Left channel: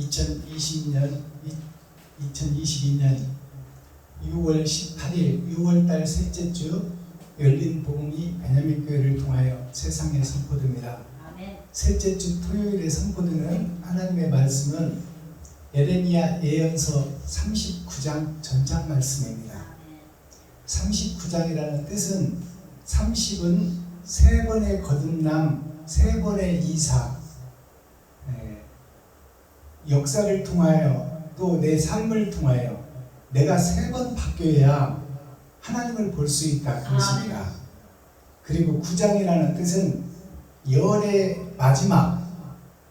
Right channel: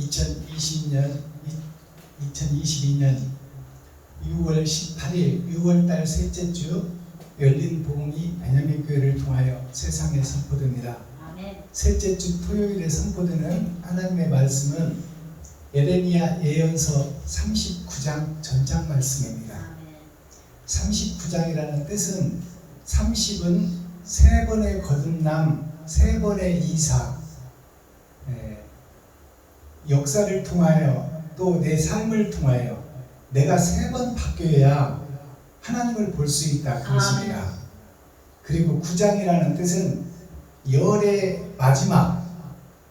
2022년 6월 18일 6월달 셋째 주 열린 복음이 베냐민 교회를 통하여 세상에 선포됩니다. 셋째 주 토요일에 선포되는 하나님의 말씀은 예레미야 예언서 39장 전장 말씀입니다. 39장이라는 뜻은 30은 세 번의 거듭남, 세 번의 이사, 역사를 통하여 또 내 삶을 통하여 내가 세 번 바뀌어야 하나님을 볼 수 있다 그 것입니다. 그리고 9장이라는 뜻은 열의 마지막,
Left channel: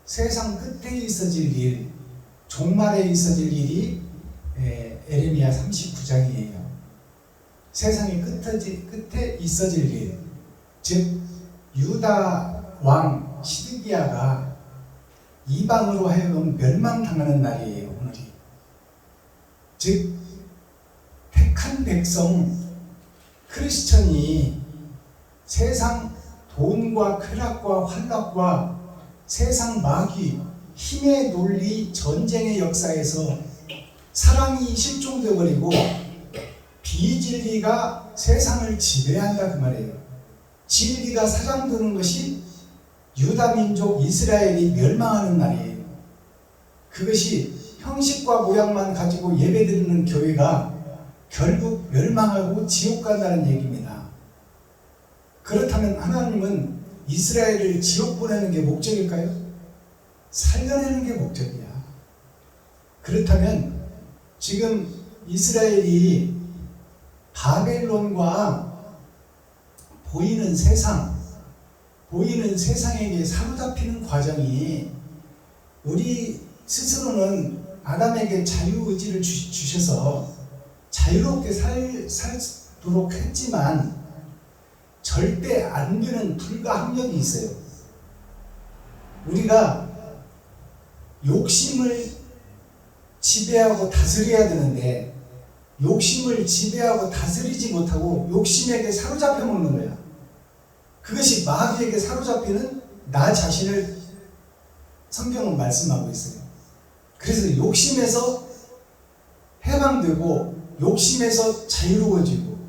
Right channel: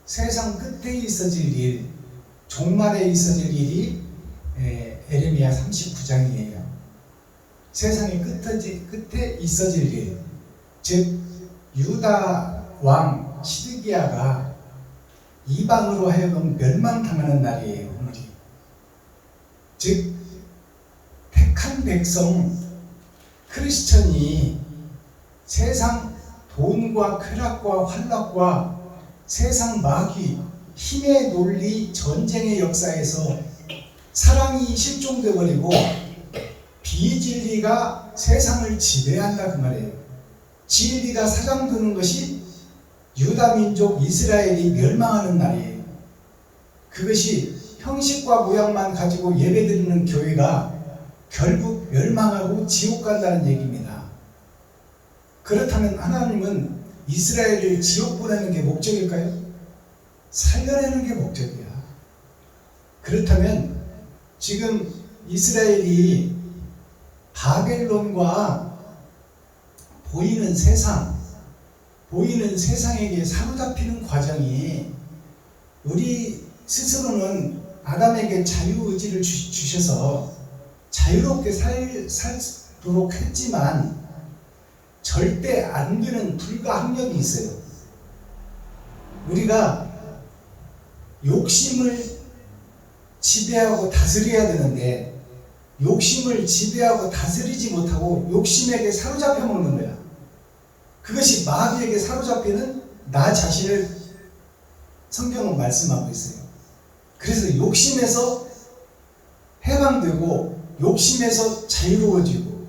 세상 끝에 있어질 일, 종말에 있어질 일이 예레미야 39장이에요. 세상의 끝에 있어질 일, 즉 유다 왕 시드기야가 이방으로 하여금 멸망당하는 날이에요. 오늘이. 즉 택한 백성 크리스천이 세상 돈과 쾌락과 환락과 세상 마귀, 힘의 논리, 전쟁의 역사에서 사랑이 실종되어 버리고 비진리가 세상을 지배한다 그 말이에요. 진리가 사장되는 것이 유다 민족 이스라엘이 멸망하는 날이에요. 그것이 형식과 모양만 가지고 예배드리는 교회가 결국 멸망하고 지옥 간다는 얘기입니다. 그렇다면 하나님은 이스라엘을 지옥 보내는 게 목적일까요? 살려내는 게 목적이야. 그렇다면 지금 이스라엘이 바벨론과 보이는 세상에게 사로잡히는 과정이 우리 스스로는 아담에게 자유의지를 주셔서 자유롭게 살도록 했지만 절대 안 되는 불가항력이 있어요. 우리가 욕심을 지배하고 다스려야 되는데 욕심을 지배하고 다스리지 못하고 욕심에게 사로잡혀 먹는 거야. 그것이 마귀에게 사로잡히는 나 자신을 성경은 말씀하고 있어요. 그래서 욕심에서 해방되고 욕심에서 자유로워지고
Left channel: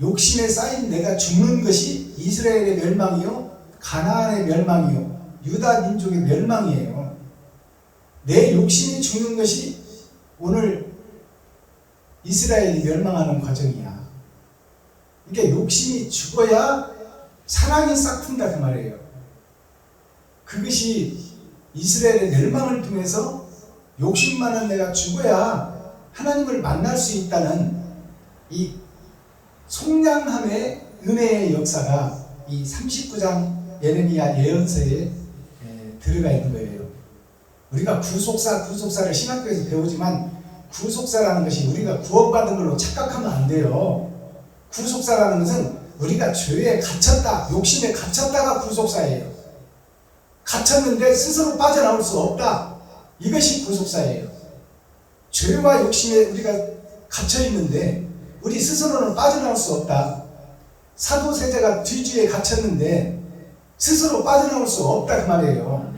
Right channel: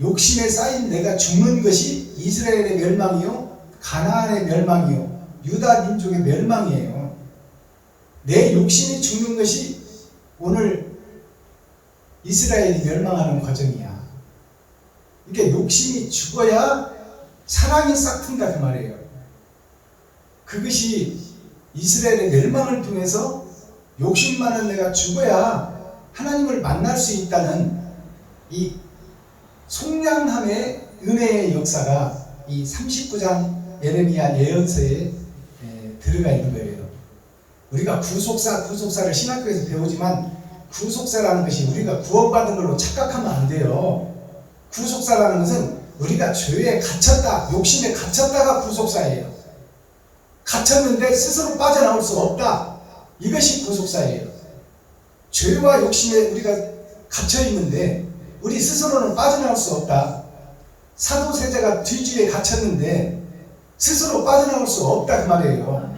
욕심에 쌓인 내가 죽는 것이 이스라엘의 멸망이요, 가나안의 멸망이요, 유다 민족의 멸망이에요. 내 욕심이 죽는 것이 오늘 이스라엘이 멸망하는 과정이야. 그러니까 욕심이 죽어야 사랑이 싹튼다 그 말이에요. 그것이 이스라엘의 멸망을 통해서 욕심 많은 내가 죽어야 하나님을 만날 수 있다는 이 속량함의 은혜의 역사가 이 39장 예레미야 예언서에 들어가 있는 거예요. 우리가 구속사를 신학교에서 배우지만 구속사라는 것이 우리가 구원받은 걸로 착각하면 안 돼요. 구속사라는 것은 우리가 죄에 갇혔다, 욕심에 갇혔다가 구속사예요. 갇혔는데 스스로 빠져나올 수 없다. 이것이 구속사예요. 죄와 욕심에 우리가 갇혀있는데 우리 스스로는 빠져나올 수 없다. 사도세자가 뒤주에 갇혔는데 스스로 빠져나올 수 없다 그 말이에요.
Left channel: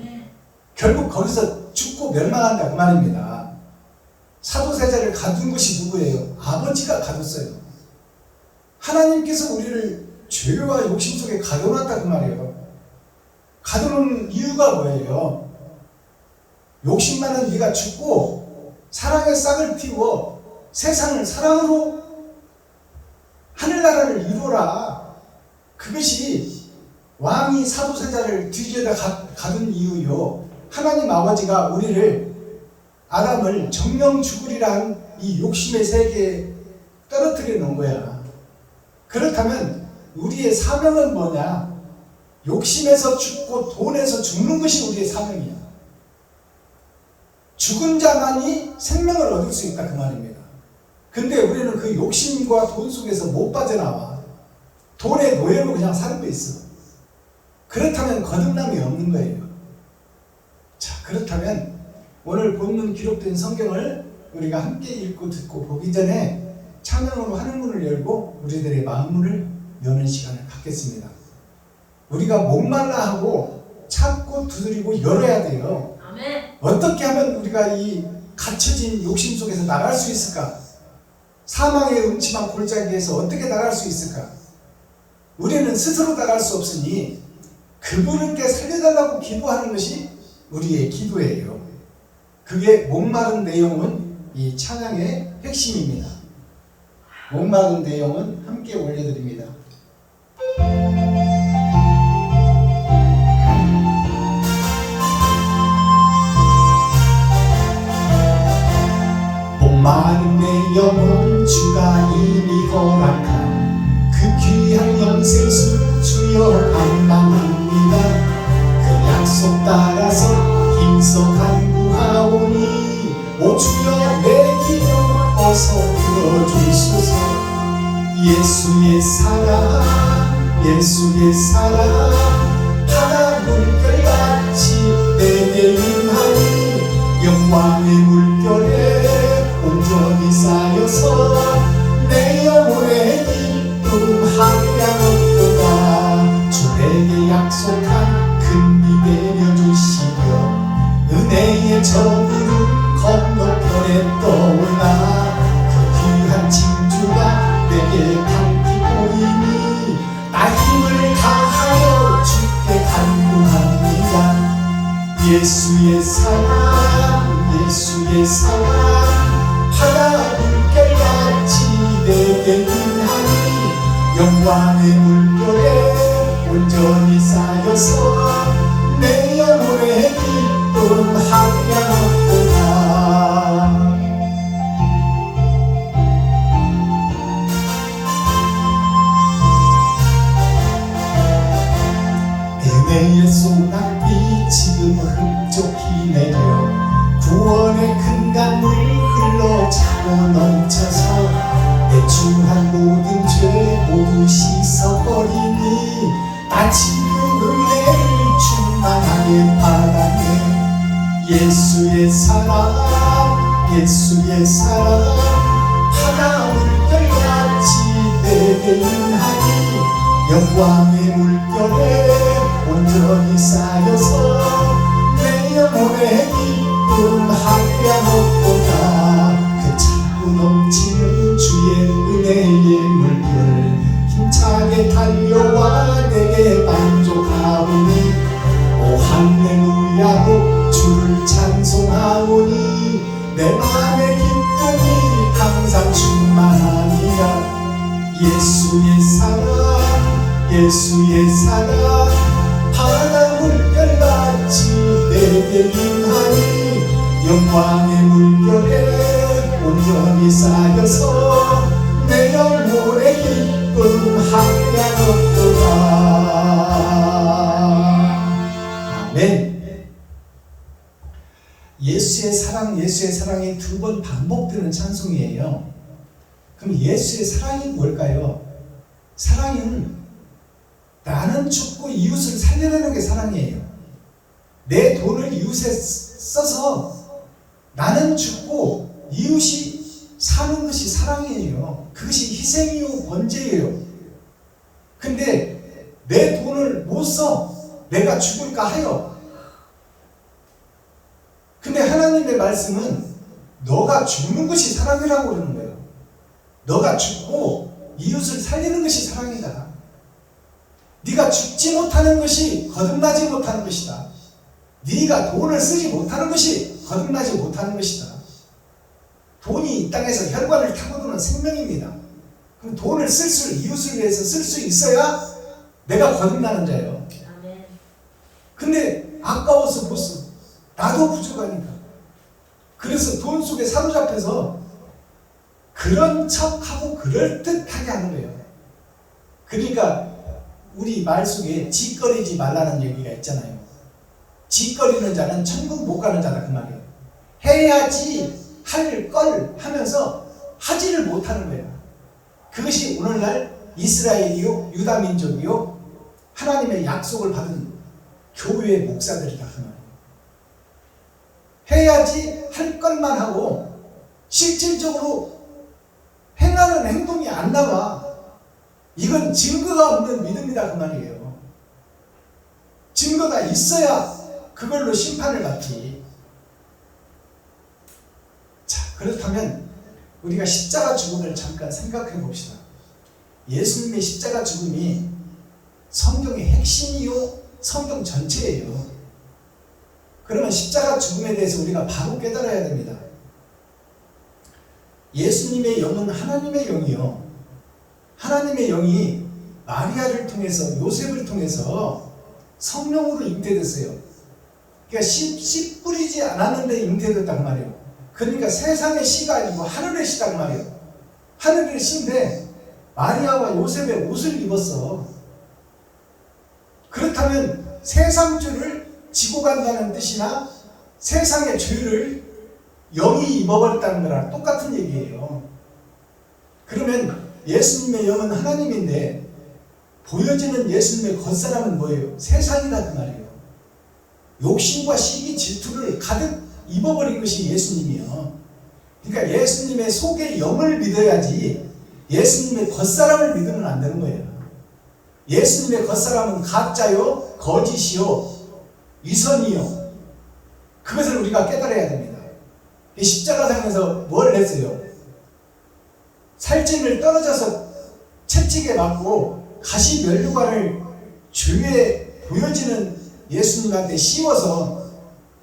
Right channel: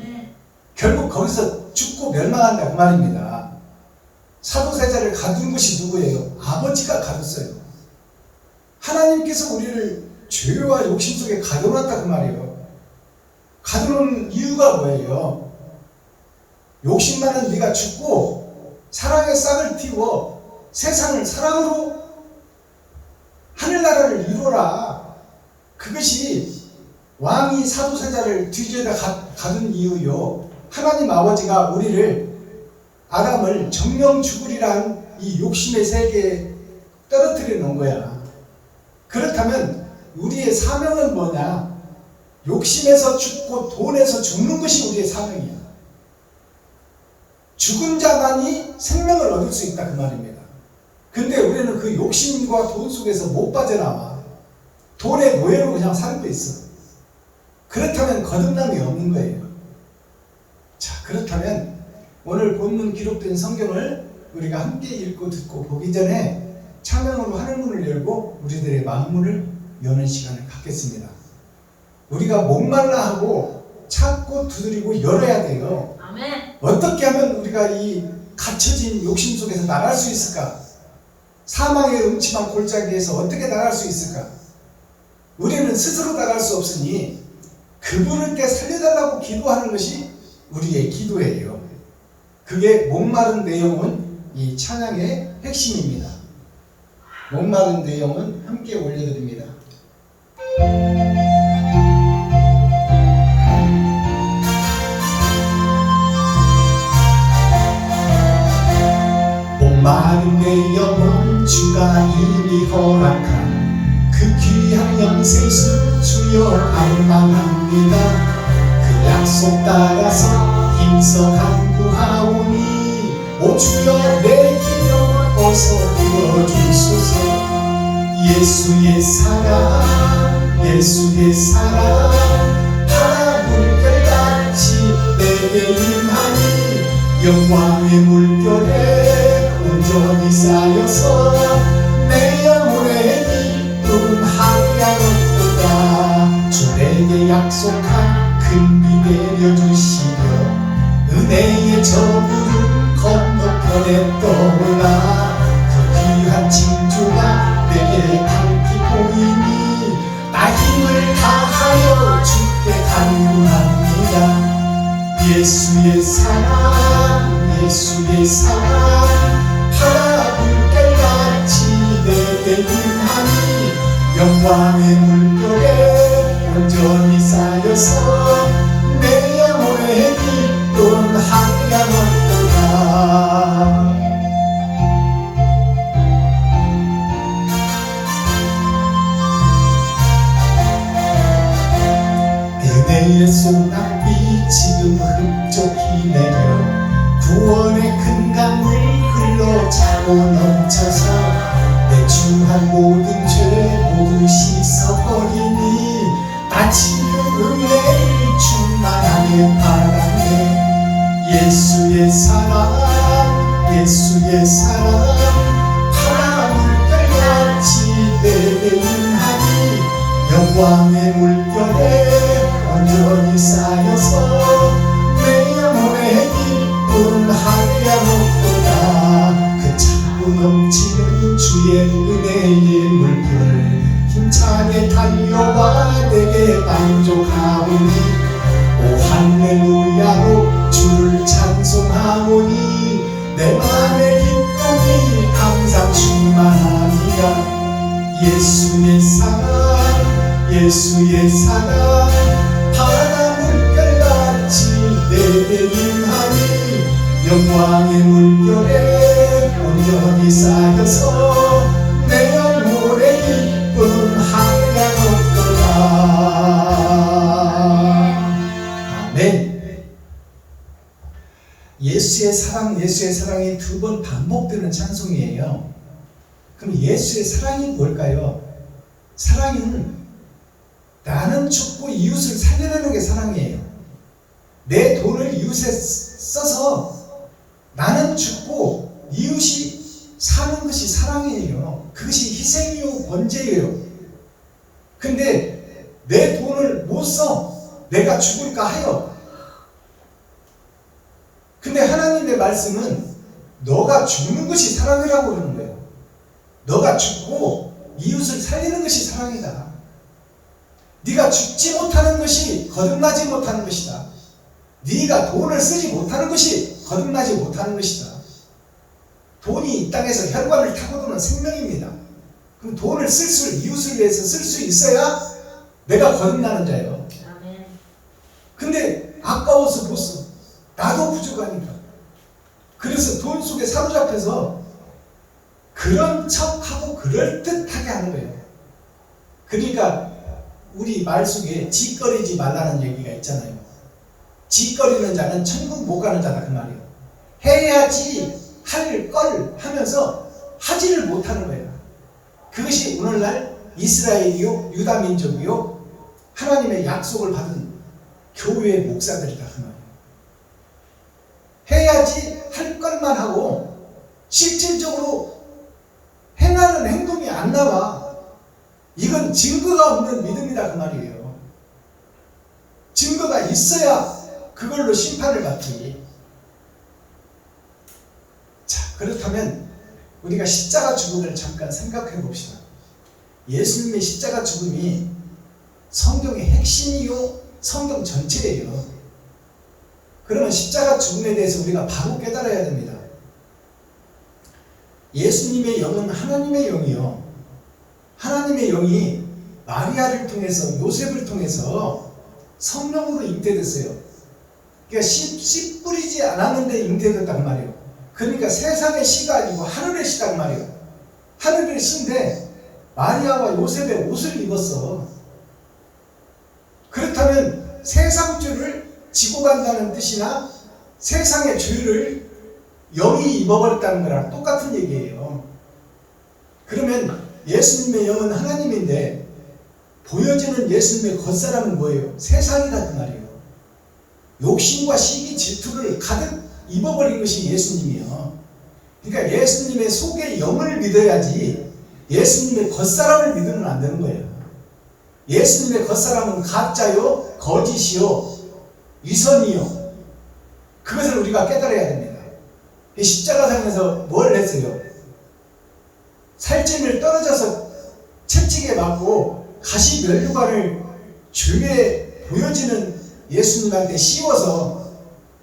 결국 거기서 죽고 멸망한다 그 말입니다. 사도세자를 가둔 것이 누구예요? 아버지가 가뒀어요. 하나님께서 우리를 죄와 욕심 속에 가둬놨다 그 말이에요. 가두는 이유가 뭐예요? 욕심 많은 네가 죽고 사랑의 싹을 틔워 세상을 사랑으로 하늘나라를 이루어라. 그것이 왕이 사도세자를 뒤지에다 가둔 이유요. 하나님 아버지가 우리를 아담을 정령 죽으리란 이 욕심의 세계에 떨어뜨려 놓은 거야. 그렇다면 우리의 사명은 뭐냐? 욕심에서 죽고 돈에서 죽는 것이 우리의 사명이야. 죽은 자만이 생명을 얻을 수 있다 그 말입니다. 근데 우리는 그 욕심과 돈 속에서 못 빠져나와. 돈의 노예로 그냥 살고 있어. 그렇다면 거듭남이 없는 거예요. 자, 그렇다면 오늘 본문 기록된 성경을 우리가 함께 읽고 듣고 보기 전에 찬양으로 하늘문을 열고 우리들의 마음문을 여는 시간을 갖겠습니다. 우리가 목말라 하고 찾고 두드리고 열어야 돼요. 아멘. 어떻게 하면 우리가 이 갇혀진 욕심 속에서 나갈 수 있을까? 사망의 음침한 골짜기에서 어떻게 나갈 수 있을까? 우리는 스스로 나갈 수 없으니 그분께 살려달라고 기도하는 것이 우리의 기도예요. 그게 목마른 내용은 이 찬양의 핵심입니다. 목마른 내용은 함께 올려드립니다. 목마른 내 영혼 주가 이미 허락한 그 귀한 영생수 주여 갈망합니다. 그 약속 따라서 힘써 간구하오니 오 주여 내 기도 어서 들어주소서. 예수의 사랑 예수의 사랑 바다 물결같이 내게 임하니 영광의 물결에 온전히 쌓여서 내 영혼의 기쁨 한량없도다. 주 내게 약속한 큰 비 내려주시려 은혜의 저물은 건너편에 떠오라. 그 귀한 징조가 내게 밝히 보이니 나 힘을 다하여 주께 간구합니다. 예수의 사랑 예수의 사랑 바다 물결같이 내게 임하니 영광의 물결에 온전히 쌓여서 내 영혼의 기쁨 한량없도다. 은혜의 소낙비 지금 흡족히 내려 구원의 큰 강물 흘러 차고 넘쳐서 내 추한 모든 죄 모두 씻어버리니 나 지금 은혜를 충만하게 바라네. 예수의 사랑 예수의 사랑 바다 물결같이 내게 임하니 영광의 물결에 온전히 쌓여서 내 영혼의 기쁨 한량없도다. 그 차고 넘치는 주의 은혜의 물결 힘차게 달려와 내게 만족하오니 오 할렐루야로 주를 찬송하오니 내 맘의 기쁨이 항상 충만하니라. 예수의 사랑 예수의 사랑 바다 물결같이 내게 임하니 영광의 물결에 온전히 쌓여서 내 영혼의 기쁨 한량없도다. 아멘. 예수의 사랑이 두 번 반복되는 찬송이에요. 그럼 예수의 사랑이 뭘까요? 사랑은 나는 죽고 이웃을 살려내는 게 사랑이에요. 내 돈을 이웃에 써서 나는 죽고 이웃이 사는 것이 사랑이에요. 그것이 희생이요 번제예요. 근데 내 돈을 못 써. 내가 죽을까 하여. 근데 하나님의 말씀은 너가 죽는 것이 사랑이라고 그러는 거예요. 너가 죽고 이웃을 살리는 것이 사랑이다. 네가 죽지 못하는 것이 거듭나지 못하는 것이다. 네가 돈을 쓰지 못하는 것이 거듭나지 못하는 것이다. 돈이 이 땅에서 혈관을 타고 도는 생명입니다. 그럼 돈을 이웃을 위해서 쓸 수 있어야 내가 거듭나는 자예요. 근데 아까워서 못 써. 나도 부족하니까. 그래서 돈 속에 사로잡혀서 그런 척하고 그럴듯하게 하는 거예요. 그러니까 우리 말 속에 짓거리지 말라는 얘기가 있잖아요. 짓거리는 자는 천국 못 가는 자다 그 말이에요. 해야지 할 걸 하면서 하지를 못하는 거예요. 그것이 오늘날 이스라엘이요 유다 민족이요 하나님의 약속을 받은 교회의 목사들이다 그 말이에요. 해야지 할 것만 하고 실질적으로 행하는 행동이 안 나와. 이건 증거가 없는 믿음이다 그 말이에요. 증거가 있어야 그걸로 심판을 받지. 그렇다면 우리가 십자가 죽음을 잠깐 생각해 봅시다. 예수님의 십자가 죽음이 성경의 핵심이요 성경 전체예요. 그러면 십자가 죽음에 대해서 우리가 바로 깨달아야 됩니다. 예수님의 영은 하나님의 영이요, 하나님의 영이 마리아를 통해서 요셉을 통해서 성령으로 잉태됐어요. 그러니까 씨 뿌리지 않았는데 잉태됐단 말이에요. 그러니까 세상의 씨가 아니고 하늘의 씨단 말이에요. 하늘의 씨인데 마리아와 요셉의 옷을 입었어. 그렇다면 세상 죄를 지고 간다는 뜻이나 세상의 죄를 영이 입어버렸다는 거랑 똑같은 얘기예요. 그러면 예수님의 영은 하나님인데 보여지는 예수님의 겉사람은 뭐예요? 세상이다 그 말이에요. 욕심과 시기 질투를 가득 입어버린 것이 예수님이요. 그러니까 예수님의 속의 영을 믿어야지 예수님의 겉사람을 믿으면 안 되는 거예요. 예수님의 겉사람은 가짜요, 거짓이요, 위선이요. 그것을 우리가 깨달아야 됩니다. 십자가상에서 뭘 했어요? 살찐을 떨어져서 채찍에 맞고 가시 면류관을 죄에 보여지는 예수님한테 씌워서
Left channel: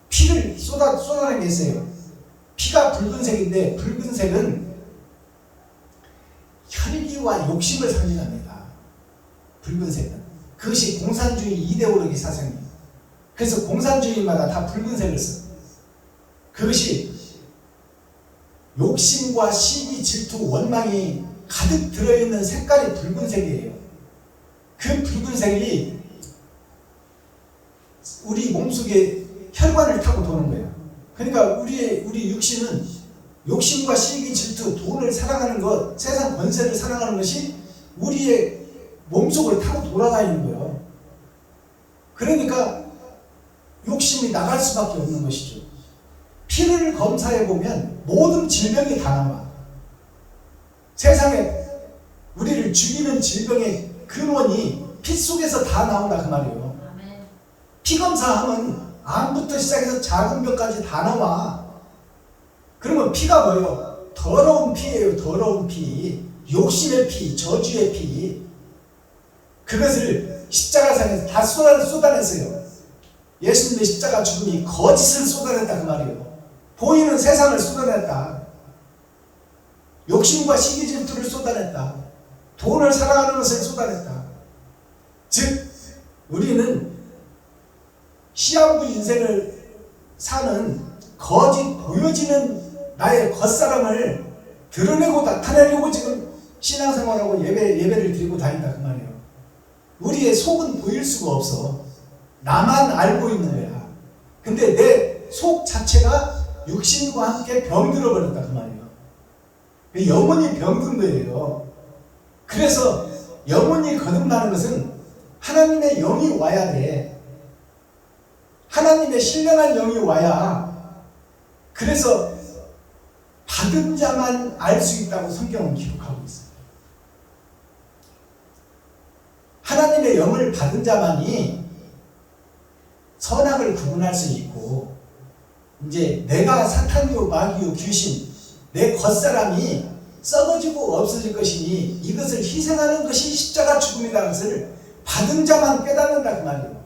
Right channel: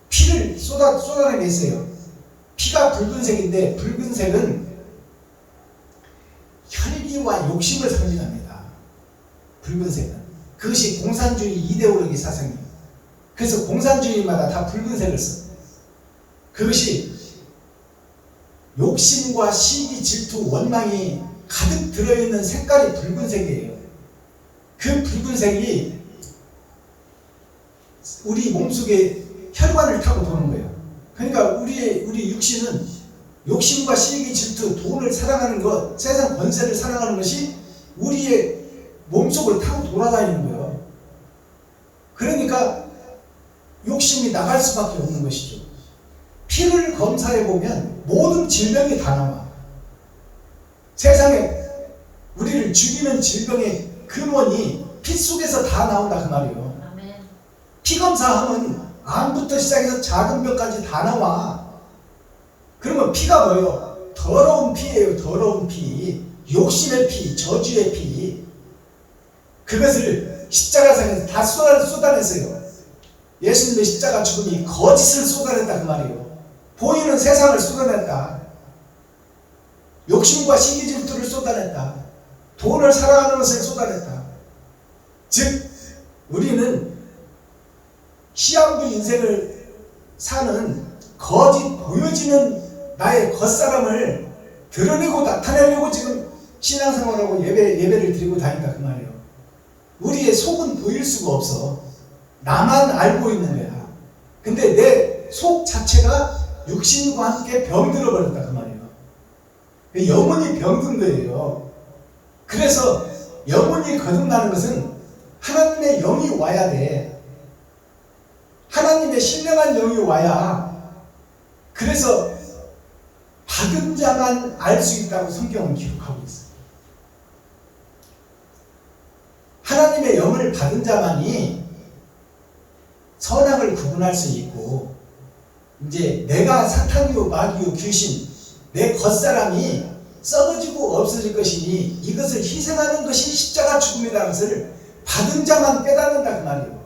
피를 쏟아내겠어요. 피가 붉은색인데 붉은색은 혈기와 욕심을 상징합니다. 붉은색은 그것이 공산주의 이데올로기 사상이에요. 그래서 공산주의마다 다 붉은색을 써. 그것이 욕심과 시기, 질투, 원망이 가득 들어있는 색깔이 붉은색이에요. 그 붉은색이 우리 몸속에 혈관을 타고 도는 거예요. 그러니까 우리 육신은 욕심과 시기, 질투, 돈을 사랑하는 것, 세상 권세를 사랑하는 것이 우리의 몸속을 타고 돌아다니는 거예요. 그러니까 욕심이 나갈 수밖에 없는 것이죠. 피를 검사해보면 모든 질병이 다 나와. 세상에 우리를 죽이는 질병의 근원이 피 속에서 다 나온다 그 말이에요. 피 검사하면 암부터 시작해서 작은 병까지 다 나와. 그러면 피가 뭐예요? 더러운 피예요. 더러운 피, 욕심의 피, 저주의 피. 그것을 십자가상에서 다 쏟아냈어요. 예수님의 십자가 죽음이 거짓을 쏟아냈다 그 말이에요. 보이는 세상을 쏟아냈다. 욕심과 시기 질투를 쏟아냈다. 돈을 사랑하는 것을 쏟아냈다. 즉 우리는 시한부 인생을 사는 거짓 보여지는 나의 겉사람을 드러내고 나타내려고 지금 신앙생활하고 예배를 드리고 다닌다 그 말이에요. 우리의 속은 보일 수가 없어. 나만 알고 있는 거야. 근데 내 속 자체가 육신과 함께 병들어 버렸다 그 말이에요. 영혼이 병든 거예요. 그래서 영혼이 거듭나는 것은 하나님의 영이 와야 돼. 하나님의 신령한 영이 와야. 그래서 받은 자만 알 수 있다고 성경은 기록하고 있어요. 하나님의 영을 받은 자만이 선악을 구분할 수 있고, 이제 내가 사탄이요 마귀요 귀신, 내 겉사람이 썩어지고 없어질 것이니 이것을 희생하는 것이 십자가 죽음이라는 것을 받은 자만 깨닫는다 그 말이에요.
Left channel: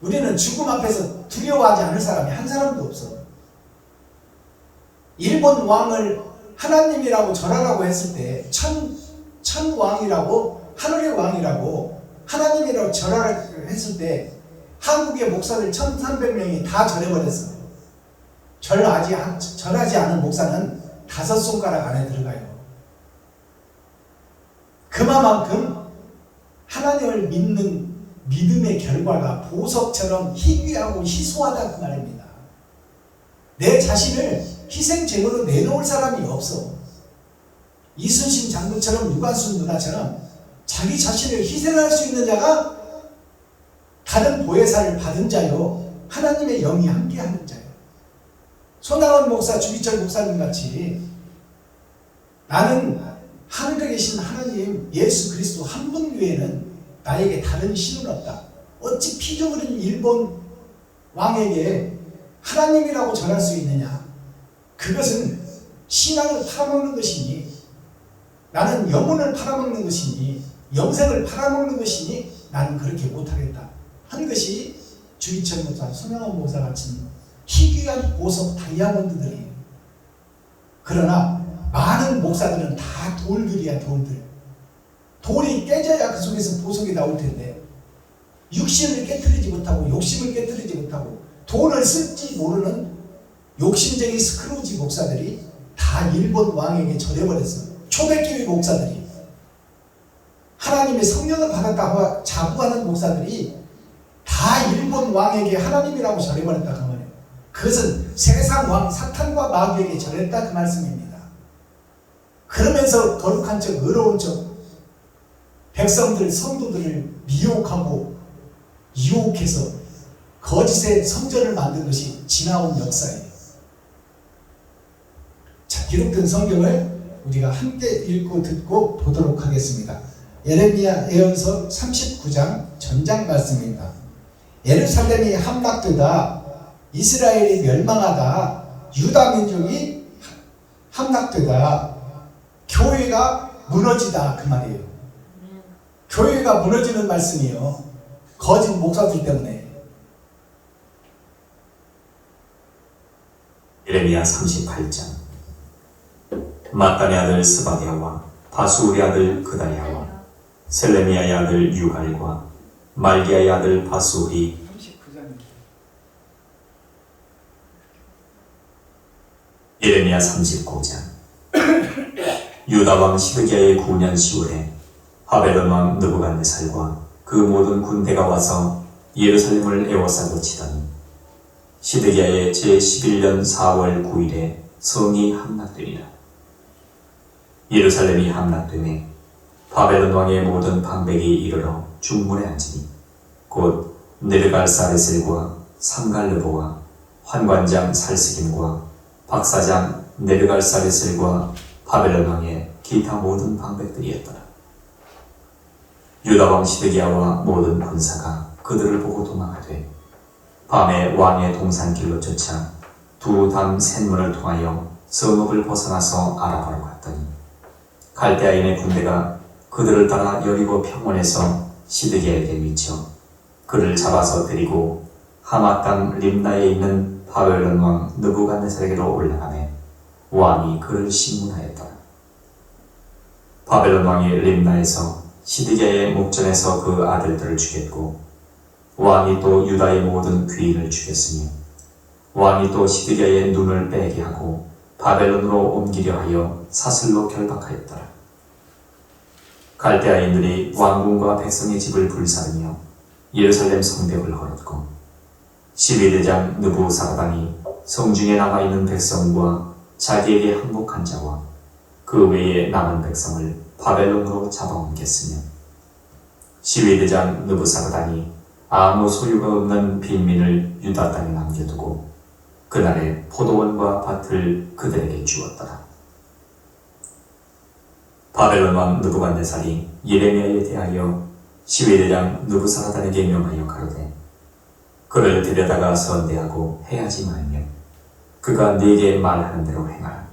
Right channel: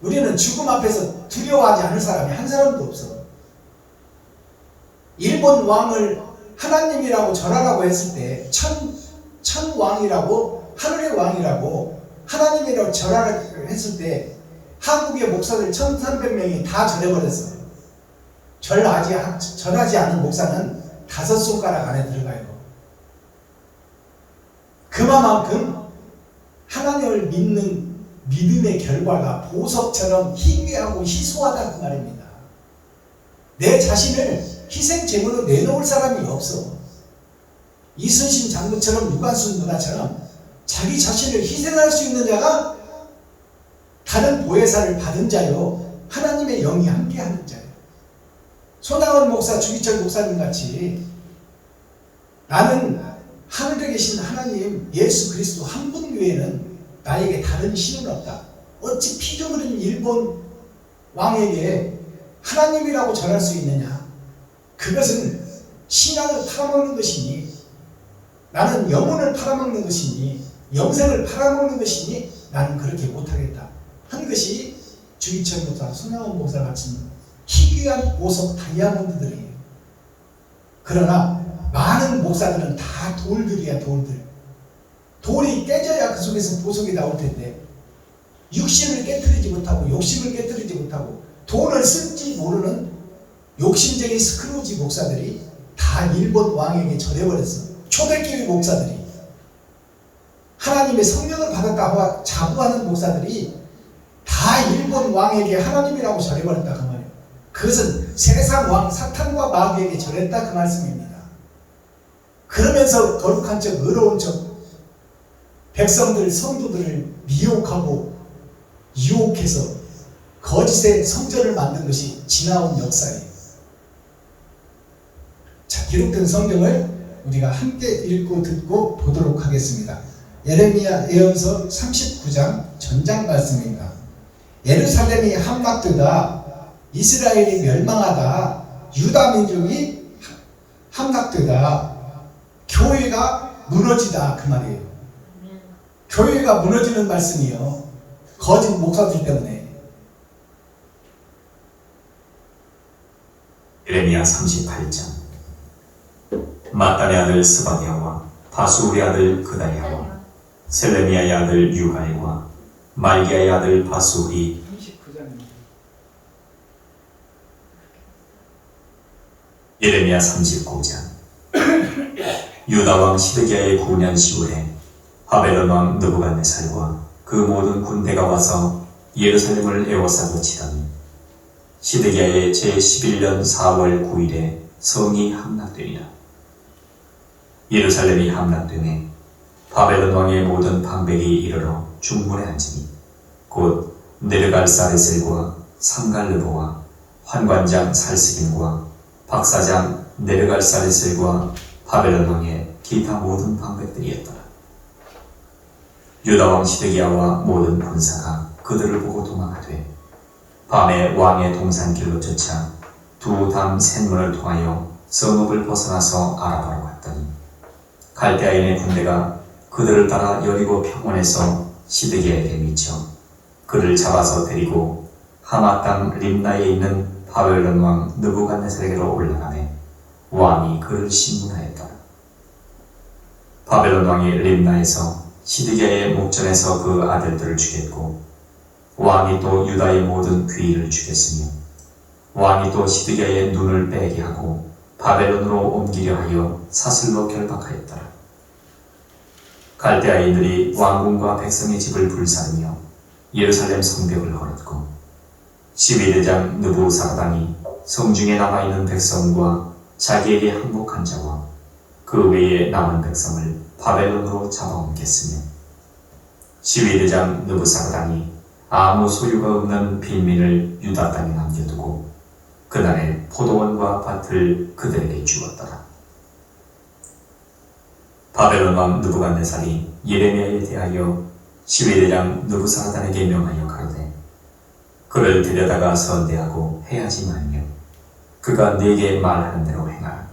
우리는 죽음 앞에서 두려워하지 않을 사람이 한 사람도 없어. 일본 왕을 하나님이라고 절하라고 했을 때 천왕이라고, 하늘의 왕이라고 하나님이라고 절하라고 했을 때 한국의 목사들 1300명이 다 절해버렸어. 절하지 않은 목사는 5손가락 안에 들어가요. 그만큼 하나님을 믿는 믿음의 결과가 보석처럼 희귀하고 희소하다 그 말입니다. 내 자신을 희생제물로 내놓을 사람이 없어. 이순신 장군처럼 유관순 누나처럼 자기 자신을 희생할 수 있는 자가 다른 보혜사를 받은 자요, 하나님의 영이 함께하는 자요. 손학원 목사, 주기철 목사님 같이 나는 하늘에 계신 하나님 예수 그리스도 한 분 외에는 나에게 다른 신은 없다. 어찌 피좀 흘린 일본 왕에게 하나님이라고 절할 수 있느냐. 그것은 신앙을 팔아먹는 것이니, 나는 영혼을 팔아먹는 것이니, 영생을 팔아먹는 것이니 나는 그렇게 못하겠다 한 것이 주기철 목사, 손영원 목사 같은 희귀한 보석 다이아몬드들이에요. 그러나 많은 목사들은 다 돌들이야, 돌들. 돌이 깨져야 그 속에서 보석이 나올 텐데, 육신을 깨뜨리지 못하고 욕심을 깨뜨리지 못하고 돈을 쓸지 모르는 욕심쟁이 스크루지 목사들이 다 일본 왕에게 절해버렸어. 초대교회 목사들이, 하나님의 성령을 받았다고 자부하는 목사들이 다 일본 왕에게 하나님이라고 절해버렸다 그 말이에요. 그것은 세상 왕 사탄과 마귀에게 절했다 그 말씀입니다. 그러면서 거룩한 척, 의로운 척, 백성들, 성도들을 미혹하고 유혹해서 거짓의 성전을 만든 것이 지나온 역사예요. 자, 기록된 성경을 우리가 함께 읽고 듣고 보도록 하겠습니다. 예레미야 예언서 39장 전장 말씀입니다. 예루살렘이 함락되다, 이스라엘이 멸망하다, 유다 민족이 함락되다, 교회가 무너지다 그 말이에요. 교회가 무너지는 말씀이요, 거짓 목사들 때문에. 예레미야 38장. mattan의 아들 스바디아와 바수울의 아들 그다야와 셀레미야의 아들 유갈과 말기야의 아들 바수울이 39장입니다. 예레미야 39장. 유다왕 시드기야의 9년 10월에 바벨론 왕 느부갓네살과 그 모든 군대가 와서 예루살렘을 에워싸고 치더니 시드기야의 제11년 4월 9일에 성이 함락되니라. 예루살렘이 함락되매 바벨론 왕의 모든 방백이 이르러 중문에 앉으니 곧 네르갈사레셀과 삼갈르보와 환관장 살스긴과 박사장 네르갈사레셀과 바벨론 왕의 기타 모든 방백들이었더라. 유다왕 시드기야와 모든 군사가 그들을 보고 도망하되 밤에 왕의 동산길로 쫓아 두 담 셋문을 통하여 성읍을 벗어나서 아라바로 갔더니 갈대아인의 군대가 그들을 따라 여리고 평원에서 시드기야에게 미쳐 그를 잡아서 데리고 하마 땅 림나에 있는 바벨론 왕 느부갓네살에게로 올라가매 왕이 그를 심문하였더라. 바벨론 왕이 림나에서 시드기야의 목전에서 그 아들들을 죽였고 왕이 또 유다의 모든 귀인을 죽였으며 왕이 또 시드기야의 눈을 빼게 하고 바벨론으로 옮기려 하여 사슬로 결박하였더라. 갈대아인들이 왕궁과 백성의 집을 불사르며 예루살렘 성벽을 헐었고 12대장 느부사라단이 성중에 남아있는 백성과 자기에게 항복한 자와 그 외에 남은 백성을 바벨론으로 잡아옮겼으며 12대장 느부사라단이 아무 소유가 없는 빈민을 유다 땅에 남겨두고 그날에 포도원과 밭을 그들에게 주었더라. 바벨론 왕 느부갓네살이 예레미야에 대하여 12대장 느부사라단에게 명하여 가로되 그를 데려다가 선대하고 해하지 말며 그가 네게 말하는 대로 행하라.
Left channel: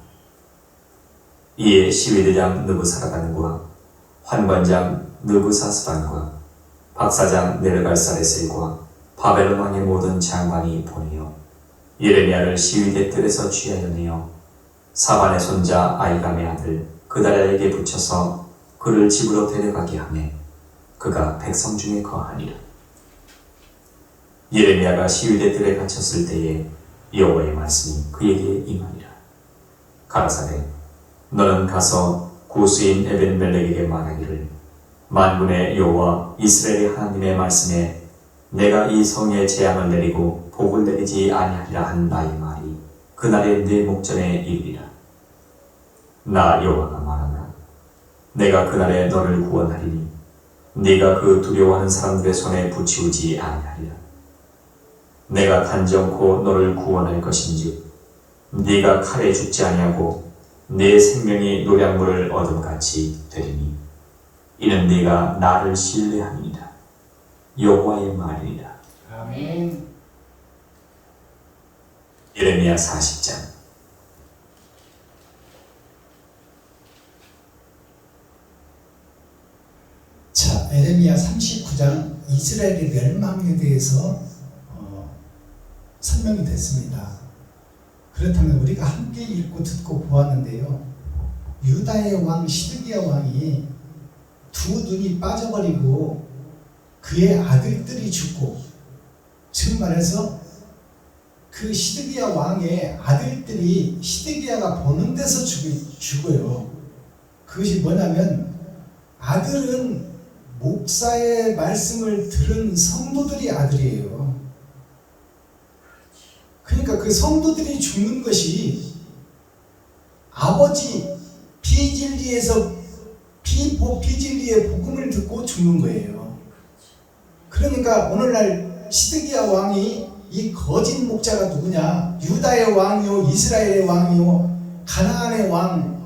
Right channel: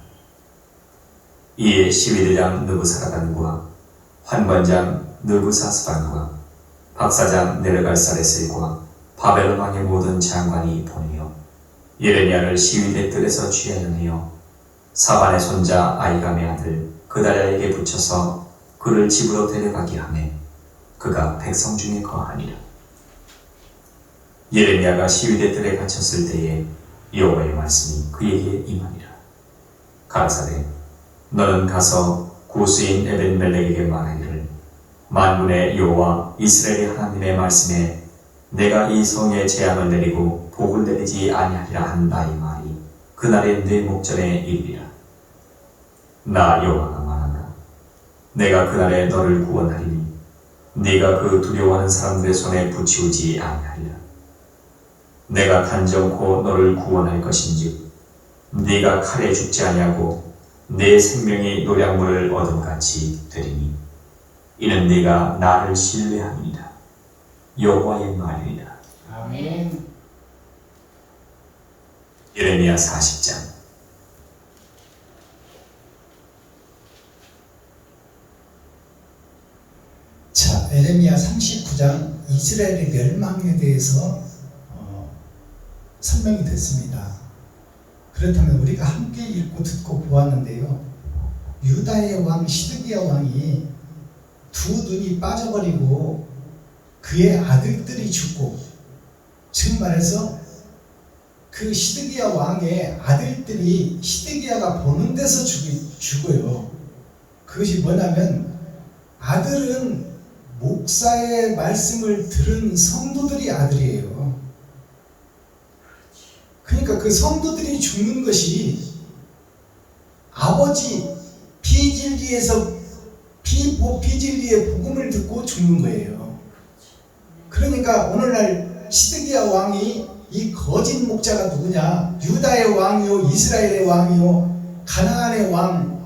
이에 12대장 느부사라단과 환관장 느부사스반과 박사장 네르갈사레셀과 바벨론 왕의 모든 장관이 보내어 예레미야를 시위대 뜰에서 취하여 내어 사반의 손자 아이감의 아들 그다랴에게 붙여서 그를 집으로 데려가게 하매 그가 백성 중에 거하니라. 예레미야가 시위대 뜰에 갇혔을 때에 여호와의 말씀이 그에게 임하니라. 가라사대 너는 가서 구스인 에벤멜렉에게 말하기를 만군의 여호와 이스라엘의 하나님의 말씀에 내가 이 성에 재앙을 내리고 복을 내리지 아니하리라 한 나의 말이 그날의 내 목전에 이르리라. 나 여호와가 말하노라. 내가 그날에 너를 구원하리니 네가 그 두려워하는 사람들의 손에 붙이우지 아니하리라. 내가 단정코 너를 구원할 것인즉 네가 칼에 죽지 아니하고 내 생명이 노량물을 얻음같이 되리니 이는 네가 나를 신뢰함이니라. 여호와의 말이니라. 아멘. 예레미야 40장. 39장 이스라엘의 멸망에 대해서 설명이 됐습니다. 그렇다면 우리가 함께 읽고 듣고 보았는데요. 유다의 왕 시드기야 왕이 두 눈이 빠져버리고 그의 아들들이 죽고, 즉 말해서 그 시드기야 왕의 아들들이 시드기야가 보는 데서 죽어요. 그것이 뭐냐면 아들은 목사의 말씀을 들은 성도들이 아들이에요. 그러니까 그 성도들이 죽는 것이 아버지 비진리의 복음을 듣고 죽는 거예요. 그러니까 오늘날 시드기야 왕이 이 거짓 목자가 누구냐? 유다의 왕이요, 이스라엘의 왕이요, 가나안의 왕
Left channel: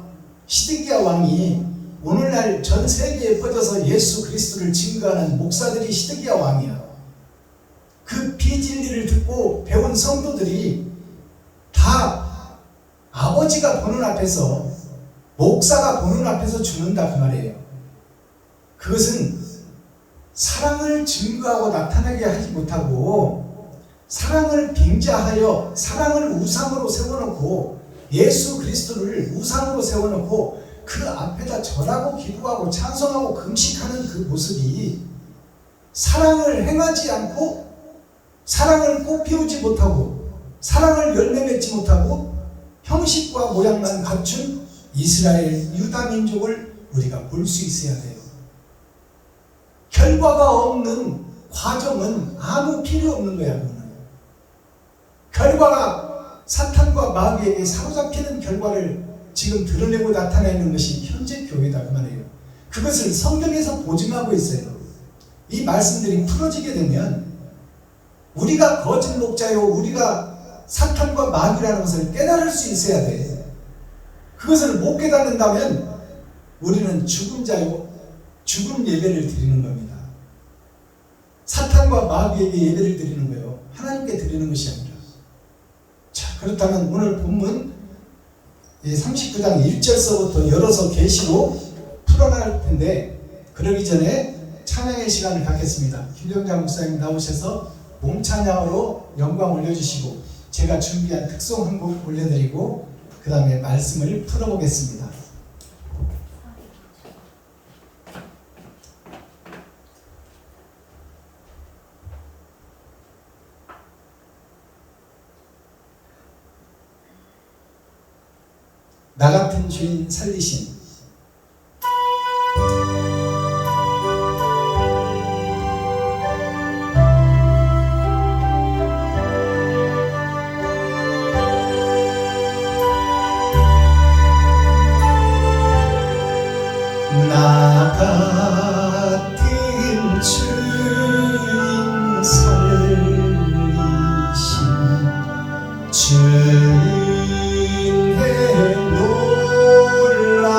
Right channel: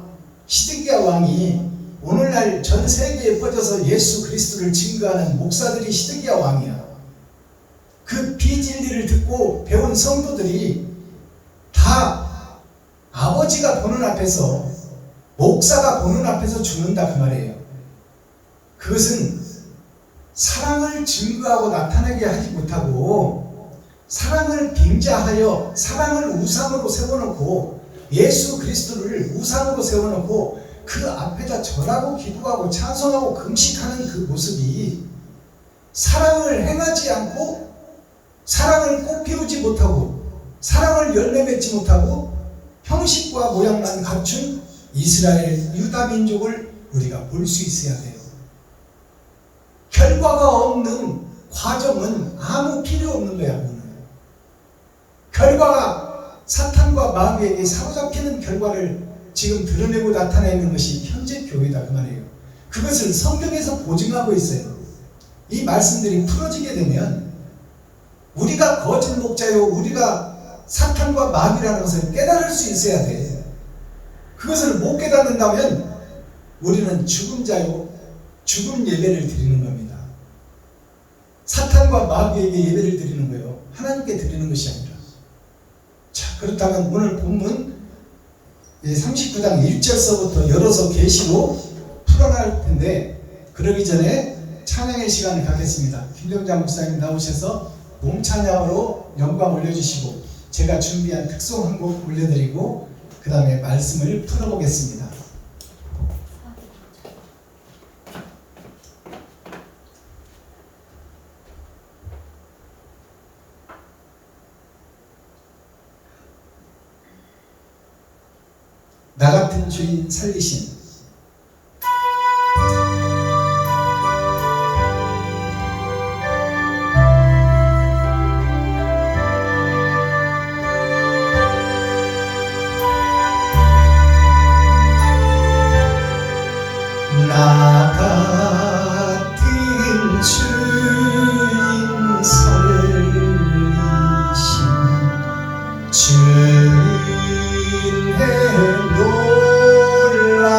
시드기야 왕이 오늘날 전 세계에 뻗어서 예수 그리스도를 증거하는 목사들이 시드기야 왕이야. 그 비진리를 듣고 배운 성도들이 다 아버지가 보는 앞에서, 목사가 보는 앞에서 죽는다 그 말이에요. 그것은 사랑을 증거하고 나타나게 하지 못하고 사랑을 빙자하여 사랑을 우상으로 세워놓고 예수 그리스도를 우상으로 세워놓고 그 앞에다 절하고 기도하고 찬송하고 금식하는 그 모습이 사랑을 행하지 않고 사랑을 꽃 피우지 못하고 사랑을 열매 맺지 못하고 형식과 모양만 갖춘 이스라엘 유다 민족을 우리가 볼 수 있어야 돼요. 결과가 없는 과정은 아무 필요 없는 거야. 결과가 사탄과 마귀에게 사로잡히는 결과를 지금 드러내고 나타내는 것이 현재 교회다 그 말이에요. 그것을 성경에서 보증하고 있어요. 이 말씀들이 풀어지게 되면 우리가 거짓 목자요, 우리가 사탄과 마귀라는 것을 깨달을 수 있어야 돼. 그것을 못 깨닫는다면 우리는 죽은 자요, 죽은 예배를 드리는 겁니다. 사탄과 마귀에게 예배를 드리는 거예요. 하나님께 드리는 것이 아니라. 자, 그렇다면 오늘 본문 39장 1절서부터 열어서 계시고 풀어날 텐데, 그러기 전에 찬양의 시간을 갖겠습니다. 김정자 목사님 나오셔서 몸찬양으로 영광 올려주시고 제가 준비한 특송 한 곡 올려드리고 그 다음에 말씀을 풀어보겠습니다. 나 같은 죄인 살리신. 나 같은 죄인 살리신 주인의 놀라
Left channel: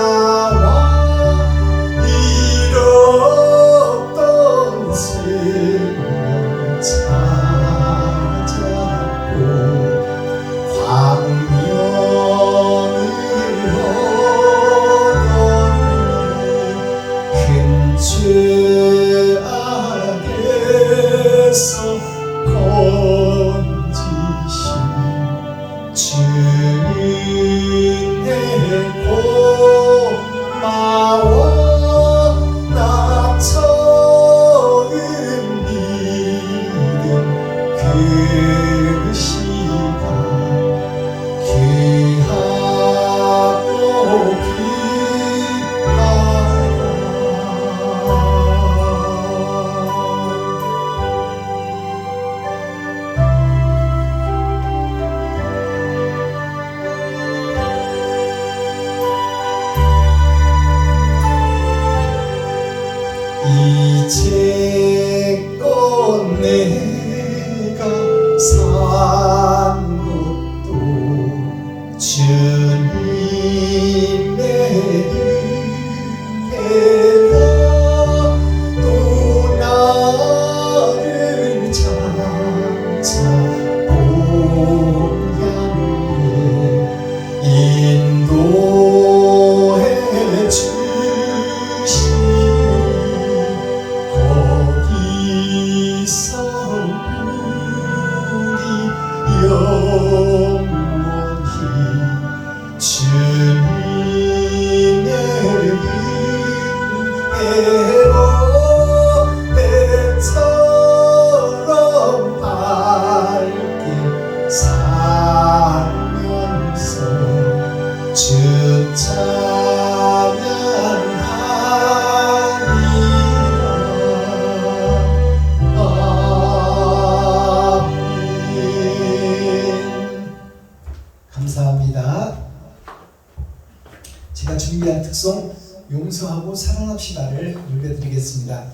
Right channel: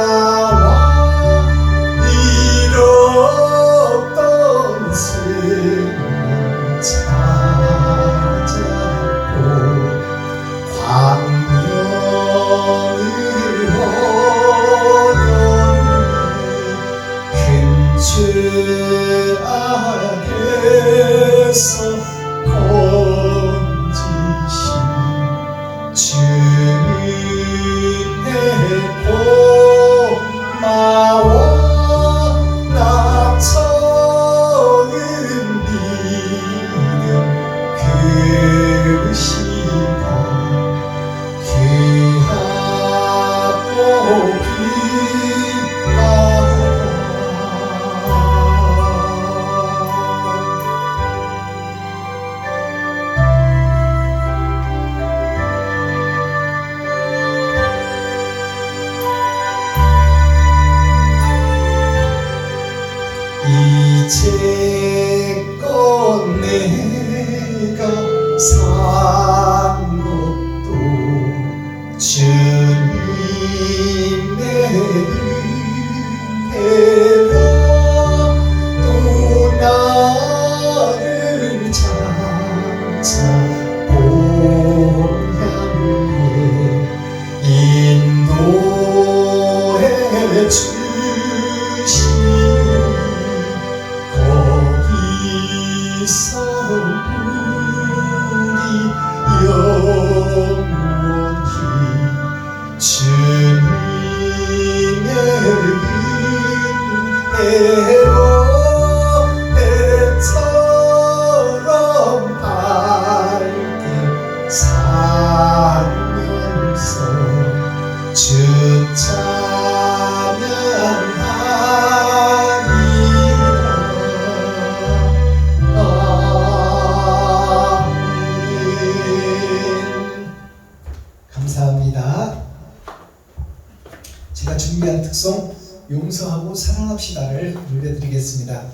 준비한 특송 용서하고 사랑합시다를 들려드리겠습니다.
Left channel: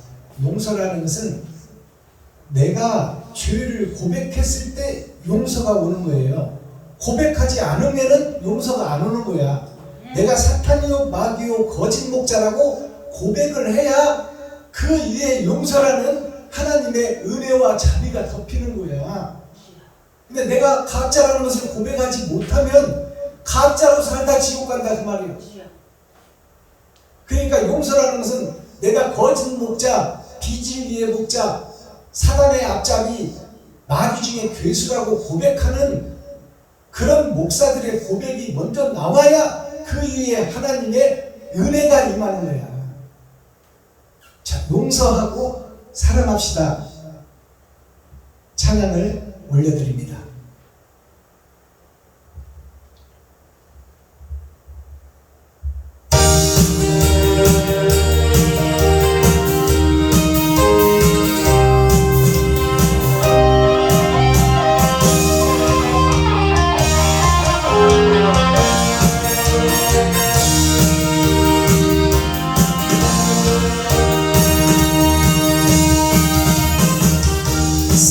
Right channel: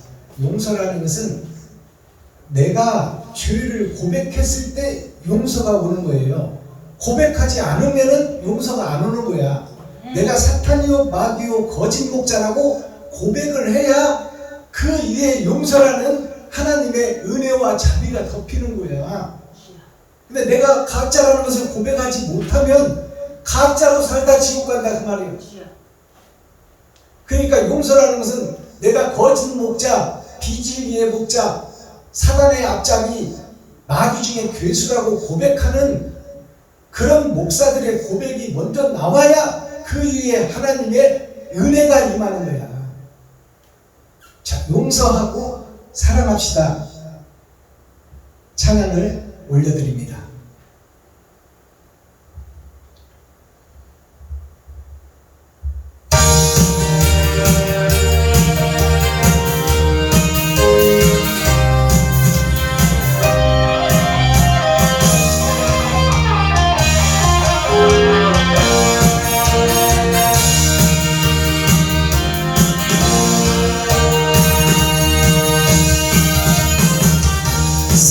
용서라는 것은 내가 죄를 고백했을 때 용서가 오는 거예요. 고백하지 않으면은 용서가 안 오는 거야. 내가 사탄이요 마귀요 거짓 목자라고 고백을 해야 그 위에 용서라는 하나님의 은혜와 자비가 덮이는 거야. 근데 내가 가짜라는 것을 고백하지 못하면 가짜로 살다 지옥 간다 그 말이에요. 그러니까 용서라는 것은 내가 거짓 목자, 비진리의 목자, 사단의 앞잡이, 마귀 중에 괴수라고 고백하는 그런 목사들의 고백이 먼저 나와야 그 위에 하나님의 은혜가 임하는 거야. 자, 용서하고 사랑합시다. 찬양을 올려드립니다.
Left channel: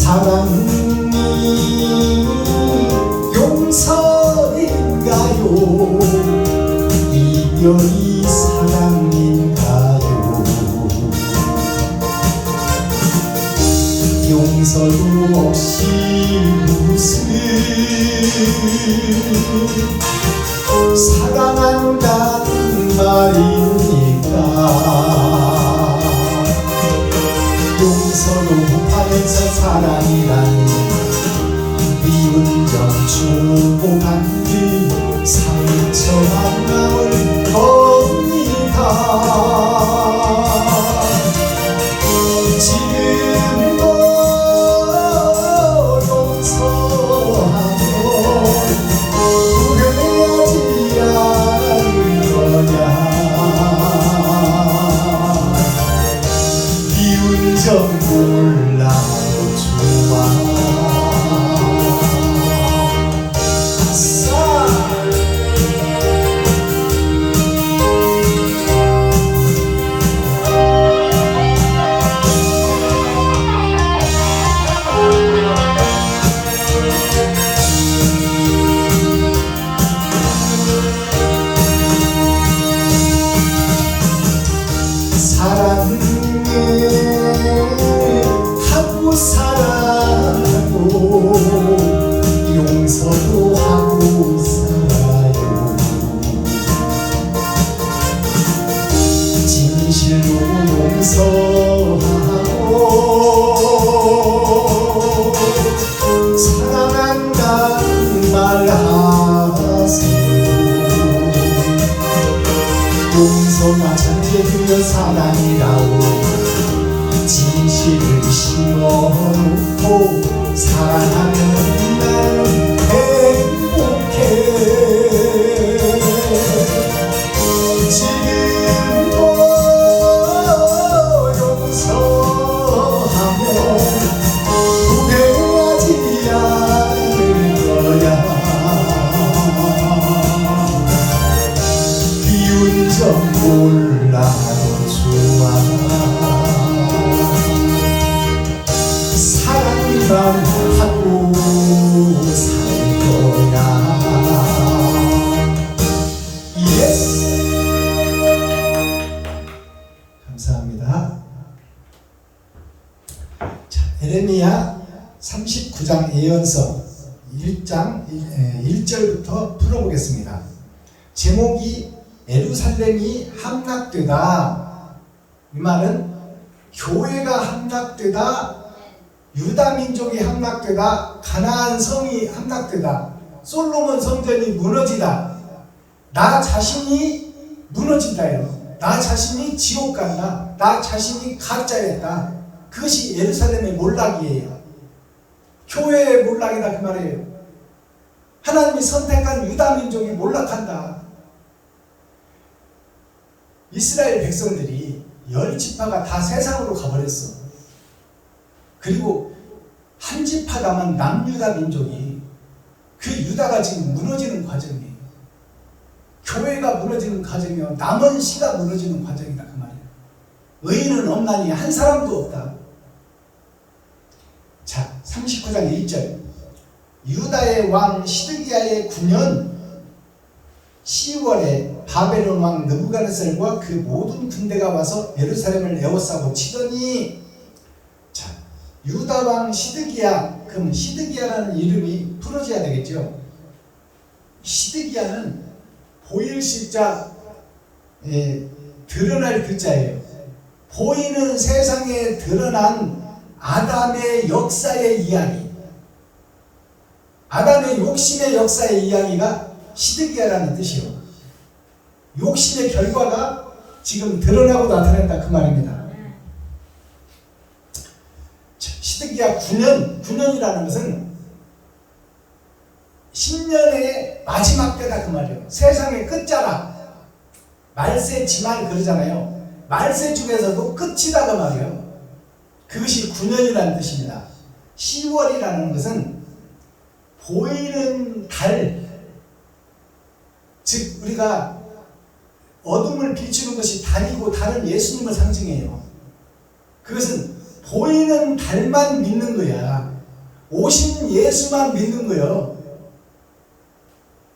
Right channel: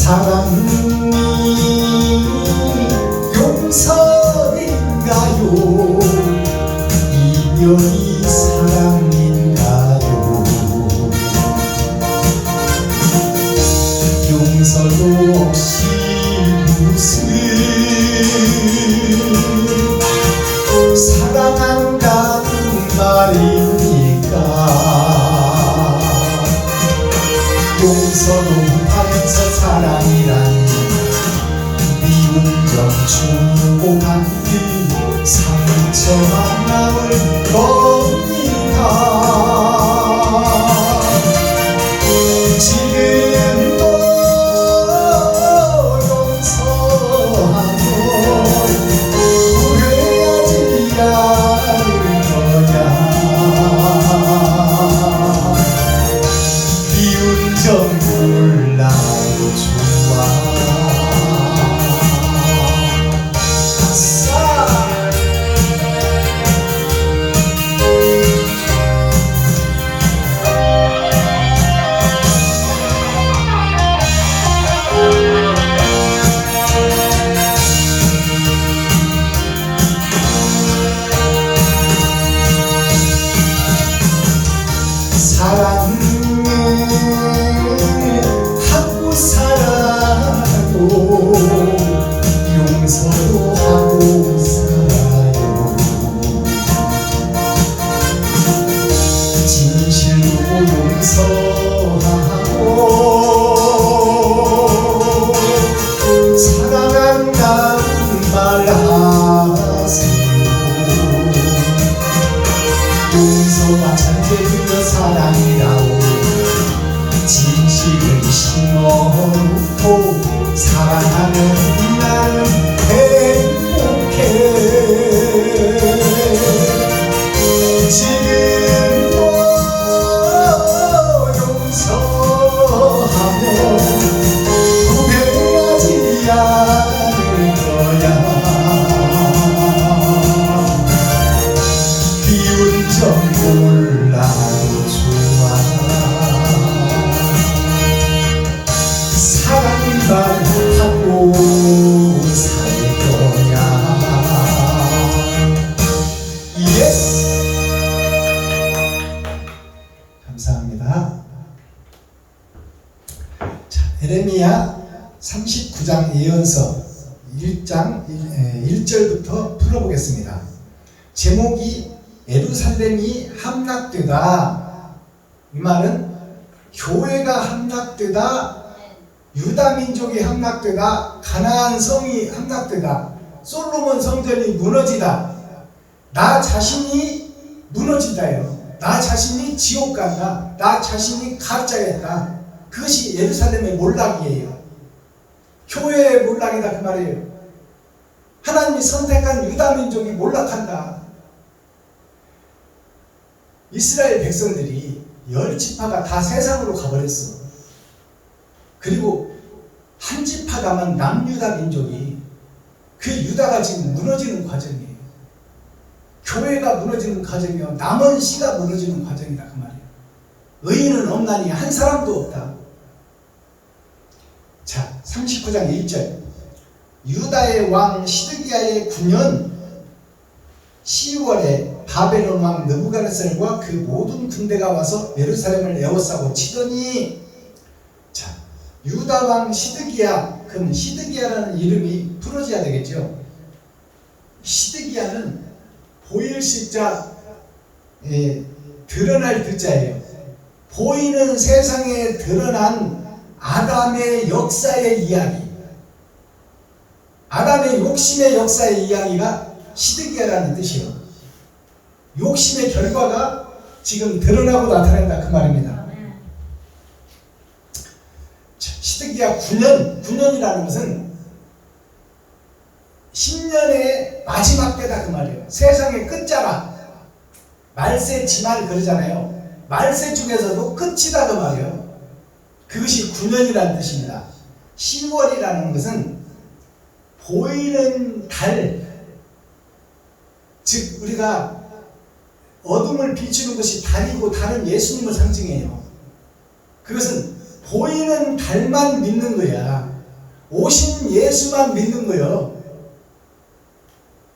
사랑이 용서인가요? 이별이 사랑인가요? 용서도 없이 무슨 사랑한다는 말입니까? 용서도 못하면서 사랑이라니 미운 점 주고 받는 상처한 마음을 겁니다. 지금도 용서하면 후회하지 않을 거야. 미운 점 몰라요 좋아. 아싸. 사랑하고 살아고 용서도 하고 살아요. 진실로 용서하고 사랑한다는 말 하세요. 용서가 잔재되어 사랑이라고 진실을 심어놓고 사랑하면 나는 행복해. 지금도 용서하면 후회하지 않을 거야. 미운 점 몰라도 좋아. 사랑만 하고 살 거야. 예스. 감사합니다. 자, 에레미야 39장 예언서 1장 1절부터 풀어보겠습니다. 제목이 예루살렘이 함락되다. 이 말은 교회가 함락되다, 유다 민족이 함락되다, 가나안 성이 함락되다, 솔로몬 성전이 무너지다, 나 자신이 무너진다예요. 나 자신이 지옥 간다. 나 자신이 가짜였다. 그것이 예루살렘의 몰락이에요. 교회의 몰락이다 그 말이에요. 하나님이 선택한 유다 민족이 몰락한다. 이스라엘 백성들이 10지파가 다 세상으로 가버렸어. 그리고 한 지파 남은 남유다 민족이 그 유다가 지금 무너지는 과정이에요. 교회가 무너지는 과정이요, 남은 씨가 무너지는 과정이다 그 말이에요. 의인은 없나니 한 사람도 없다. 자, 39장 1절. 유다의 왕 시드기야의 9년 10월에 바벨론 왕 느부갓네살과 그 모든 군대가 와서 예루살렘을 에워싸고 치더니, 자, 유다 왕 시드기야, 그럼 시드기야라는 이름이 풀어져야 되겠죠. 시드기야는 보일 시자, 드러날 글자예요. 보이는 세상에 드러난 아담의 역사의 이야기, 아담의 욕심의 역사의 이야기가 시드기야라는 뜻이요. 욕심의 결과가 지금 드러나고 나타난다 그 말입니다. 시드기야 9년이라는 것은 10년의 마지막 때다 그 말이에요. 세상의 끝자락, 말세 지말 그러잖아요. 말세 중에서도 끝이다 그 말이에요. 그것이 9년이라는 뜻입니다. 10월이라는 것은 보이는 달, 즉 우리가 어둠을 비추는 것이 달이고 달은 예수님을 상징해요. 그것은 보이는 달만 믿는 거야. 오신 예수만 믿는 거예요.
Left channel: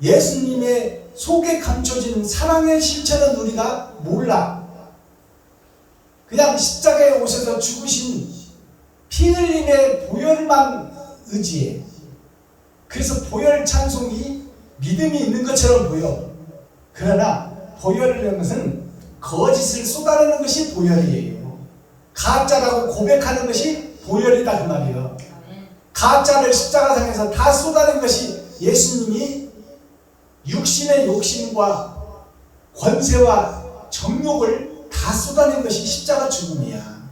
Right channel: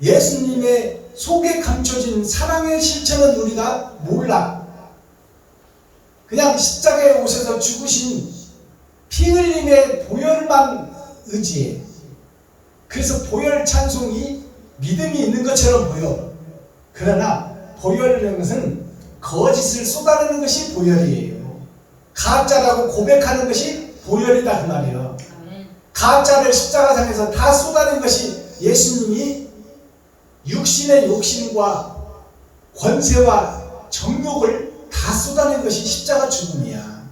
예수님의 속에 감춰진 사랑의 실체는 우리가 몰라. 그냥 십자가에 오셔서 죽으신 피 흘림의 보혈만 의지해. 그래서 보혈 찬송이 믿음이 있는 것처럼 보여. 그러나 보혈이라는 것은 거짓을 쏟아내는 것이 보혈이에요. 가짜라고 고백하는 것이 보혈이다 그 말이에요. 가짜를 십자가상에서 다 쏟아낸 것이 예수님이 육신의 욕심과 권세와 정욕을 다 쏟아낸 것이 십자가 죽음이야.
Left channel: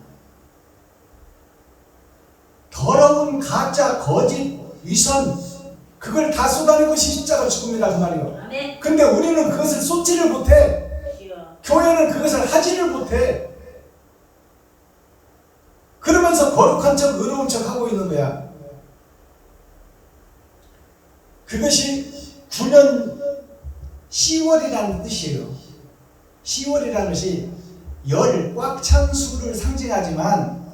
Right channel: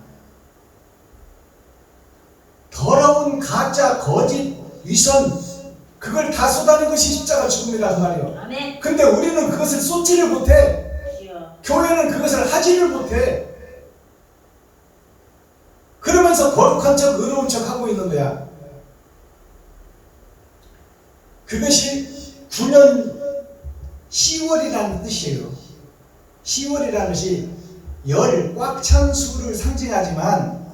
더러운 가짜, 거짓, 위선, 그걸 다 쏟아낸 것이 십자가 죽음이라 그 말이요. 근데 우리는 그것을 쏟지를 못해. 교회는 그것을 하지를 못해. 그러면서 거룩한 척, 의로운 척 하고 있는 거야. 그것이 9년 10월이라는 뜻이에요. 10월이라는 것이 열, 꽉 찬 수를 상징하지만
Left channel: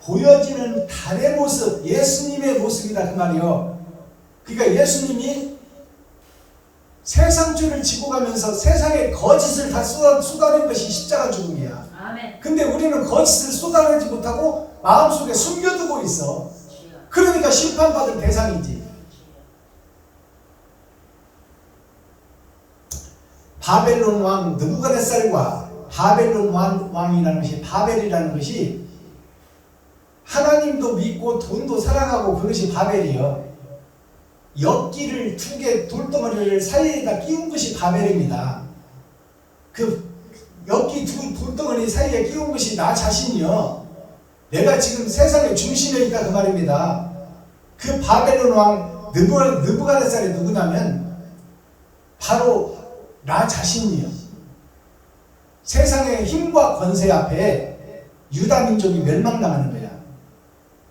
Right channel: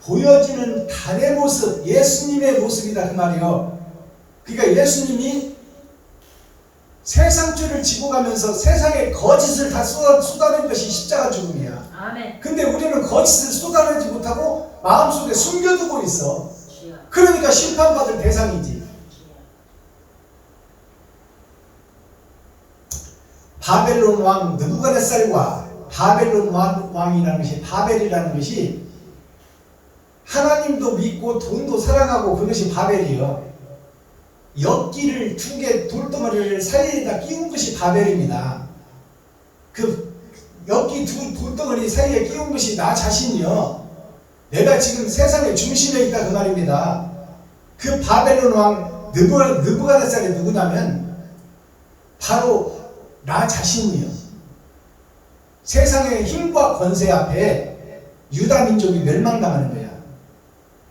보여지는 달의 모습, 예수님의 모습이다 그 말이에요. 그러니까 예수님이 세상죄를 지고 가면서 세상의 거짓을 다 쏟아낸 것이 십자가 죽음이야. 아멘. 근데 우리는 거짓을 쏟아내지 못하고 마음속에 숨겨두고 있어. 그러니까 심판받을 대상이지. 바벨론 왕 느부갓네살과 바벨론 왕이라는 것이, 바벨이라는 것이 하나님도 믿고 돈도 사랑하고 그것이 바벨이요. 엿기를 2개 돌덩어리를 사이에다 끼운 것이 바벨입니다. 그 엿기 2 돌덩어리 사이에 끼운 것이 나 자신이요. 내가 지금 세상의 중심에 있다 그 말입니다. 그 바벨론 왕 느부갓네살이 누구냐면 바로 나 자신이요. 세상의 힘과 권세 앞에 유다 민족이 멸망당하는 거야.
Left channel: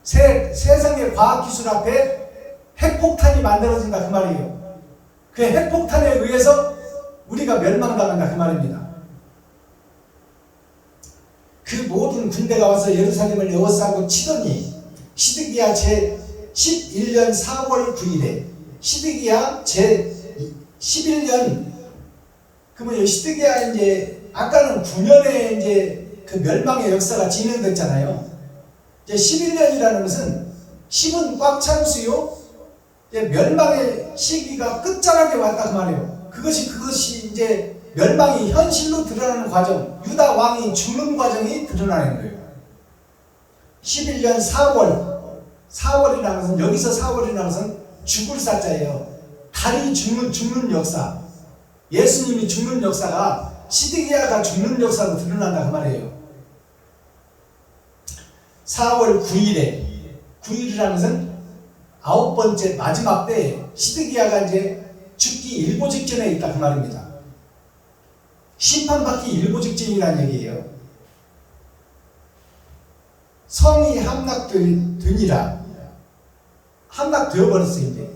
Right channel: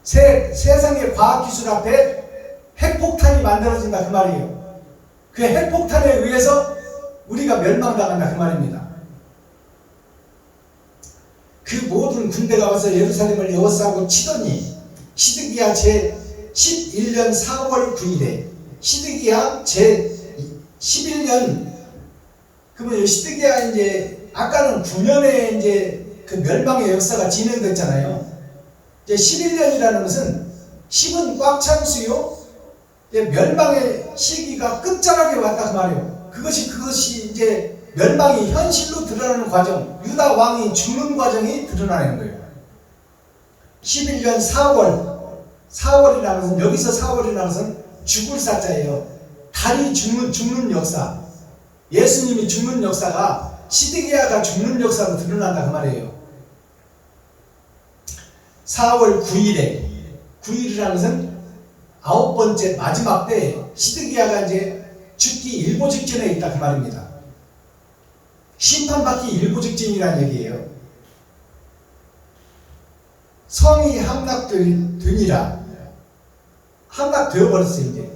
세상의 과학기술 앞에 핵폭탄이 만들어진다 그 말이에요. 그 핵폭탄에 의해서 우리가 멸망당한다 그 말입니다. 그 모든 군대가 와서 예루살렘을 에워싸고 치더니 시드기야 제 11년 4월 9일에 시드기야 제 11년, 그러면 시드기야 이제 아까는 9년에 이제 그 멸망의 역사가 진행됐잖아요. 이제 11년이라는 것은 10은 꽉 찬 수요, 멸망의 시기가 끝자락에 왔다 그 말이에요. 그것이 이제 멸망이 현실로 드러나는 과정, 유다 왕이 죽는 과정이 드러나는 거예요. 11년 4월이라는 것은, 여기서 4월이라는 것은 죽을 사자예요. 달이 죽는 역사, 예수님이 죽는 역사가 시드기야가 죽는 역사로 드러난다 그 말이에요. 4월 9일이라는 것은 9번째 마지막 때에 시드기야가 이제 죽기 일보 직전에 있다 그 말입니다. 심판받기 일보 직전이라는 얘기예요. 성이 함락되니라, 함락되어버렸어요. 이제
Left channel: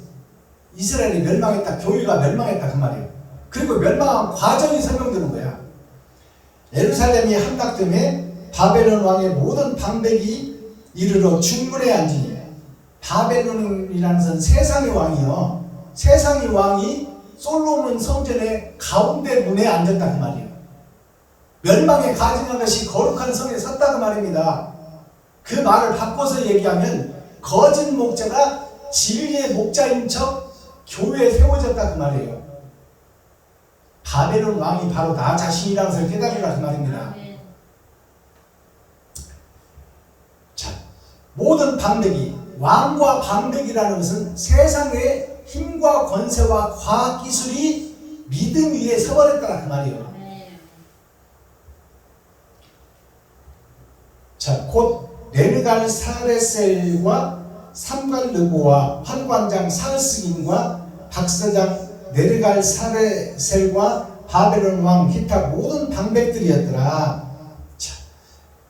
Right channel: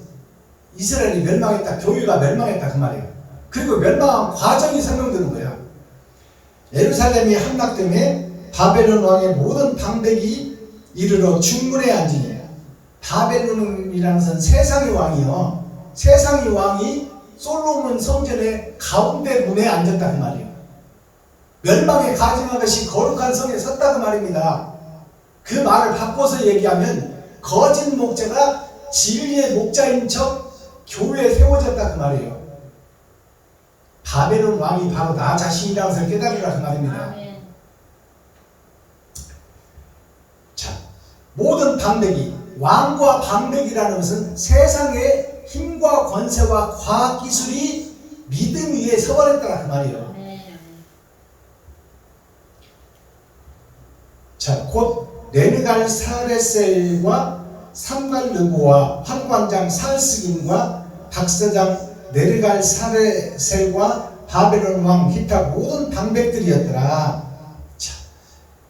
이스라엘이 멸망했다, 교회가 멸망했다 그 말이에요. 그리고 멸망한 과정이 설명되는 거야. 예루살렘이 함락됨에 바벨론 왕의 모든 방백이 이르러 중문에 앉으니, 바벨론이라는 것은 세상의 왕이요, 세상의 왕이 솔로몬 성전의 가운데 문에 앉았다 그 말이에요. 멸망에 가증한 것이 거룩한 성에 섰다 그 말입니다. 그 말을 바꿔서 얘기하면 거짓 목자가 진리의 목자인 척 교회에 세워졌다 그 말이에요. 바벨론 왕이 바로 나 자신이라는 것을 깨달으라 그 말입니다. 자, 모든 방백이, 왕과 방백이라는 것은 세상의 힘과 권세와 과학기술이 믿음 위에 서버렸다 그 말이에요. 자, 곧 네르갈 사레셀과 삼갈르보와 환관장 살스김과 박사장 네르갈 사레셀과 바벨론 왕 기타 모든 방백들이었더라. 자,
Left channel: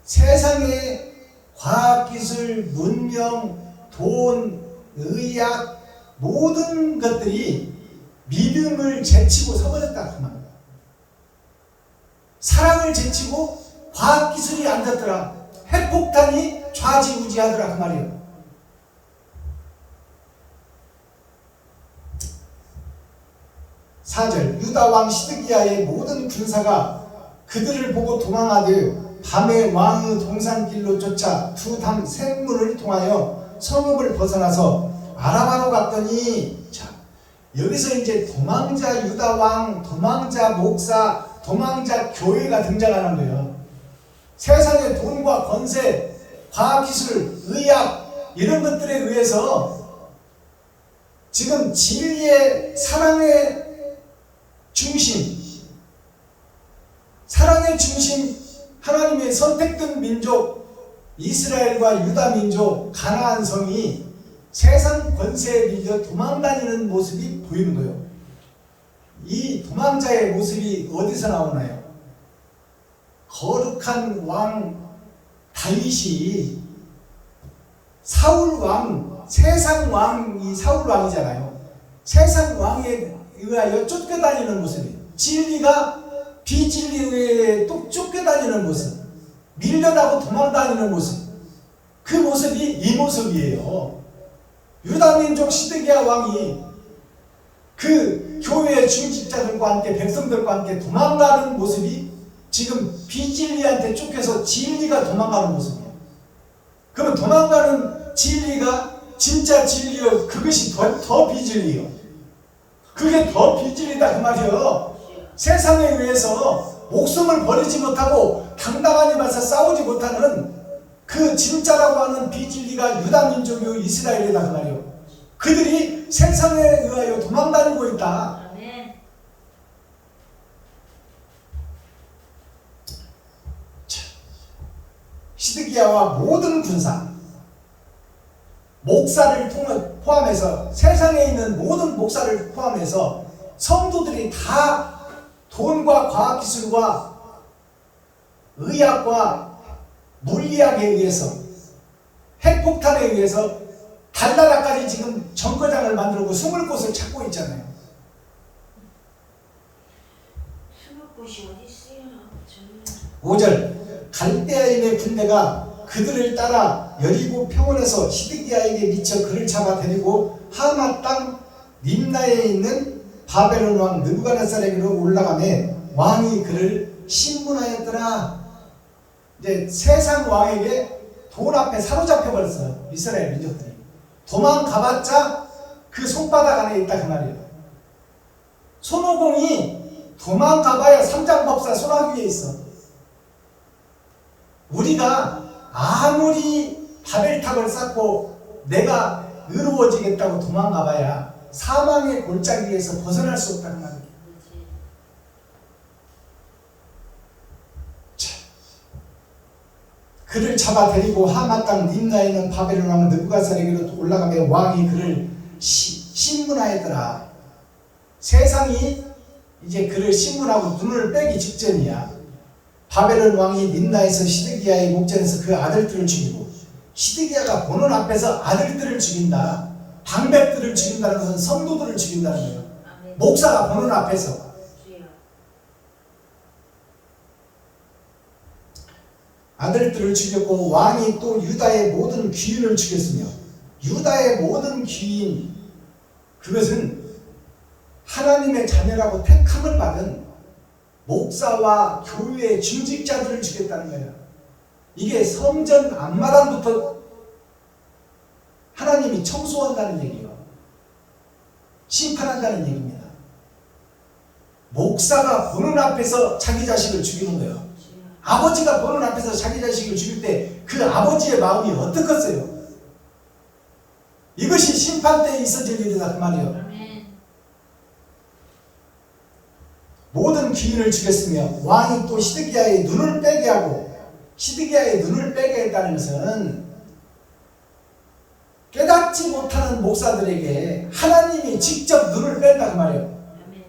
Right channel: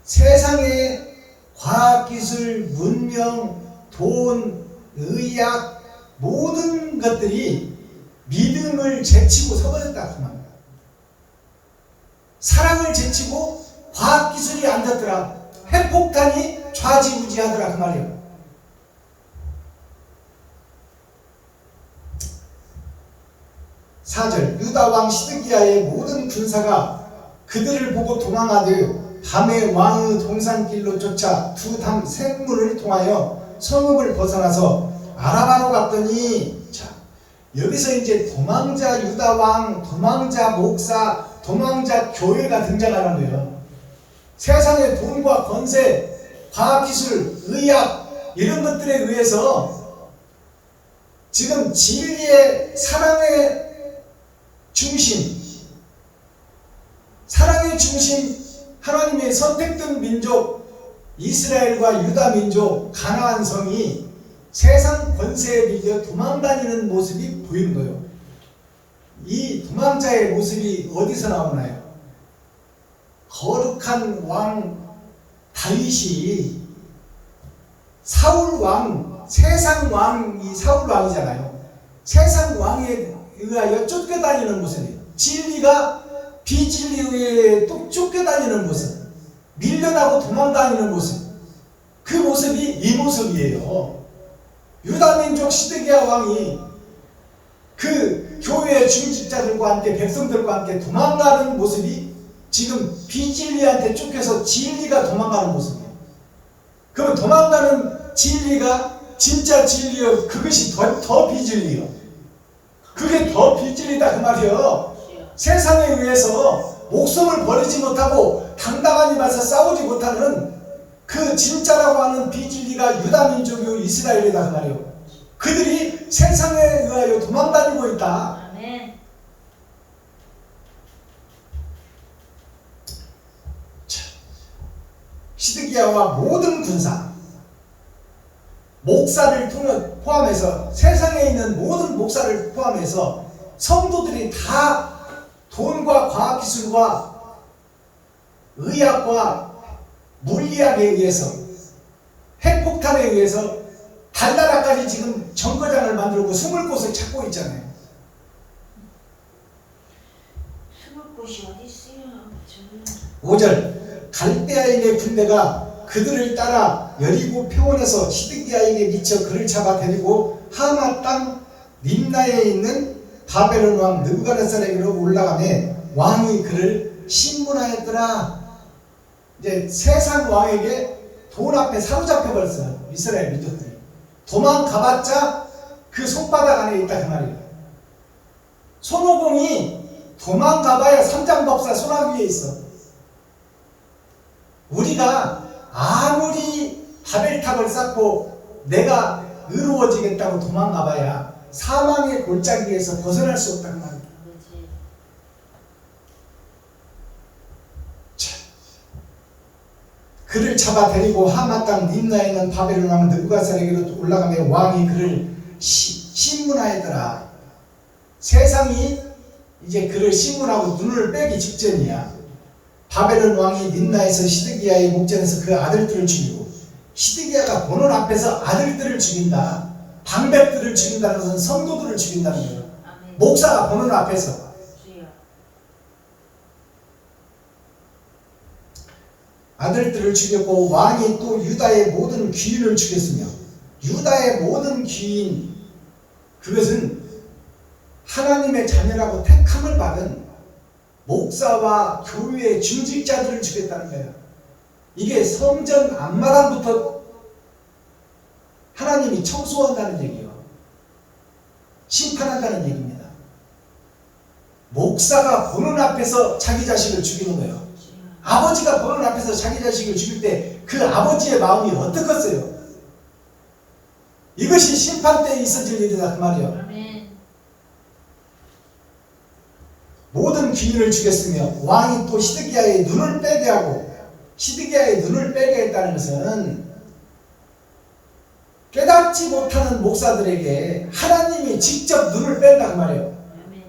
세상의 과학기술, 문명, 돈, 의학 모든 것들이 믿음을 제치고 서버렸다 그 말이야. 사랑을 제치고 과학기술이 앉았더라. 핵폭탄이 좌지우지하더라 그 말이에요. 사절, 유다 왕 시드기야의 모든 군사가 그들을 보고 도망하되 밤에 왕의 동산길로 쫓아 두 담 샘문을 통하여 성읍을 벗어나서 아라바로 갔더니, 자, 여기서 이제 도망자 유다 왕, 도망자 목사, 도망자 교회가 등장하는 거예요. 세상의 돈과 권세, 과학기술, 의학 이런 것들에 의해서 지금 진리의 사랑의 중심, 사랑의 중심, 하나님의 선택된 민족 이스라엘과 유다 민족 가나안 성이 세상 권세에 밀려 도망다니는 모습이 보이는 거예요. 이 도망자의 모습이 어디서 나오나요? 거룩한 왕 다윗이 사울 왕, 세상 왕이 사울 왕이잖아요. 세상 왕에 의하여 쫓겨다니는 모습이, 진리가 비진리에 의해 또 쫓겨다니는 모습, 밀려나고 도망다니는 모습, 그 모습이 이 모습이에요. 유다민족 시드기야 왕이 그 교회의 중직자들과 함께 백성들과 함께 도망가는 모습이 지금 비진리한테 쫓겨서 진리가 도망가는 모습이에요. 그러면 도망가는 진리가 진짜 진리요, 그것이 더 비진리요. 그게 더 비진리다 그 말이요. 세상에 의해서 목숨을 버리지 못하고 당당하니 맞서 싸우지 못하는 그 진짜라고 하는 비진리가 유다 민족이요 이스라엘이다 그 말이요. 그들이 세상에 의하여 도망다니고 있다. 시드기야와 모든 군사, 목사를 포함해서, 세상에 있는 모든 목사를 포함해서 성도들이 다 돈과 과학기술과 의학과 물리학에 의해서, 핵폭탄에 의해서 달나라까지 지금 정거장을 만들고 숨을 곳을 찾고 있잖아요. 숨을 곳이 어디 있어요? 5절, 갈대아인의 군대가 그들을 따라 여리고 평원에서 시드기야에게 미쳐 그를 잡아 데리고 하마 땅 림나에 있는 바벨론 왕 느부갓네살에게로 올라가매 왕이 그를 신문하였더라. 이제 세상 왕에게 돈 앞에 사로잡혀 버렸어요. 이스라엘 민족들이 도망가봤자 그 손바닥 안에 있다 그 말이에요. 손오공이 도망가봐야 삼장법사 손아귀에 있어. 우리가 아무리 바벨탑을 쌓고 내가 의로워지겠다고 도망가봐야 사망의 골짜기에서 벗어날 수 없다는 말이에요. 그를 잡아 데리고 하마 땅 림나에 있는 바벨론 왕 느부갓네살에게로 올라가며 왕이 그를 신문하였더라. 세상이 이제 그를 신문하고 눈을 빼기 직전이야. 바벨론 왕이 림나에서 시드기야의 목전에서 그 아들들을 죽이고, 시드기야가 보는 앞에서 아들들을 죽인다. 방백들을 죽인다는 것은 성도들을 죽인다는 거예요. 목사가 보는 앞에서. 아들들을 죽였고 왕이 또 유다의 모든 귀인을 죽였으며 유다의 모든 귀인 그것은 하나님의 자녀라고 택함을 받은 목사와 교회의 중직자들을 죽였다는 거예요. 이게 성전 앞마당부터 하나님이 청소한다는 얘기예요. 심판한다는 얘기입니다. 목사가 보는 앞에서 자기 자식을 죽이는 거예요. 아버지가 보는 앞에서 자기 자식을 죽일 때 그 아버지의 마음이 어떻겠어요? 이것이 심판 때에 있어질 일이다 그 말이에요. 아멘. 모든 귀인을 죽였으며 왕이 또 시드기야의 눈을 빼게 하고 시드기야의 눈을 빼게 했다는 것은 깨닫지 못하는 목사들에게 하나님이 직접 눈을 뺀다 그 말이에요. 아멘.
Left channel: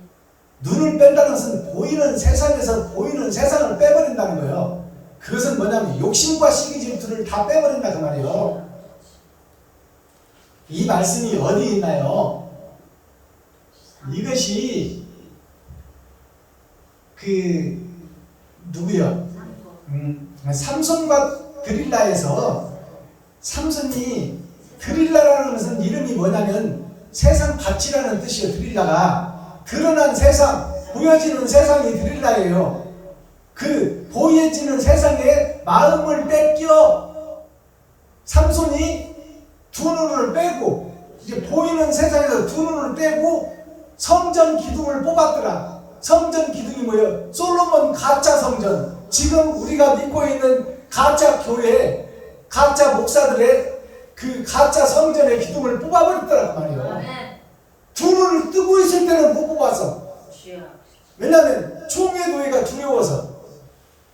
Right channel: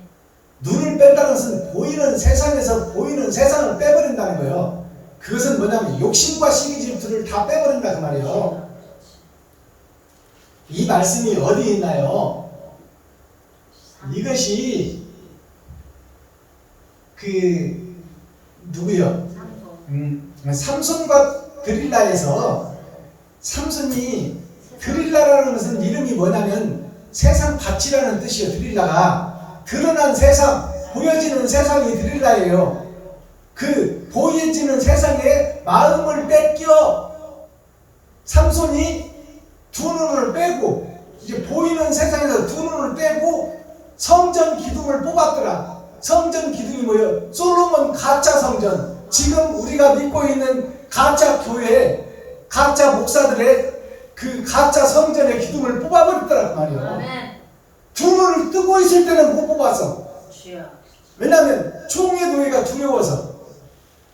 눈을 뺀다는 것은 보이는 세상에서 보이는 세상을 빼버린다는 거예요. 그것은 뭐냐면 욕심과 시기 질투를 다 빼버린다 그 말이에요. 이 말씀이 어디 있나요? 이것이 그 누구요? 삼손과 드릴라에서 삼손이 드릴라라는 것은 이름이 뭐냐면 세상 밭이라는 뜻이에요. 드릴라가 드러난 세상, 보여지는 세상이 드릴라예요. 그 보여지는 세상에 마음을 뺏겨 삼손이 두 눈을 빼고 이제 보이는 세상에서 두 눈을 빼고 성전 기둥을 뽑았더라. 성전 기둥이 뭐예요? 솔로몬 가짜 성전. 지금 우리가 믿고 있는 가짜 교회, 가짜 목사들의 그 가짜 성전의 기둥을 뽑아버렸더라 그 말이에요. 아멘. 두 눈을 뜨고 있을 때는 못 뽑았어. 주여. 왜냐하면 총의 노예가 두려워서.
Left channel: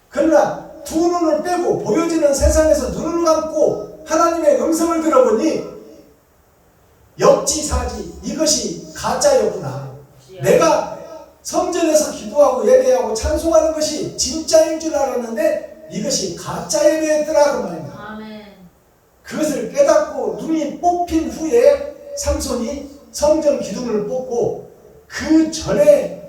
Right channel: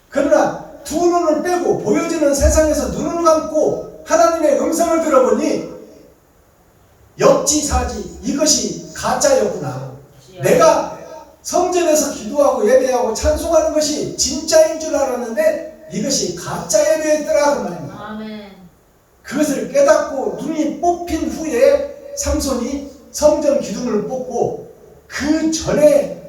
그러나 두 눈을 빼고 보여지는 세상에서 눈을 감고 하나님의 음성을 들어보니 역지사지 이것이 가짜였구나. 주여. 내가 성전에서 기도하고 예배하고 찬송하는 것이 진짜인 줄 알았는데 이것이 가짜 예배였더라 그 말입니다. 아멘. 그것을 깨닫고 눈이 뽑힌 후에 삼손이 성전 기둥을 뽑고 그 전에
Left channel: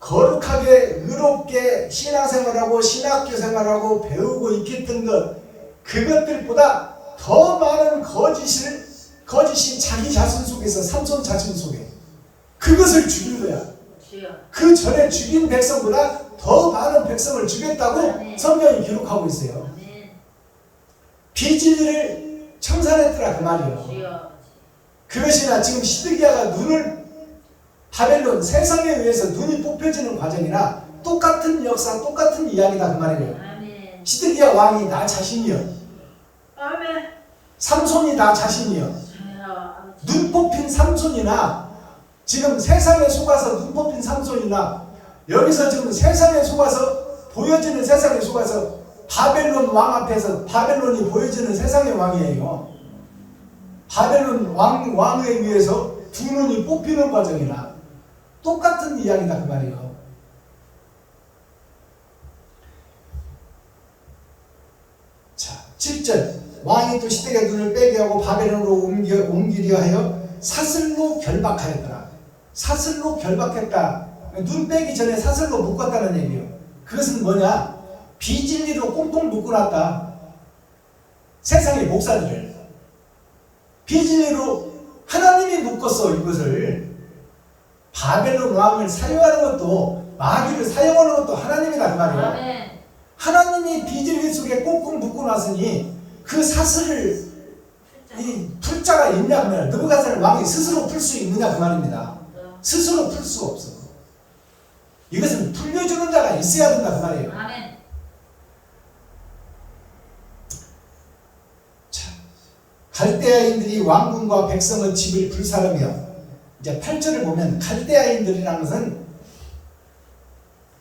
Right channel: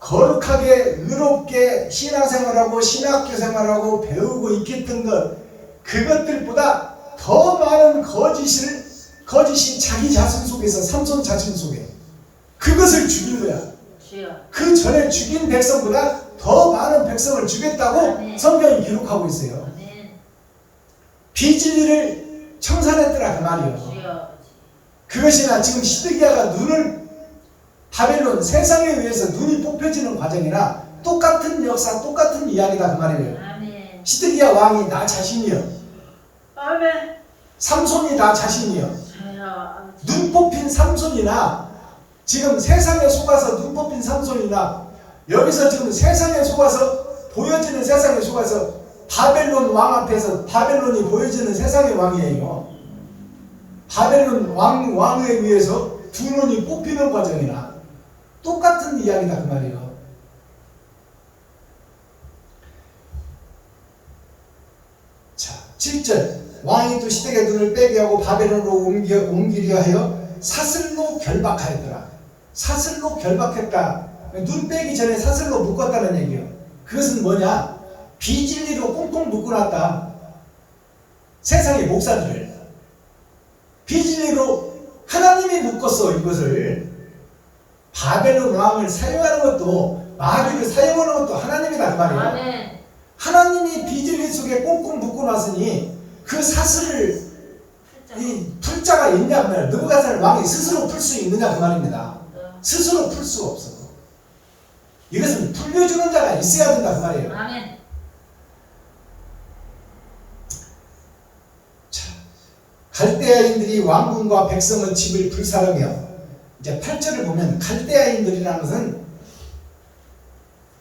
거룩하게 의롭게 신앙생활하고 신학교 생활하고 배우고 익혔던 것 그것들보다 더 많은 거짓이 자기 자신 속에서 삼손 자신 속에 그것을 죽인 거야. 주여. 그 전에 죽인 백성보다 더 많은 백성을 죽였다고 성경이 기록하고 있어요. 아멘. 비진리를 청산했더라 그 말이에요. 주여. 그것이나 지금 시드기야가 눈을 바벨론 세상에 의해서 눈이 뽑혀지는 과정이나 똑같은 역사 똑같은 이야기다 그 말이에요. 아멘. 시드기야 왕이 나 자신이요. 아멘. 삼손이 나 자신이요. 주여. 눈 뽑힌 삼손이나 지금 세상에 속아서 눈 뽑힌 삼손이나 여기서 지금 세상에 속아서 보여지는 세상에 속아서 바벨론 왕 앞에서 바벨론이 보여지는 세상의 왕이에요. 바벨론 왕에 의해서 두 눈이 뽑히는 과정이나 똑같은 이야기다 그 말이에요. 자, 7절 왕이 또 시드기야 눈을 빼게 하고 바벨론으로 옮기려 하여 사슬로 결박하였더라. 사슬로 결박했다. 눈 빼기 전에 사슬로 묶었다는 얘기예요. 그것은 뭐냐? 비진리로 꽁꽁 묶어놨다. 세상의 목사들을 비진리로 하나님이 묶었어. 이것을 바벨론 왕을 사용하는 것도 마귀를 사용하는 것도 하나님이다 그 말이에요. 아멘. 하나님이 비진리 속에 꽁꽁 묶어놨으니 그 사슬을 이 풀자가 있냐 그 말이에요. 느부갓네살 왕이 스스로 풀 수 있느냐 그 말입니다. 스스로 풀 수 없어. 이것은 풀려주는 자가 있어야 된다 그 말이에요. 아멘. 자, 갈대아인들이 왕궁과 백성의 집을 불사르며 이제 8절을 보면 갈대아인들이라는 것은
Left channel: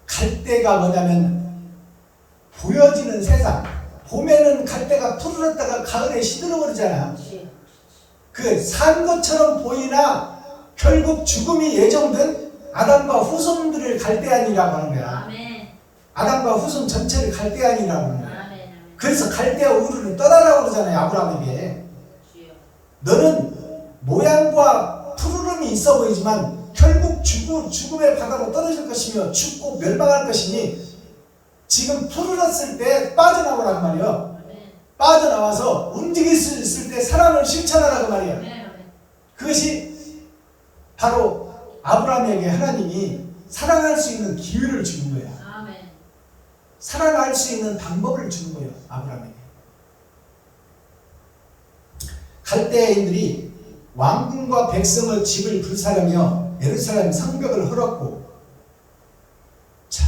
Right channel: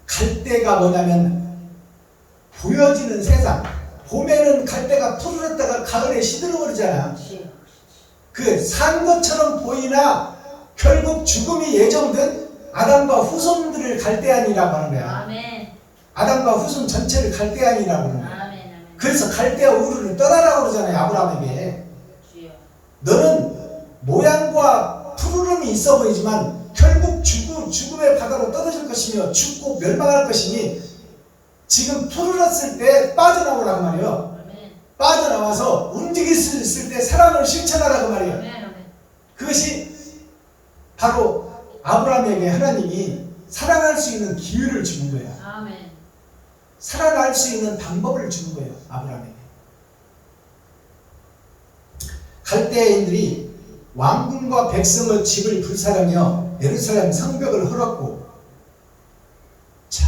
갈대가 뭐냐면 보여지는 세상. 봄에는 갈대가 푸르렀다가 가을에 시들어버리잖아요. 주여. 그 산 것처럼 보이나 결국 죽음이 예정된 아담과 후손들을 갈대아인이라고 하는 거야. 아멘. 아담과 후손 전체를 갈대아인이라고 하는 거야. 아멘. 아멘. 그래서 갈대아 우르를 떠나라고 그러잖아요. 아브라함에게. 주여. 너는 모양과 푸르름이 있어 보이지만 결국 죽음의 바다로 떨어질 것이며 죽고 멸망할 것이니 지금 풀었을 때 빠져나오란 말이에요. 아멘. 빠져나와서 움직일 수 있을 때 사랑을 실천하라고 말이에요. 아멘. 아멘. 그것이 바로 아브라함에게 하나님이 사랑할 수 있는 기회를 주는 거야. 아멘. 살아날 수 있는 방법을 주는 거예요. 아브라함에게. 갈대아인들이 왕궁과 백성의 집을 불살하며 예루살렘 성벽을 헐었고, 자,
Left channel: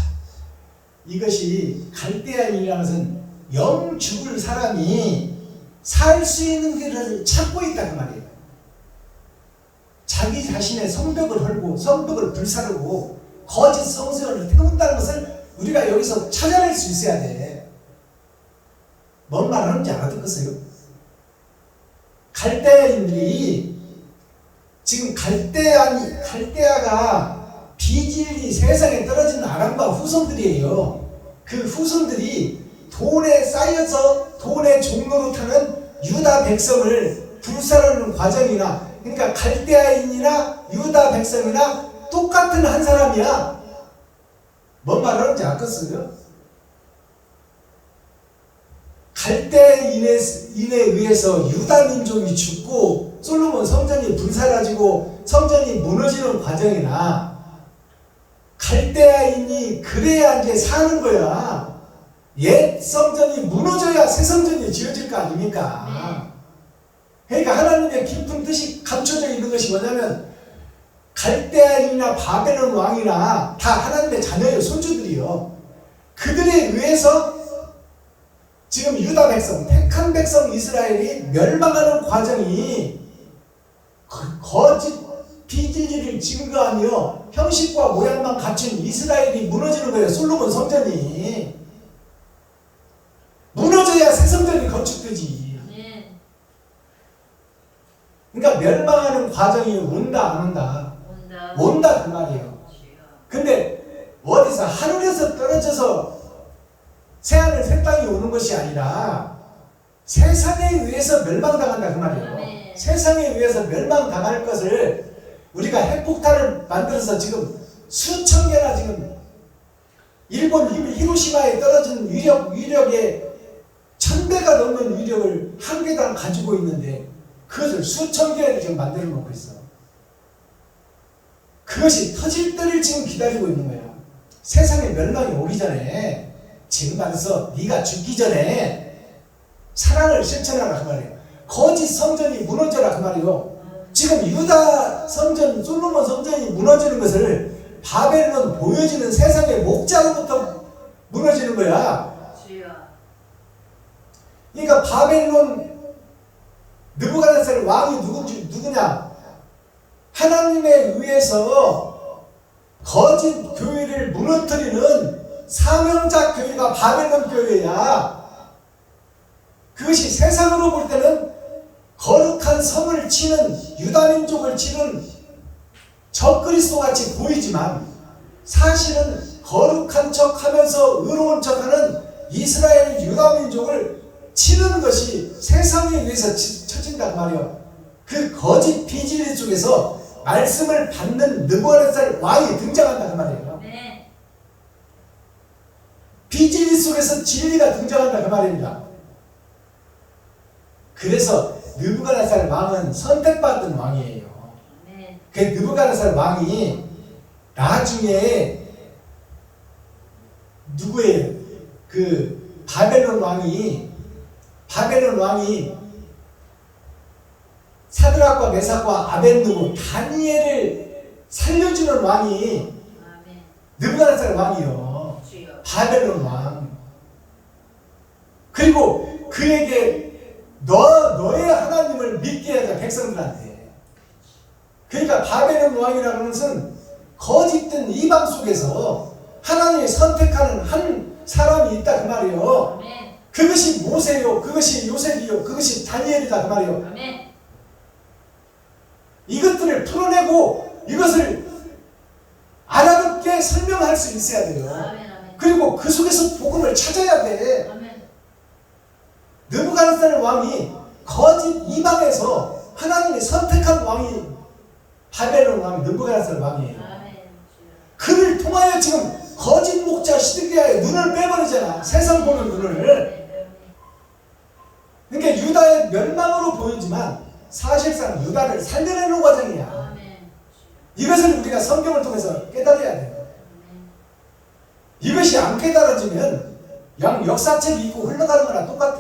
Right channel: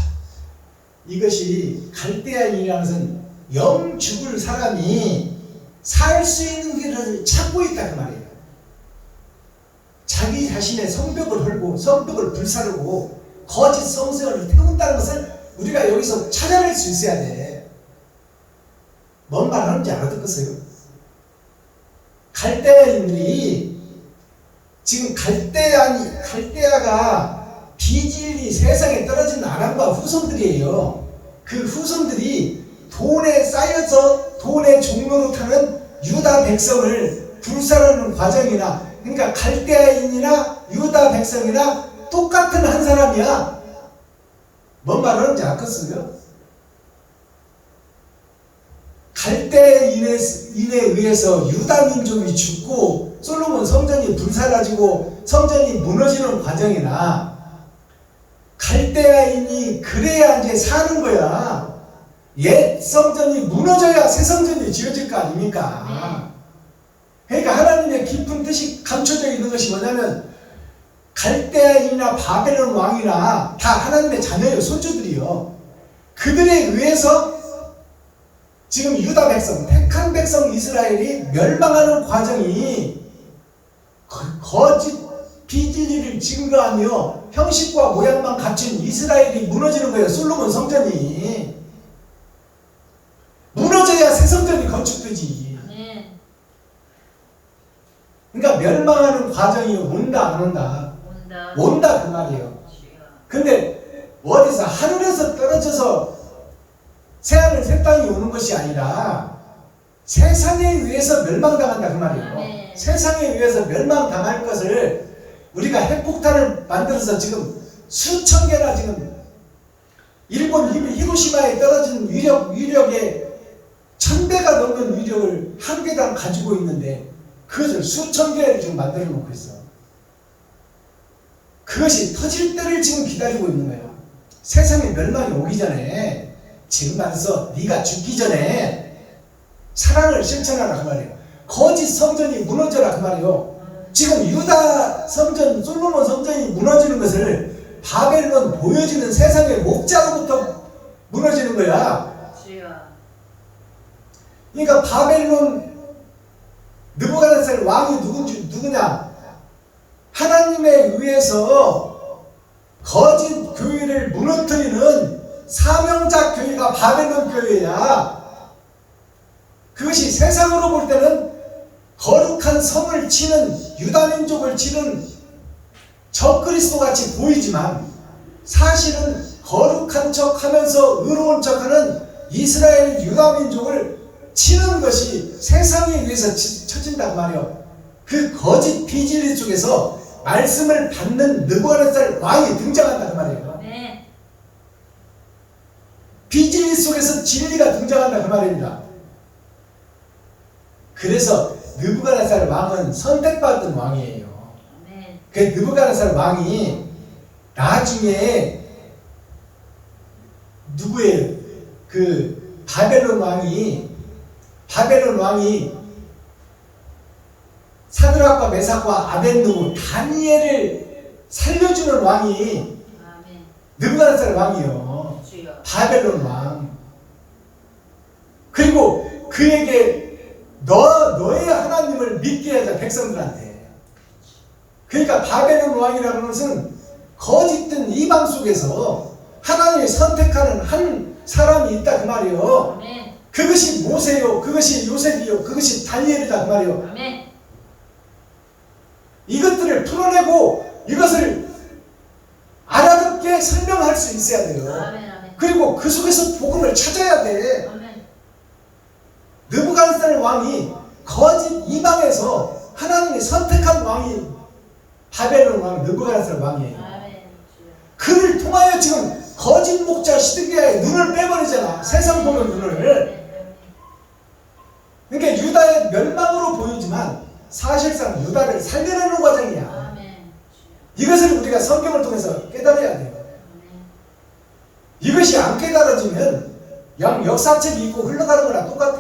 이것이 갈대아인이라는 것은 영 죽을 사람이 살 수 있는 길을 찾고 있다는 말이에요. 자기 자신의 성벽을 헐고 성벽을 불사르고 거짓 성서를 태운다는 것을 우리가 여기서 찾아낼 수 있어야 돼. 뭔 말하는지 알아듣겠어요? 갈대아인들이 지금 갈대아가 비질이 세상에 떨어진 아람과 후손들이에요. 그 후손들이 돈에 쌓여서 돈의 종로로 타는 유다 백성을 불살하는 과정이나, 그러니까 갈대아인이나 유다 백성이나 똑같은 한 사람이야. 뭔 말하는지 알겠어요? 갈대아인에 의해서 유다 민족이 죽고 솔로몬 성전이 불사라지고 성전이 무너지는 과정이나, 갈대아인이 그래야 이제 사는 거야. 옛 성전이 무너져야 새 성전이 지어질 거 아닙니까? 그러니까 하나님의 깊은 뜻이 감춰져 있는 것이 뭐냐면, 갈대아인이나 바벨론 왕이나 다 하나님의 자녀예요. 손주들이요. 그들에 의해서 지금 유다 백성, 택한 백성 이스라엘이 멸망하는 과정이 거짓 비질이를 증거하며 형식과 모양만 갖춘 이스라엘이 무너지는 거예요. 솔로몬 성전이 무너져야 새 성전이 건축되지. 그러니까 멸망하는 과정이 온다 안 온다? 온다 그 말이에요. 근데 어디서 하늘에서 떨어져서 새하늘 새 땅이 오는 것이 아니라 세상에 의해서 멸망당한다 그 말이에요. 세상에 의해서 멸망당할 것을 우리가 핵폭탄을 만들어서 지금 수천 개나, 지금 일본 히로시마에 떨어진 위력의 1000배가 넘는 위력을 한 개당 가지고 있는데 그것을 수천 개를 지금 만들어 놓고 있어. 그것이 터질 때를 지금 기다리고 있는 거야. 세상에 멸망이 오기 전에, 지금 말해서 네가 죽기 전에 사랑을 실천하라 그 말이에요. 거짓 성전이 무너져라 그 말이에요. 지금 유다 성전, 솔로몬 성전이 무너지는 것을 바벨론 보여지는 세상의 목자로부터 무너지는 거야. 그러니까 바벨론 느부갓네살 왕이 누구냐? 하나님에 의해서 거짓 교회를 무너뜨리는 사명자 교회가 바벨론 교회야. 그것이 세상으로 볼 때는 거룩한 성을 치는, 유다민족을 치는 적그리스도 같이 보이지만 사실은 거룩한 척 하면서 의로운 척 하는 이스라엘 유다민족을 치는 것이 세상에 의해서 쳐진단 말이에요. 그 거짓 비진리 속에서 말씀을 받는 느부갓네살 왕이 등장한다 그 말이에요. 비진리 속에서 진리가 등장한다 그 말입니다. 그래서 느부갓네살 왕은 선택받은 왕이에요. 그 느부갓네살 왕이 나중에 누구예요? 그 바벨론 왕이 사드락과 메삭과 아벤느고 다니엘을 살려주는 왕이 느부갓네살 왕이요. 바벨론 왕. 그리고 그에게 너의 하나님을 믿게 하자, 백성들한테. 그러니까 바벨론 왕이라는 것은 거짓된 이방 속에서 하나님이 선택하는 한 사람이 있다 그 말이에요. 그것이 모세요, 그것이 요셉이요, 그것이 다니엘이다 그 말이에요. 이것들을 풀어내고 이것을 알아듣게 설명할 수 있어야 돼요. 그리고 그 속에서 복음을 찾아야 돼. 느부갓네살 왕이 거짓 이방에서 하나님이 선택한 왕이 바벨론 왕 느부갓네살 왕이에요. 그를 통하여 지금 거짓 목자 시드기야의 눈을 빼버리잖아. 세상 보는 눈을. 그러니까 유다의 멸망으로 보이지만 사실상 유다를 살려내는 과정이야. 아멘. 이것을 우리가 성경을 통해서 깨달아야 돼요. 이것이 안 깨달아지면 양 역사책 읽고 흘러가는 거랑 똑같아.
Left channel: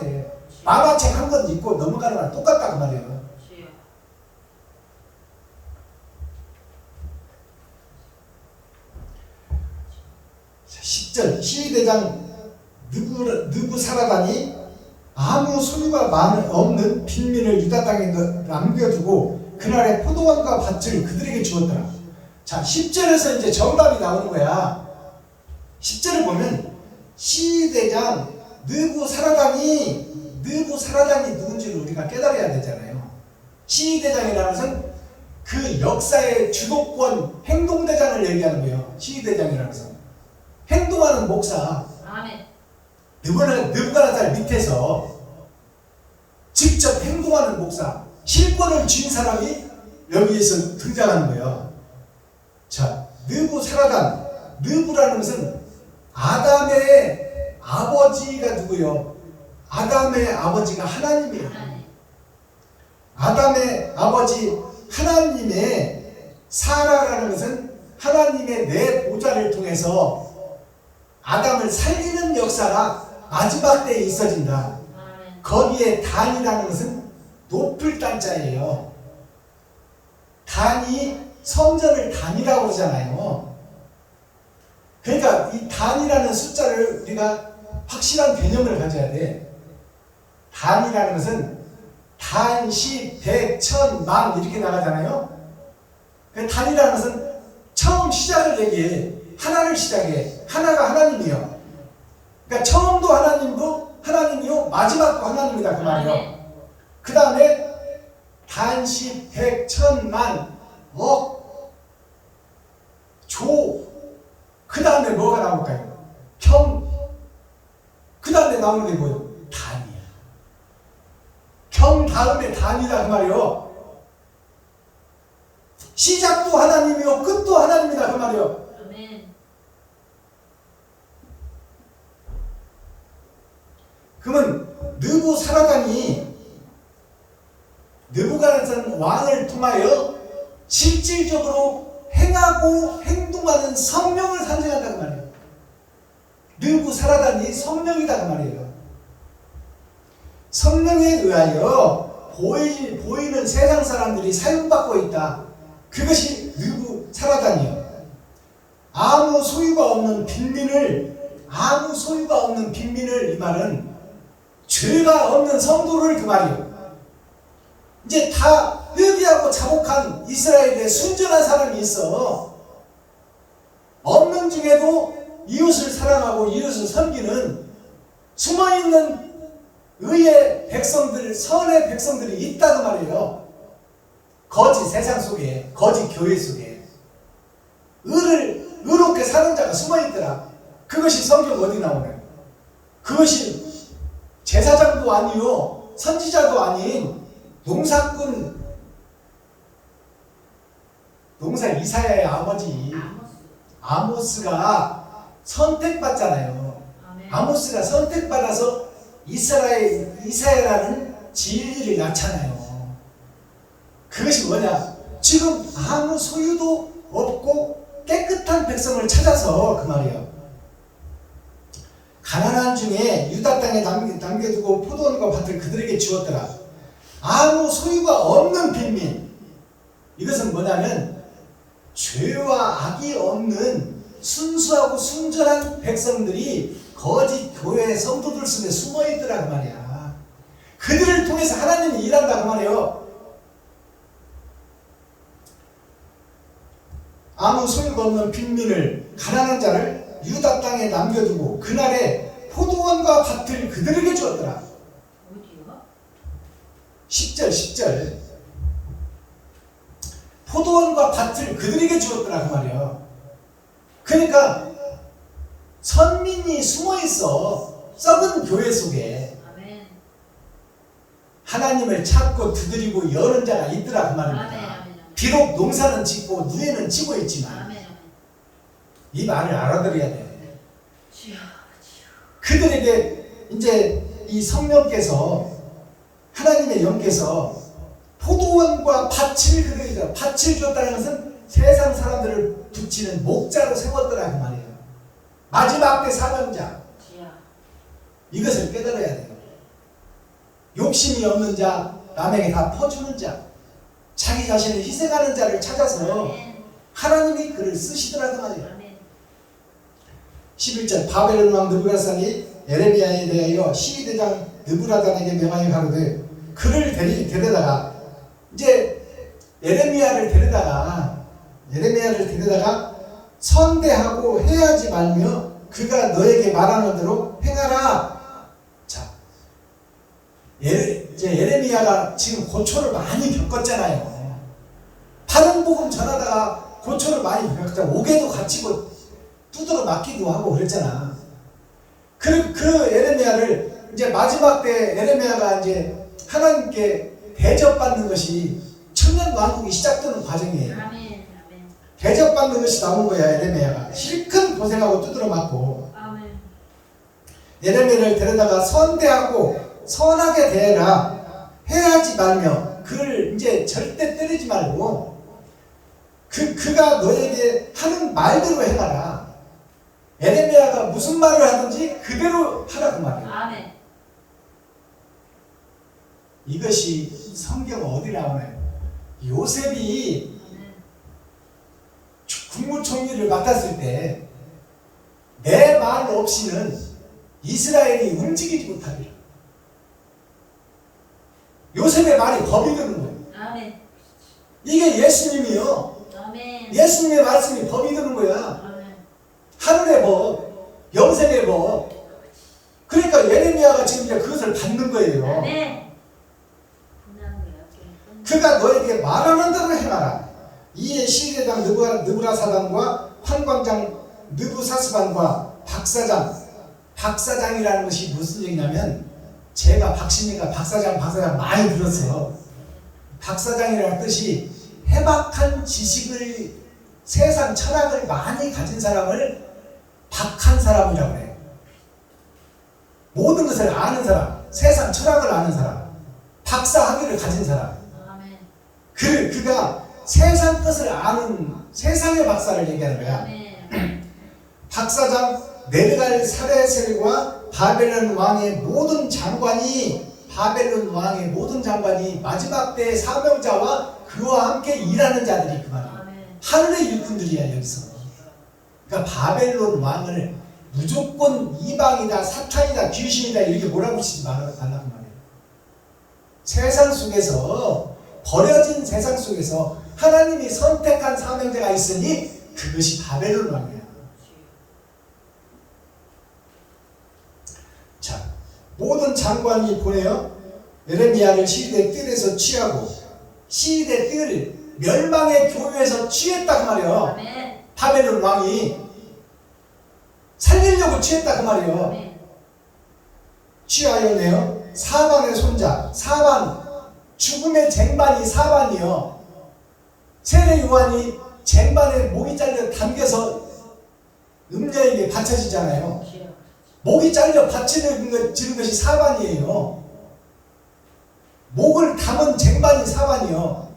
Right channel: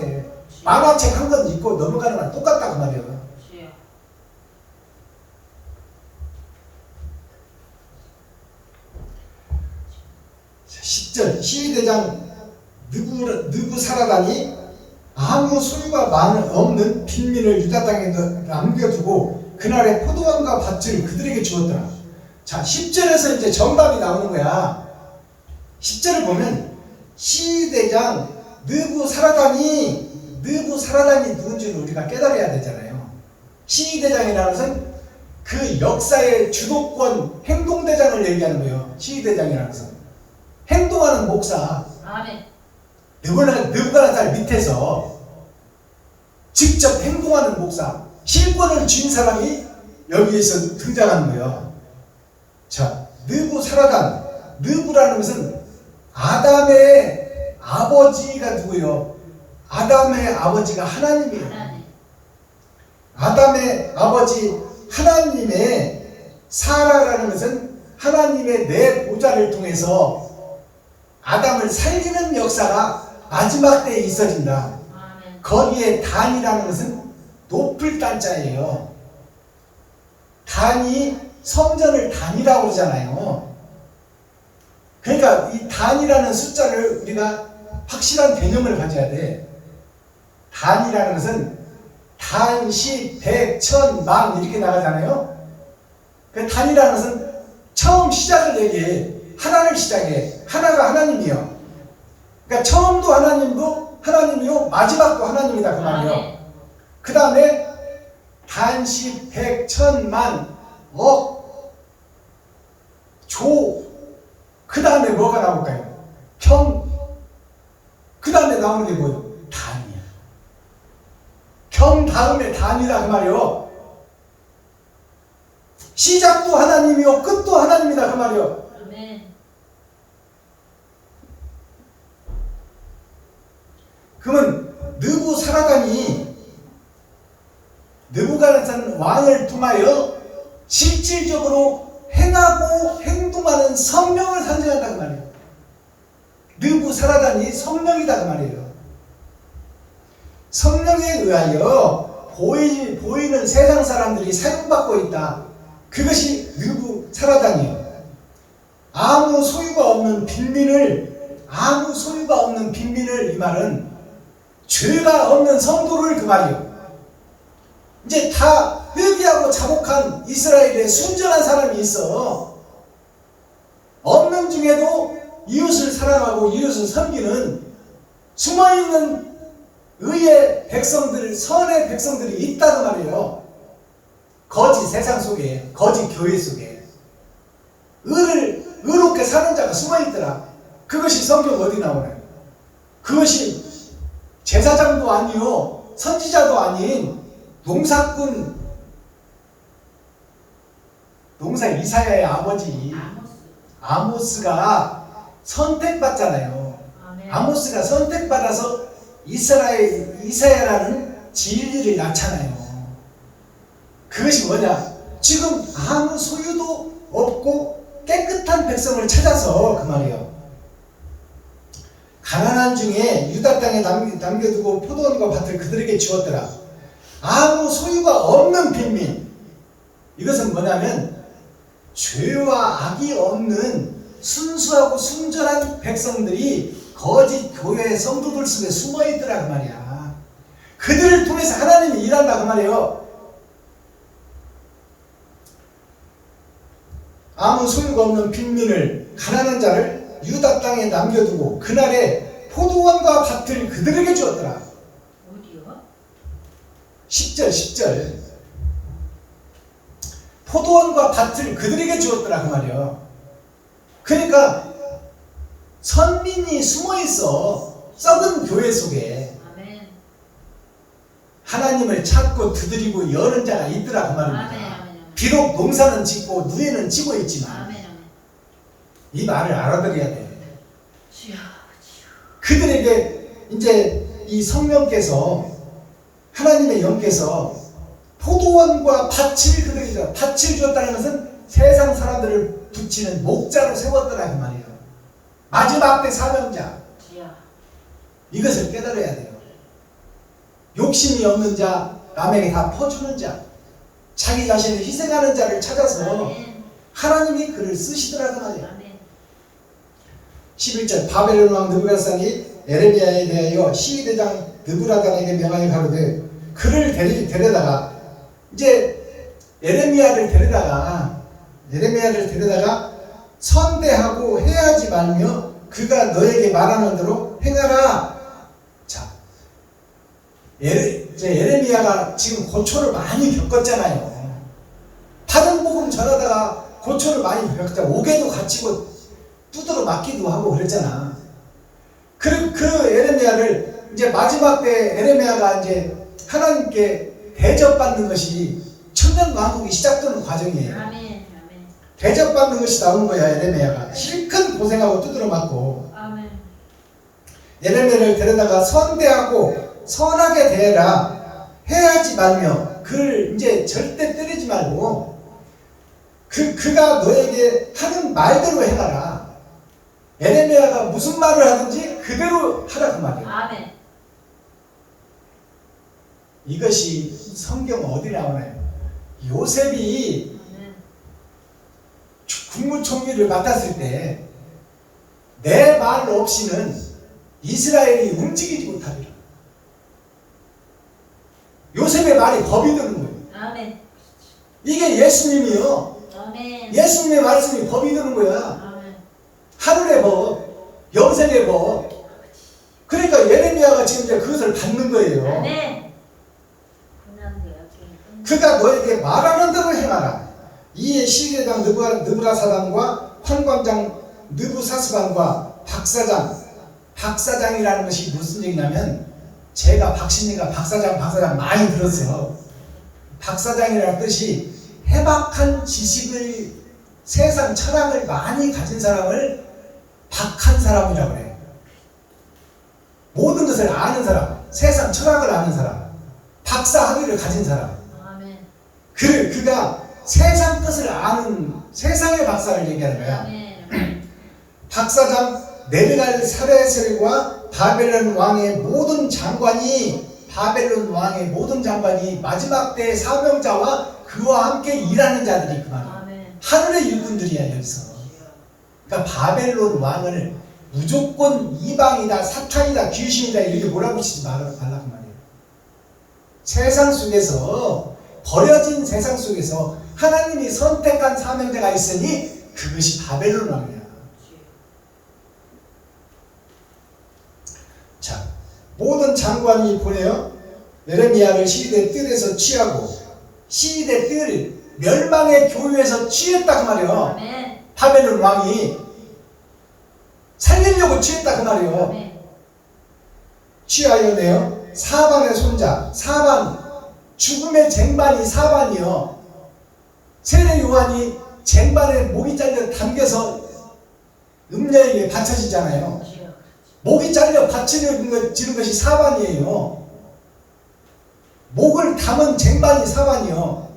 만화책 한 권 읽고 넘어가는 거랑 똑같다 그 말이에요. 자, 10절 시위대장 느부사라단이 아무 소유가 없는 빈민을 유다 땅에 남겨두고 그날의 포도원과 밭을 그들에게 주었더라. 자, 10절에서 이제 정답이 나오는 거야. 10절을 보면 시위대장 느부사라단이 누군지를 우리가 깨달아야 되잖아요. 시위대장이라는 것은 그 역사의 주도권 행동대장을 얘기하는 거예요. 시위대장이라는 것은 행동하는 목사. 아멘. 느부갓네살 밑에서 직접 행동하는 목사, 실권을 쥔 사람이 여기에서 등장하는 거예요. 자, 느부사라단, 느부라는 것은 아담의 아버지가 누구예요? 아담의 아버지가 하나님이에요. 아담의 아버지 하나님의 사라라는 것은 하나님의 내 보좌를 통해서 아담을 살리는 역사가 마지막 때에 있어진다. 아멘. 거기에 단이라는 것은 높을 단자예요. 단이 성전을 단이라고 그러잖아요. 그러니까 이 단이라는 숫자를 우리가 확실한 개념을 가져야 돼. 단이라는 것은 단, 십, 백, 천, 만 이렇게 나가잖아요. 그 단이라는 것은 처음 시작을 얘기해. 하나를 시작해. 하나가 하나님이요. 그러니까 처음도 하나님이요 마지막도 하나님이다 그 말이요. 그 다음에 단, 십, 백, 천, 만, 억, 조. 그 다음에 뭐가 나올까요? 평. 그 다음에 나오는 게 뭐예요? 단이야. 평 다음에 단이다 그 말이요. 시작도 하나님이요 끝도 하나님이다 그 말이요. 아멘. 그러면 느부사라단이 느부갓네살 왕을 통하여 실질적으로 행하고 행동하는 성령을 상징한다 그 말이에요. 느부사라단이 성령이다 그 말이에요. 성령에 의하여 보이는 세상 사람들이 사용받고 있다. 그것이 느부사라단이에요. 아무 소유가 없는 빈민을 이 말은 죄가 없는 성도를 그 말이에요. 이제 다 회개하고 자복한 이스라엘에 순전한 사람이 있어. 없는 중에도 이웃을 사랑하고 이웃을 섬기는 숨어있는 의의 백성들, 선의 백성들이 있다는 말이에요. 거짓 세상 속에, 거짓 교회 속에 의롭게 사는 자가 숨어있더라. 그것이 성경 어디 나오나요? 그것이 제사장도 아니요 선지자도 아닌 농사 이사야의 아버지 아모스가 선택받잖아요. 아멘. 아모스가 선택받아서 이사야라는 진리를 낳잖아요. 그것이 뭐냐? 지금 아무 소유도 없고 깨끗한 백성을 찾아서 그 말이에요. 가나안 중에 유다 땅에 남겨두고 포도원과 밭을 그들에게 주었더라. 아무 소유가 없는 빈민. 이것은 뭐냐면 죄와 악이 없는 순수하고 순전한 백성들이 거짓 교회 성도들 속에 숨어있더라 그 말이야. 그들을 통해서 하나님이 일한다 그 말이에요. 아무 소유가 없는 빈민을 가난한 자를 유다 땅에 남겨두고 그날에 포도원과 밭을 그들에게 주었더라. 어디요? 10절 포도원과 밭을 그들에게 주었더라 그 말이요. 그러니까 선민이 숨어있어. 썩은 교회 속에 아멘. 하나님을 찾고 두드리고 여는 자가 있더라 그 말입니다. 아멘. 비록 농사는 짓고 누에는 지고 있지만 아멘. 이 말을 알아들어야 돼. 주여. 그들에게 이제 이 성령께서 하나님의 영께서 포도원과 밭을 그들에게 밭을 주었다는 것은 세상 사람들을 붙이는 목자로 세웠더라 그 말이에요. 마지막 때 사명자. 주여. 이것을 깨달아야 돼요. 욕심이 없는 자, 남에게 다 퍼주는 자, 자기 자신을 희생하는 자를 찾아서 아멘. 하나님이 그를 쓰시더라 그 말이에요. 아멘. 11절 바벨론 왕 느부갓네살이 예레미야에 대하여 시위대장 느부라단에게 명하여 가로되 그를 데려다가 이제 예레미야를 데려다가 선대하고 해하지 말며 그가 너에게 말하는 대로 행하라. 자, 이제 예레미야가 지금 고초를 많이 겪었잖아요. 바른 복음 전하다가 고초를 많이 겪었잖아. 옥에도 갇히고 두드러 맞기도 하고 그랬잖아. 그 예레미야를 이제 마지막 때 예레미야가 이제 하나님께 대접받는 것이 천년 왕국이 시작되는 과정이에요. 아멘. 아멘. 대접받는 것이 나오는 거야. 예레미야가 실컷 고생하고 두드러 맞고 아멘. 예레미야를 데려다가 선대하고 선하게 대해라. 해하지 말며 그를 이제 절대 때리지 말고 그가 너에게 하는 말대로 행하라. 예레미야가 무슨 말을 하든지 그대로 하라 그 말이에요. 아멘. 이것이 성경 어디 나오나요? 요셉이 아멘. 국무총리를 맡았을 때 내 말 없이는 이스라엘이 움직이지 못하리라. 요셉의 말이 법이 되는 거예요. 아멘. 이게 예수님이요. 아멘. 예수님의 말씀이 법이 되는 거야. 아멘. 하늘의 법, 영생의 법. 그러니까 예레미야가 지금 이제 그것을 받는 거예요. 아멘. 끝나는 거야. 그가 너에게 말하는 대로 행하라. 이에 시대장 느부라사단과 환관장 느부사스반과 박사장이라는 것이 무슨 얘기냐면 제가 박신이가 박사장 많이 들었어요. 박사장이라는 뜻이 해박한 지식을 세상 철학을 많이 가진 사람을 박한 사람이라고 그래. 모든 것을 아는 사람, 세상 철학을 아는 사람, 박사 학위를 가진 사람. 아멘. 그가 세상 것을 아는 세상의 박사를 얘기하는 거야. 아멘. 박사장 네르갈사레셀과 바벨론 왕의 모든 장관이 마지막 때 사명자와 그와 함께 일하는 자들이 그만. 아멘. 하늘의 일꾼들이야 여기서. 그러니까 바벨론 왕을 무조건 이방이다, 사탄이다, 귀신이다 이렇게 몰아붙이지 말라고 말이에요. 세상 속에서 버려진 세상 속에서 하나님이 선택한 사명자가 있으니 그것이 바벨론 왕이야. 자, 모든 장관이 보내어 예레미야를 시리대 뜰에서 취하고 시리대 뜰 멸망의 교회에서 취했다 그 말이야. 아멘. 바벨론 왕이 살리려고 취했다 그 말이에요. 아멘. 취하여내요 사반의 손자 사반 죽음의 쟁반이 사반이요. 세례 요한이 쟁반에 목이 잘려 담겨서 음녀에게 바쳐지잖아요. 주여. 목이 잘려 바치는 것이 사반이에요. 목을 감은 쟁반이 사반이요.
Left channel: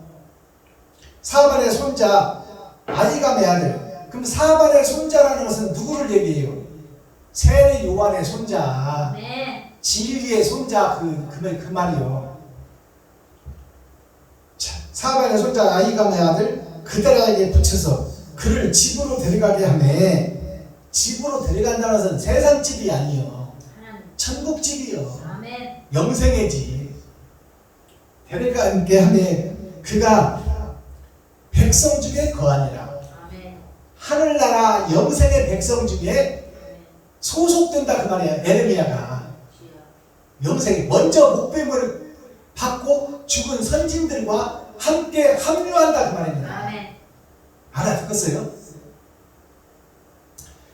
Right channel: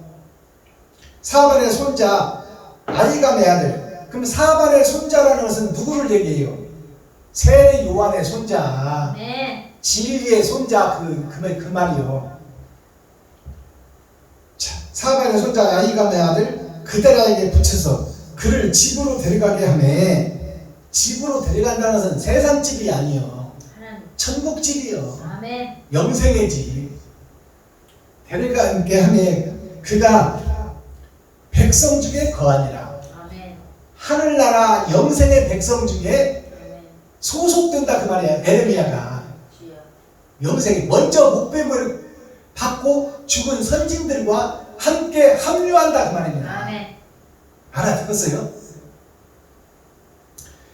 사반의 손자 아이감의 아들. 그럼 사반의 손자라는 것은 누구를 얘기해요? 세례 요한의 손자, 네. 진리의 손자 그 말이요. 자, 사반의 손자 아이감의 아들 그데라에게 붙여서 그를 집으로 데려가게 하매 집으로 데려간다는 것은 세상 집이 아니요. 하나님. 천국 집이요. 아멘. 영생의 집. 데려가게 하매 그가 백성 중에 거하니라. 아멘. 하늘나라 영생의 백성 중에 아멘. 소속된다 그 말이야. 예레미야가 주여. 영생이 먼저 목배물을 받고 죽은 선진들과 함께 합류한다 그 말입니다. 아멘. 알아듣겠어요?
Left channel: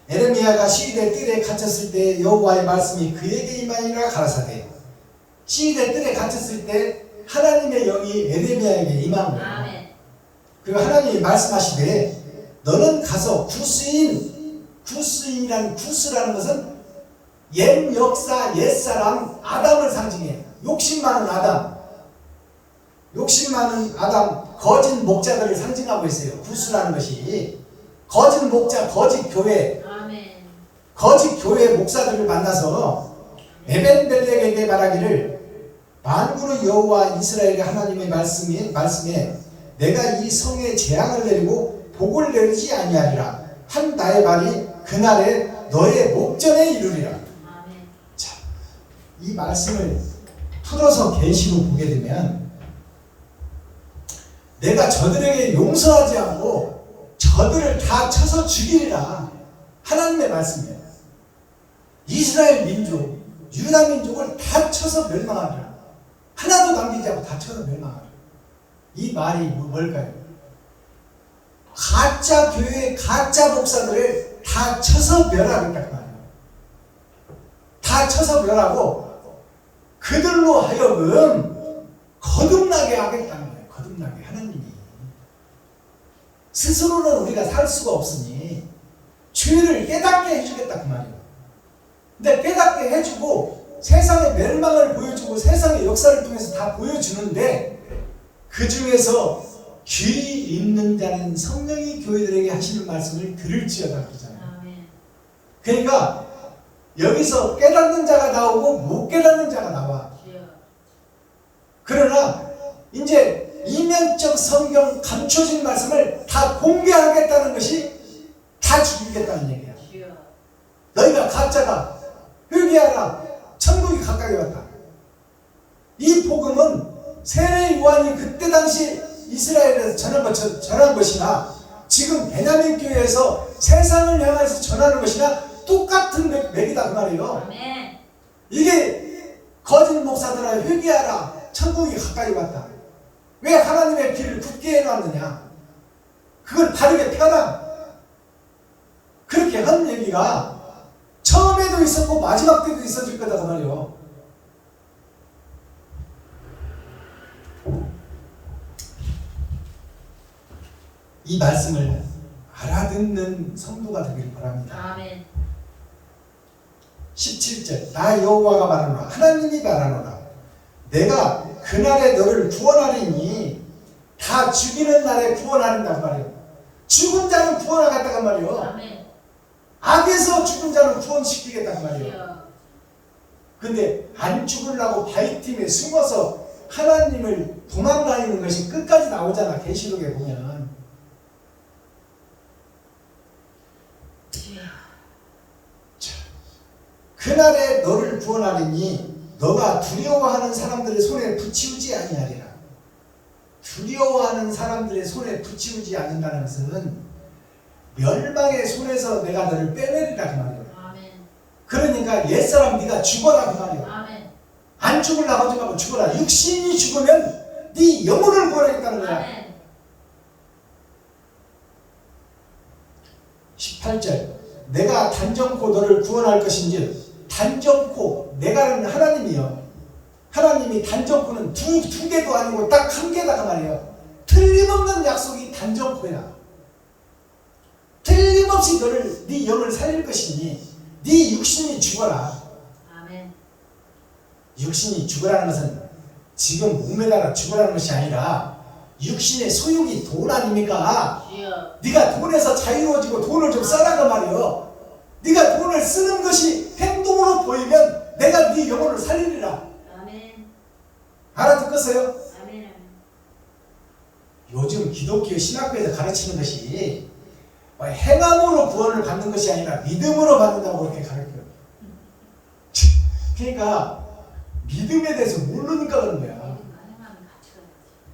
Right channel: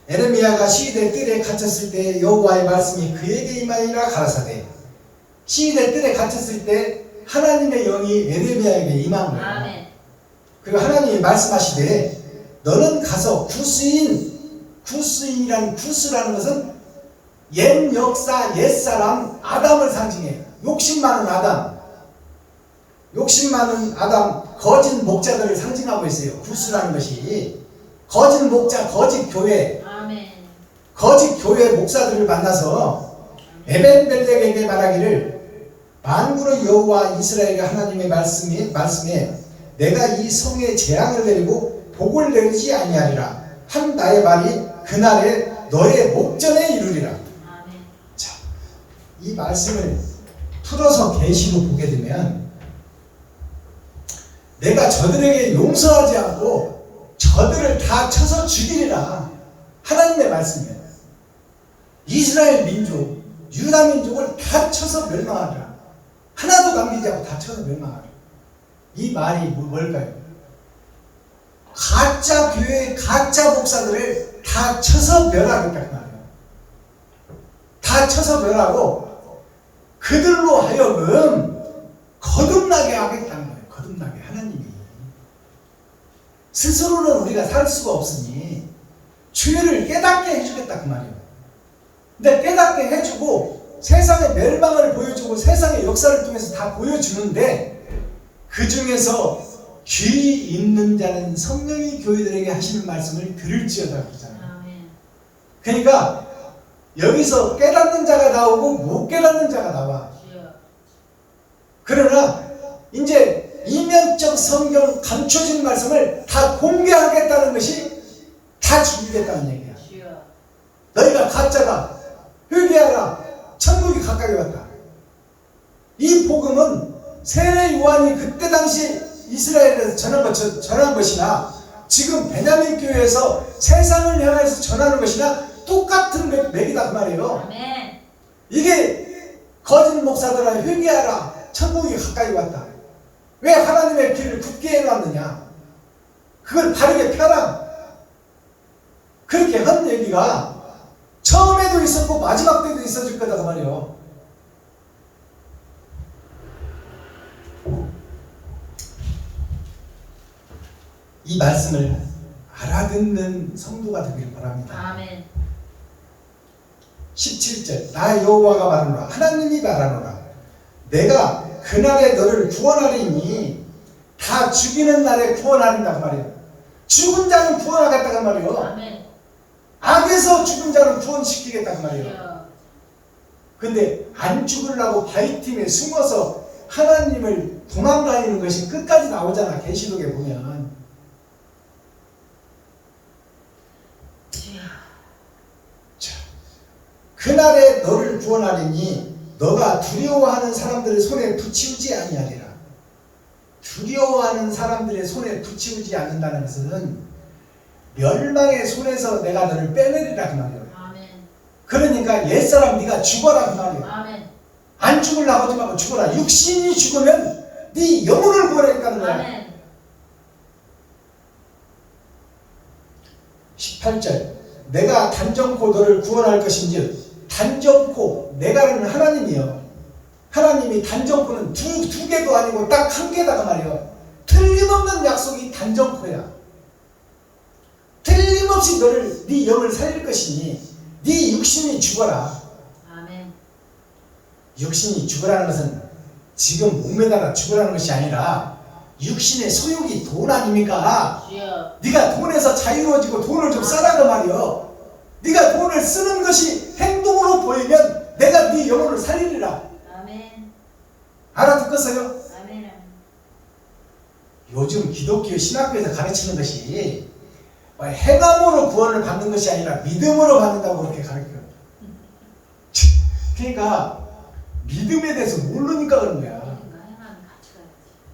예레미야가 시대 뜰에 갇혔을 때 여호와의 말씀이 그에게 임하니라 가라사대. 시대 뜰에 갇혔을 때 하나님의 영이 예레미야에게 임한 거예요. 아멘. 그리고 하나님이 말씀하시되 너는 가서 구스인 구스인이라는 구스라는 것은 옛 역사, 옛사람 아담을 상징해. 욕심 많은 아담, 욕심 많은 아담, 거짓 목자들을 상징하고 있어요. 구스라는 것이 거짓 목자, 거짓 교회, 아멘. 거짓 교회 목사들을 만나서 에벤벨렉에게 말하기를 만군의 여호와 이스라엘의 하나님의 말씀에 내가 이 성에 재앙을 내리고 복을 내리지 아니하리라 한 나의 말이 그날에 너의 목전에 이르리라. 아멘. 자, 이 말씀을 풀어서 계시로 보게 되면 내가 저들에게 용서하지 않고 저들을 다 쳐서 죽이리라 하나님의 말씀이에요. 이스라엘 민족, 유다 민족을 다 쳐서 멸망하리라. 하나도 남기지 않고 다 쳐서 멸망하리라. 이 말이 뭘까요? 가짜 교회, 가짜 목사들을 다 쳐서 멸하겠다 그 말이에요. 다 쳐서 멸하고 그들로 하여금 거듭나게 하겠다는 거예요. 거듭나게 하나님이. 스스로는 우리가 살 수가 없으니 죄를 깨닫게 해주겠다 그 말이에요. 근데 깨닫게 해주고 세상의 멸망을 보여주고 세상의 역사를 통해서 다 보여주는데 그 중에서 귀 있는 자는 성령이 교회들에게 하시는 말씀을 들을지어다 그러잖아요. 아멘. 그러니까 여기서 깨닫는 자가 나오고 못 깨닫는 자가 나와. 주여. 그러나 이제 이면적 성경 감춰진 말씀을 다 공개하겠다는 것이 다 죽이겠다는 얘기야. 주여. 너희가 가짜다. 회개하라. 천국이 가까이 왔다. 이 복음은 세례 요한이 그때 당시 이스라엘에서 전한 것이나 지금 베냐민 교회에서 세상을 향해서 전하는 것이나 똑같은 맥이다 그 말이에요. 아멘. 이게 거짓 목사들아 회개하라. 천국이 가까이 왔다. 왜 하나님의 길을 굳게 해놨느냐? 그걸 바르게 펴라. 그렇게 한 얘기가 처음에도 있었고 마지막 때도 있어질 거다 그 말이에요. 이 말씀을 알아듣는 성도가 되기를 바랍니다. 아멘. 17절 나 여호와가 말하노라 하나님이 말하노라 내가 그날에 너를 구원하리니 다 죽이는 날에 구원하린다고 말이에요. 죽은 자는 구원하겠다고 말이에요. 아멘. 악에서 죽은 자는 구원시키겠다고 말이에요. 주여. 근데 안 죽으려고 바위팀에 숨어서 하나님을 도망다니는 것이 끝까지 나오잖아. 계시록에 보면. 주여. 자, 그날에 너를 구원하리니 너가 두려워하는 사람들의 손에 붙이우지 아니하리라. 두려워하는 사람들의 손에 붙이우지 않는다는 것은 멸망의 손에서 내가 너를 빼내리라 그 말이에요. 아멘. 그러니까 옛사람 네가 죽어라 그 말이에요. 아멘. 안 죽으려고 하지 말고 죽어라. 육신이 죽으면 네 영혼을 구원하겠다는 거야. 아멘. 18절 내가 단정코 너를 구원할 것인지 단정코 내가는 하나님이요. 하나님이 단정코는 두 개도 아니고 딱 한 개다 그 말이에요. 틀림없는 약속이 단정코야. 틀림없이 너를 네 영을 살릴 것이니 네 육신이 죽어라. 아멘. 육신이 죽으라는 것은 지금 몸에다가 죽으라는 것이 아니라 육신의 소욕이 돈 아닙니까? 주여. 네가 돈에서 자유로워지고 돈을 좀 써라 그 말이요. 네가 돈을 쓰는 것이 행동으로 보이면 내가 네 영혼을 살리리라. 아멘. 알아듣겠어요? 아멘. 요즘 기독교 신학교에서 가르치는 것이 행함으로 구원을 받는 것이 아니라 믿음으로 받는다고 그렇게 가르쳐요. 그러니까 믿음에 대해서 모르니까 그런 거야.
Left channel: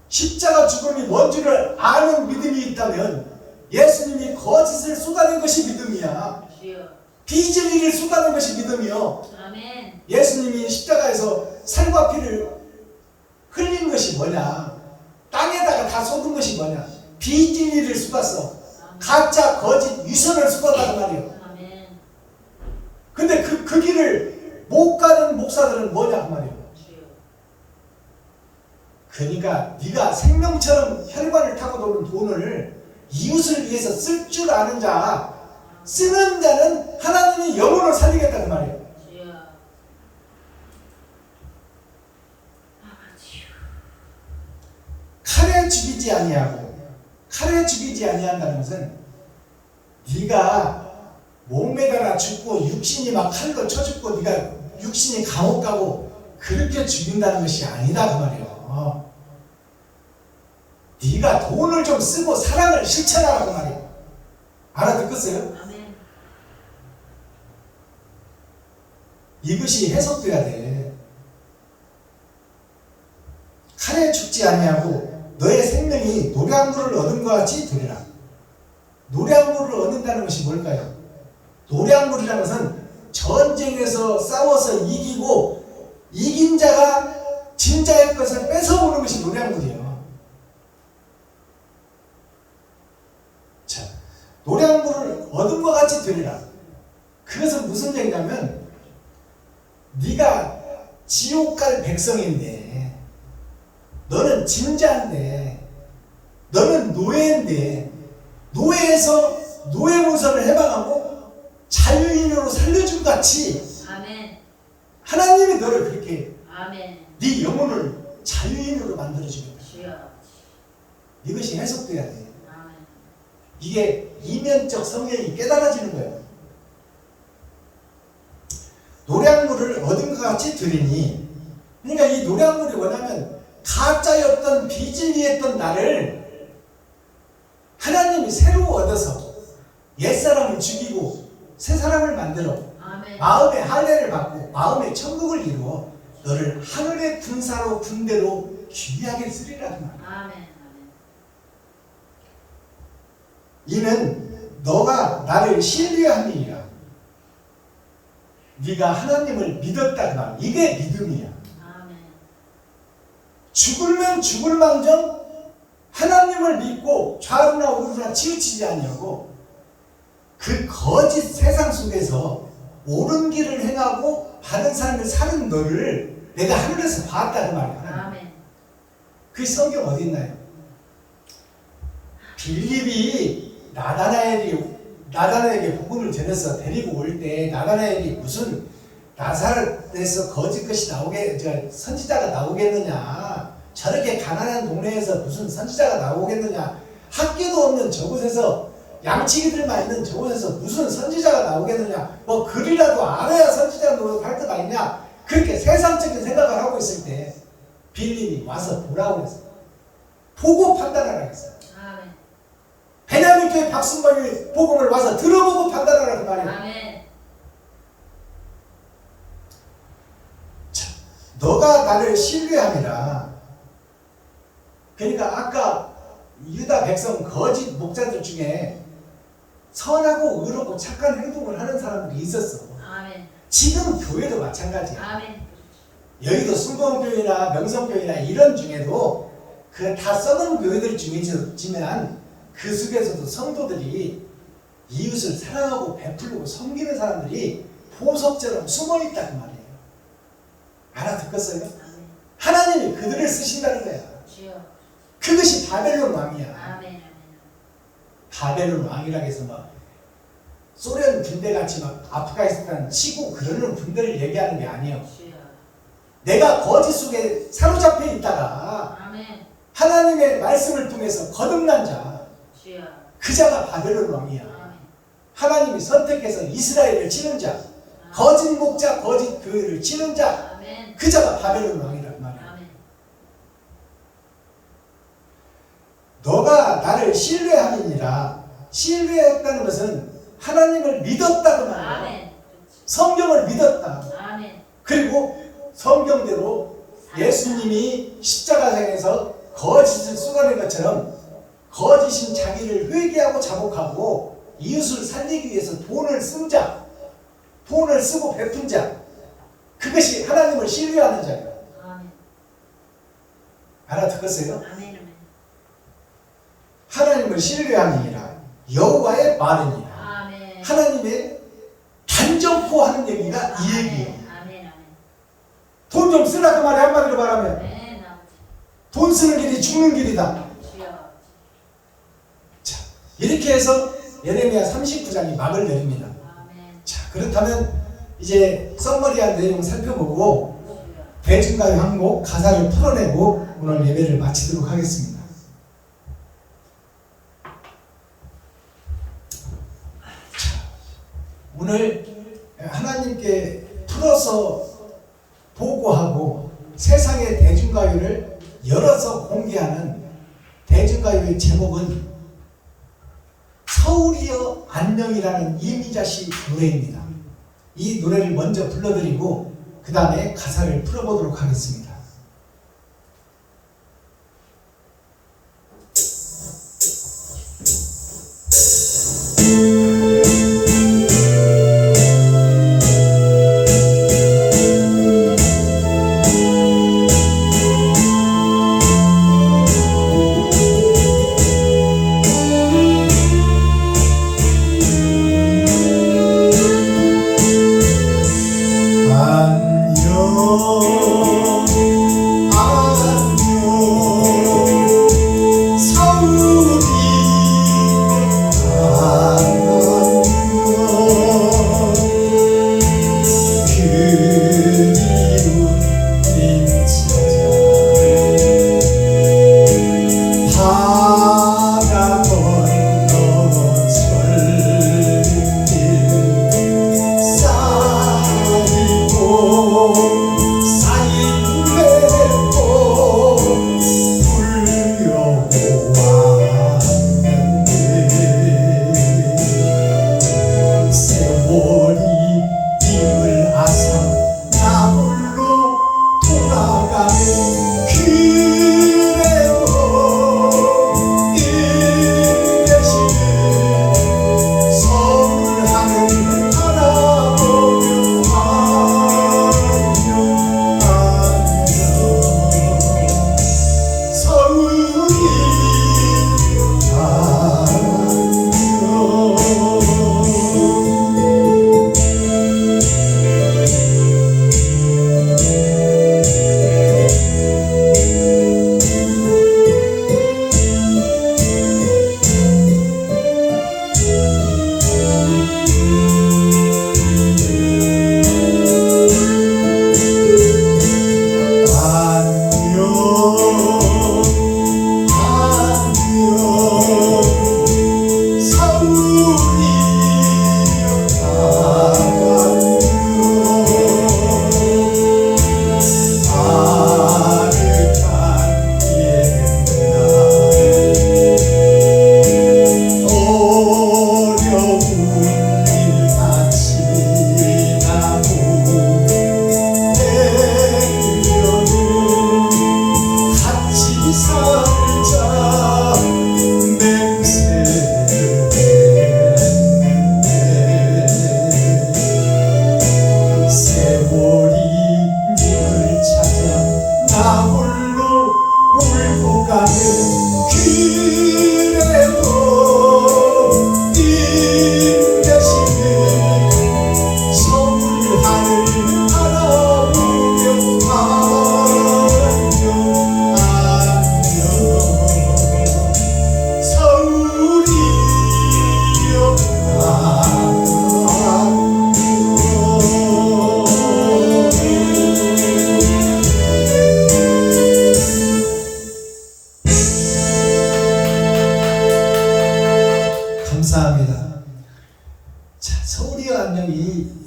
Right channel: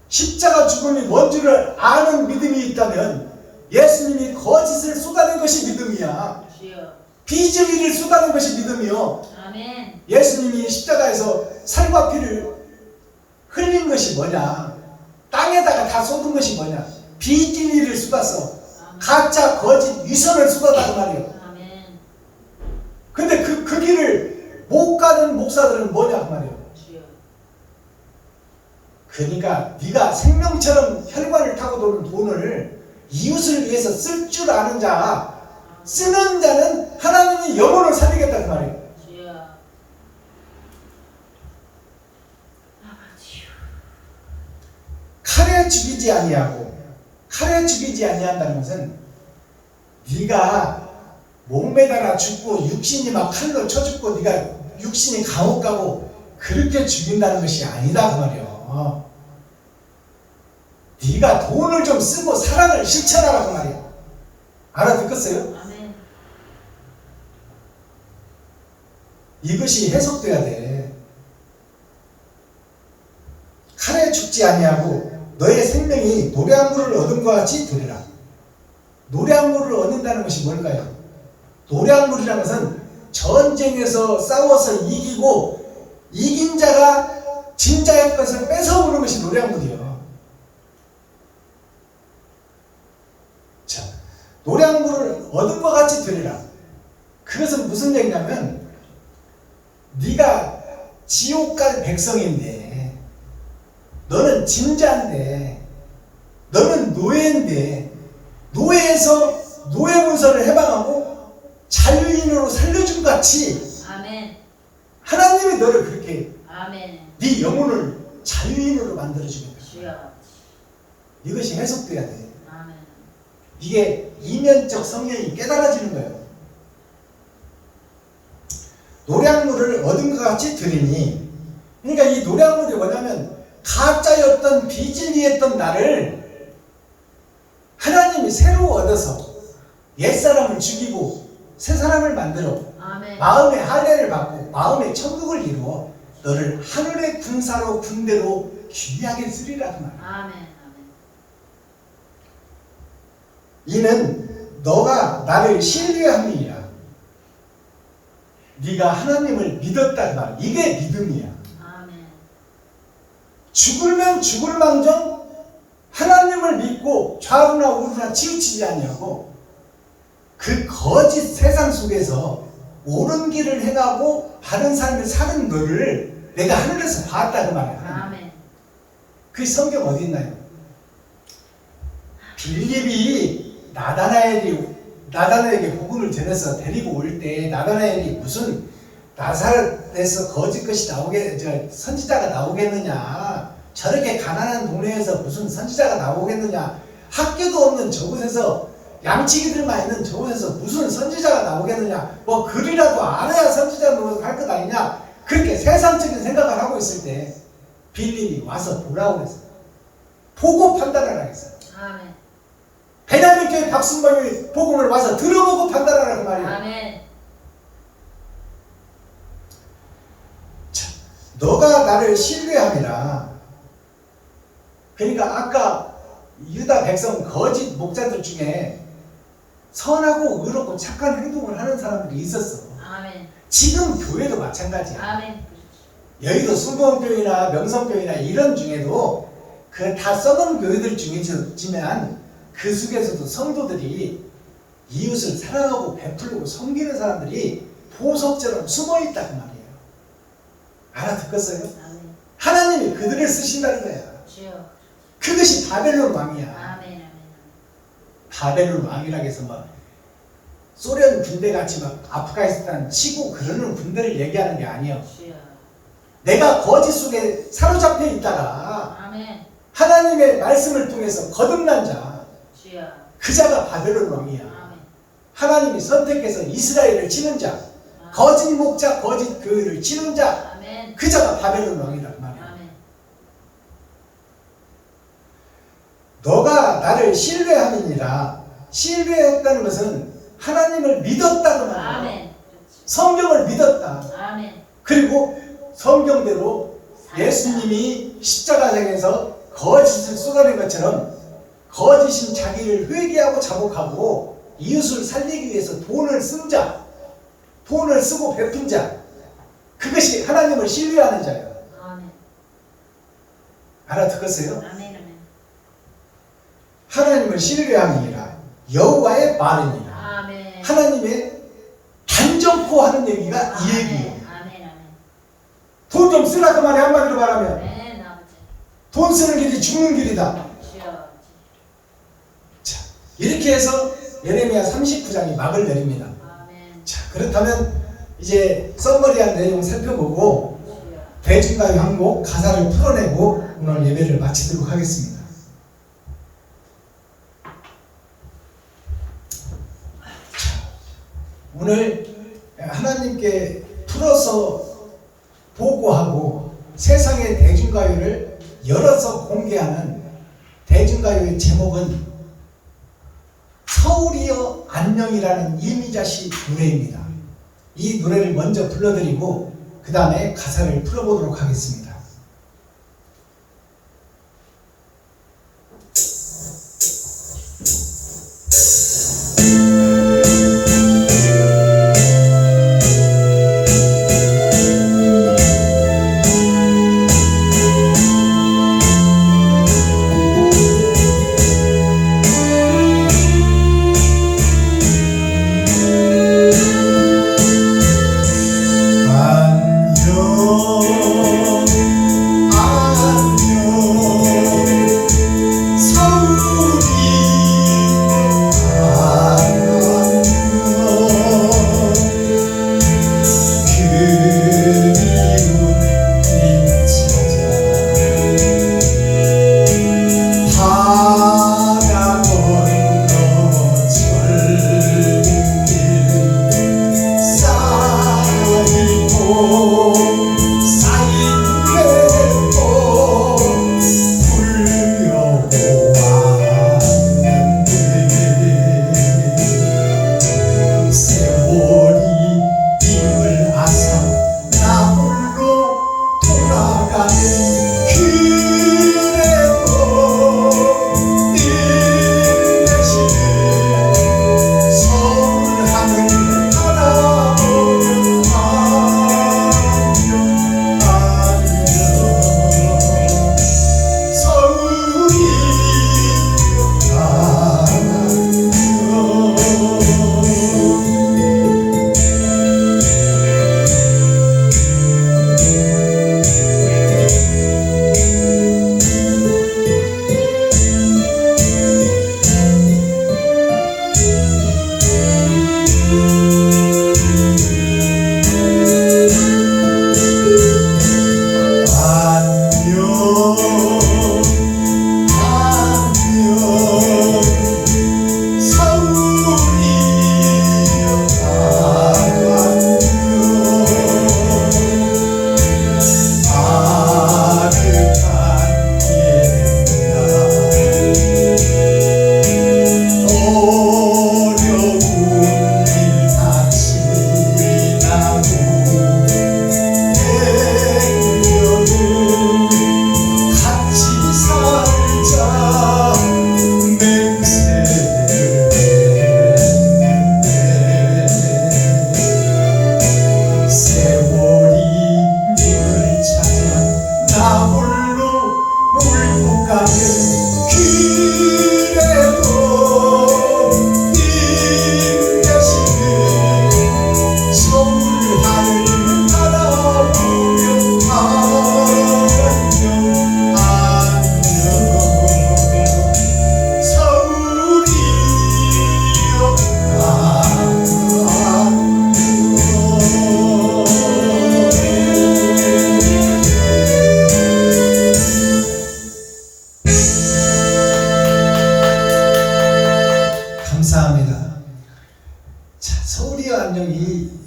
십자가 죽음이 뭔 줄을 아는 믿음이 있다면 예수님이 거짓을 쏟아낸 것이 믿음이야. 주여. 비진리를 쏟아낸 것이 믿음이요. 아멘. 예수님이 십자가에서 살과 피를 흘린 것이 뭐냐? 땅에다가 다 쏟은 것이 뭐냐? 비진리를 쏟았어. 가짜 거짓 위선을 쏟았다고 말이요. 아멘. 근데 그 길을 못 가는 목사들은 뭐냐 그 말이요. 주여. 그러니까 네가 생명처럼 혈관을 타고 도는 돈을 이웃을 위해서 쓸 줄 아는 자, 쓰는 자는 하나님이 영혼을 살리겠다는 말이에요. 주여. 아버지요. 칼에 죽이지 아니하고, 칼에 죽이지 아니한다는 것은 네가 목매달아 죽고 육신이 막 칼로 쳐 죽고 네가 육신이 감옥 가고 그렇게 죽인다는 것이 아니다 그 말이에요. 네가 돈을 좀 쓰고 사랑을 실천하라 그 말이에요. 알아듣겠어요? 아멘. 이것이 해석돼야 돼. 칼에 죽지 아니하고 너의 생명이 노량물을 얻은 것 같이 되리라. 노량물을 얻는다는 것이 뭘까요? 노량물이라는 것은 전쟁에서 싸워서 이기고 이긴 자가 진 자의 것을 뺏어오는 것이 노량물이에요. 자, 노량물을 얻은 것 같이 되리라. 그것은 무슨 얘기냐면 네가 지옥 갈 백성인데, 너는 진자인데, 너는 노예인데, 노예에서 노예 문서를 해방하고 자유인으로 살려준 같이 아멘. 하나님이 너를 그렇게 아멘. 네 영혼을 자유인으로 만들어주는 거야. 주여. 이것이 해석돼야 돼. 아멘. 이게 이면적 성령이 깨달아지는 거예요. 노량물을 얻은 것 같이 되리니, 그러니까 이 노량물이 뭐냐면 가짜였던 비진리했던 나를 하나님이 새로 얻어서 옛사람을 죽이고 새 사람을 만들어 아멘. 마음의 할례를 받고 마음의 천국을 이루어 너를 하늘의 군사로 군대로 귀하게 쓰리라 그 말. 아멘. 아멘. 이는 너가 나를 신뢰함이니라. 네가 하나님을 믿었다 그 말. 이게 믿음이야. 아멘. 죽으면 죽을 망정 하나님을 믿고 좌우나 우루나 치우치지 아니하고 그 거짓 세상 속에서 옳은 길을 행하고 바른 삶을 사는 너를 내가 하늘에서 봤다 그 말이야. 아멘. 그 성경 어디 있나요? 빌립이 나다나엘에게 복음을 전해서 데리고 올 때 나다나엘이 무슨 나사렛에서 거짓 것이 선지자가 나오겠느냐, 저렇게 가난한 동네에서 무슨 선지자가 나오겠느냐, 학교도 없는 저곳에서 양치기들만 있는 저곳에서 무슨 선지자가 나오겠느냐, 뭐 글이라도 알아야 선지자 노릇 할 것 아니냐, 그렇게 세상적인 생각을 하고 있을 때 빌립이 와서 보라고 그랬어요. 보고 판단하라고 했어요. 아멘. 배낭교회 박순범이 복음을 와서 들어보고 판단하라 그 말이에요. 아멘. 너가 나를 신뢰함이라. 그러니까 아까 유다 백성 거짓 목자들 중에 선하고 의롭고 착한 행동을 하는 사람들이 있었어. 아멘. 지금 교회도 마찬가지야. 아멘. 여의도 순복음교회나 명성교회나 이런 중에도 그 다 썩은 교회들 중이지만 그 속에서도 성도들이 이웃을 사랑하고 베풀고 섬기는 사람들이 보석처럼 숨어있다 그 말이에요. 알아듣겠어요? 아멘. 하나님이 그들을 쓰신다는 거야. 주여. 그것이 바벨론 왕이야. 아멘. 바벨론 왕이라고 해서 막 소련 군대같이 막 아프가니스탄 치고 그러는 군대를 얘기하는 게 아니에요. 주여. 내가 거짓 속에 사로잡혀 있다가 아멘. 하나님의 말씀을 통해서 거듭난 자, 주여. 그 자가 바벨론 왕이야. 아멘. 하나님이 선택해서 이스라엘을 치는 자, 거짓 목자, 거짓 교회를 치는 자, 아멘. 그 자가 바벨론 왕이란 말이야. 아멘. 너가 나를 신뢰함이니라. 신뢰했다는 것은 하나님을 믿었다는 말이야. 아멘. 성경을 믿었다. 아멘. 그리고 성경대로 예수님이 십자가상에서 거짓을 쏟아낸 것처럼 거짓인 자기를 회개하고 자복하고 이웃을 살리기 위해서 돈을 쓴 자, 돈을 쓰고 베푼 자, 그것이 하나님을 신뢰하는 자예요. 아멘. 알아듣겠어요? 아멘. 아멘. 하나님을 신뢰함이니라. 여호와의 말이니라. 아멘. 하나님의 단정코 하는 얘기가 이 얘기예요. 아멘. 아멘. 돈 좀 쓰라 그 말에 한마디로 말하면 아멘. 아버지. 돈 쓰는 길이 죽는 길이다. 주여. 자, 이렇게 해서 예레미야 39장이 막을 내립니다. 아멘. 자, 그렇다면 이제 썸머리한 내용 살펴보고 주여. 대중가요 한 곡 가사를 풀어내고 오늘 예배를 마치도록 하겠습니다. 자, 오늘 하나님께 풀어서 보고하고 세상의 대중가요를 열어서 공개하는 대중가요의 제목은 서울이여 안녕이라는 이미자씨 노래입니다. 이 노래를 먼저 불러드리고 그 다음에 가사를 풀어보도록 하겠습니다.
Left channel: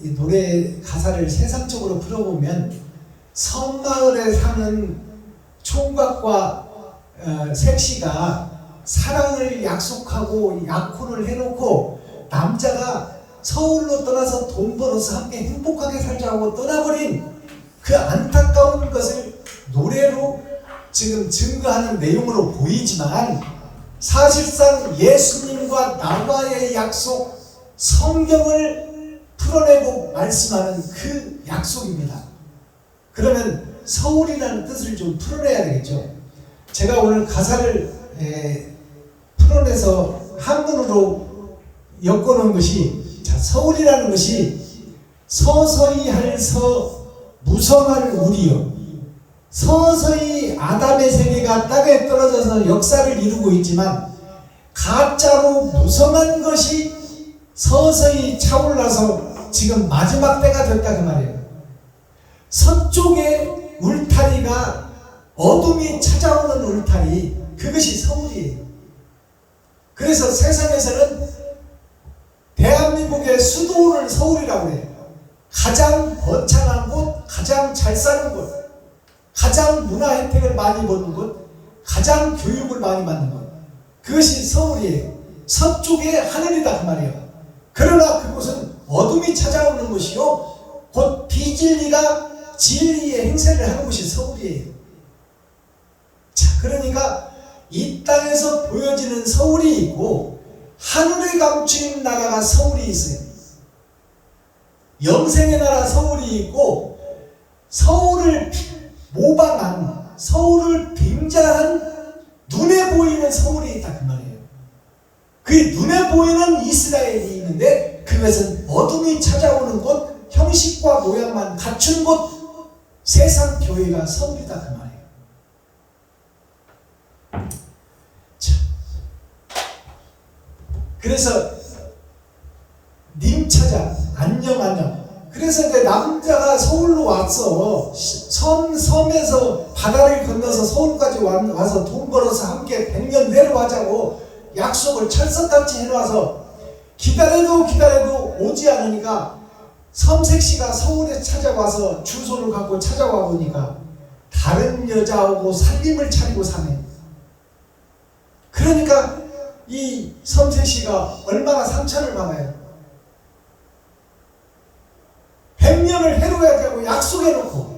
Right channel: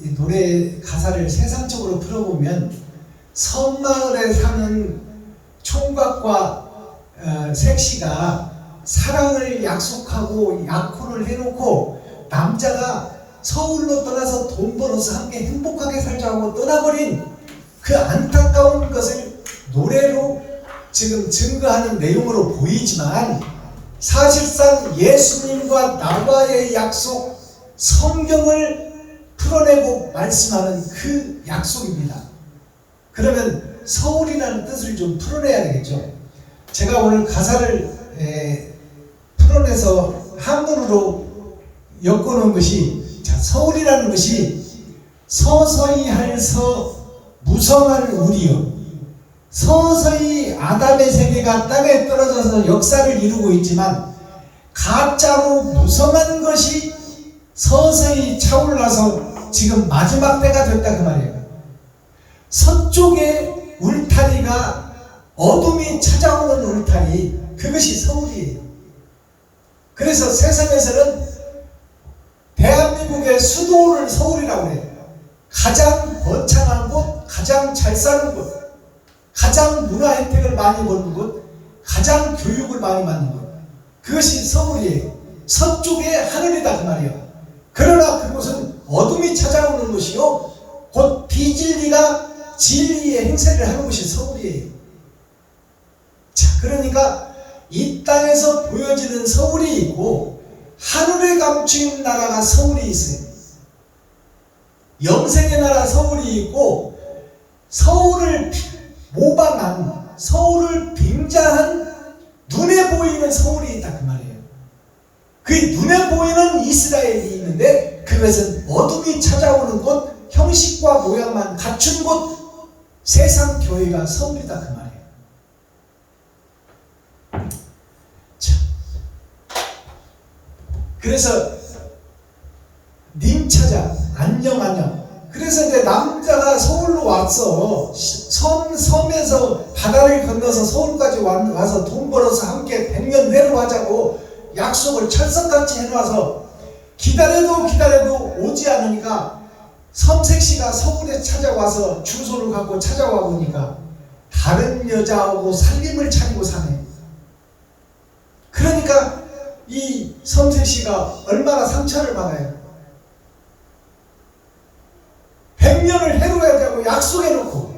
이 노래 가사를 세상적으로 풀어보면 섬마을에 사는 총각과 색시가 사랑을 약속하고 약혼을 해놓고 남자가 서울로 떠나서 돈 벌어서 함께 행복하게 살자고 떠나버린 그 안타까운 것을 노래로 지금 증거하는 내용으로 보이지만 사실상 예수님과 나와의 약속, 성경을 풀어내고 말씀하는 그 약속입니다. 그러면 서울이라는 뜻을 좀 풀어내야 되겠죠. 제가 오늘 가사를 풀어내서 한문으로 엮어놓은 것이, 자, 서울이라는 것이 서서히 할 서 무성할 우리요, 서서히 아담의 세계가 땅에 떨어져서 역사를 이루고 있지만 가짜로 무성한 것이 서서히 차올라서 지금 마지막 때가 됐다 그 말이에요. 서쪽에 울타리가 어둠이 찾아오는 울타리, 그것이 서울이에요. 그래서 세상에서는 대한민국의 수도를 서울이라고 해요. 가장 번창한 곳, 가장 잘 사는 곳, 가장 문화 혜택을 많이 보는 곳, 가장 교육을 많이 받는 곳, 그것이 서울이에요. 서쪽에 하늘이다 그 말이에요. 그러나 그곳은 어둠이 찾아오는 곳이요, 곧 비진리가 진리의 행세를 하는 곳이 서울이에요. 자, 그러니까 이 땅에서 보여지는 서울이 있고 하늘에 감추인 나라가 서울이 있어요. 영생의 나라 서울이 있고 서울을 모방한, 서울을 빙자한 눈에 보이는 서울이 있다 그 말이에요. 그 눈에 보이는 이스라엘이 있는데 그것은 어둠이 찾아오는 곳, 형식과 모양만 갖춘 곳, 세상 교회가 서울이다 그 말이에요. 자, 그래서 님 찾아, 안녕 안녕. 그래서 이제 남자가 서울로 왔어. 섬에서 바다를 건너서 서울까지 와서 돈 벌어서 함께 100년 내려가자고 약속을 철석같이 해놔서 기다려도 오지 않으니까 섬색시가 서울에 찾아와서 주소를 갖고 찾아와 보니까 다른 여자하고 살림을 차리고 사네. 그러니까 이 섬색시가 얼마나 상처를 받아요. 100년을 해로야자고 약속해놓고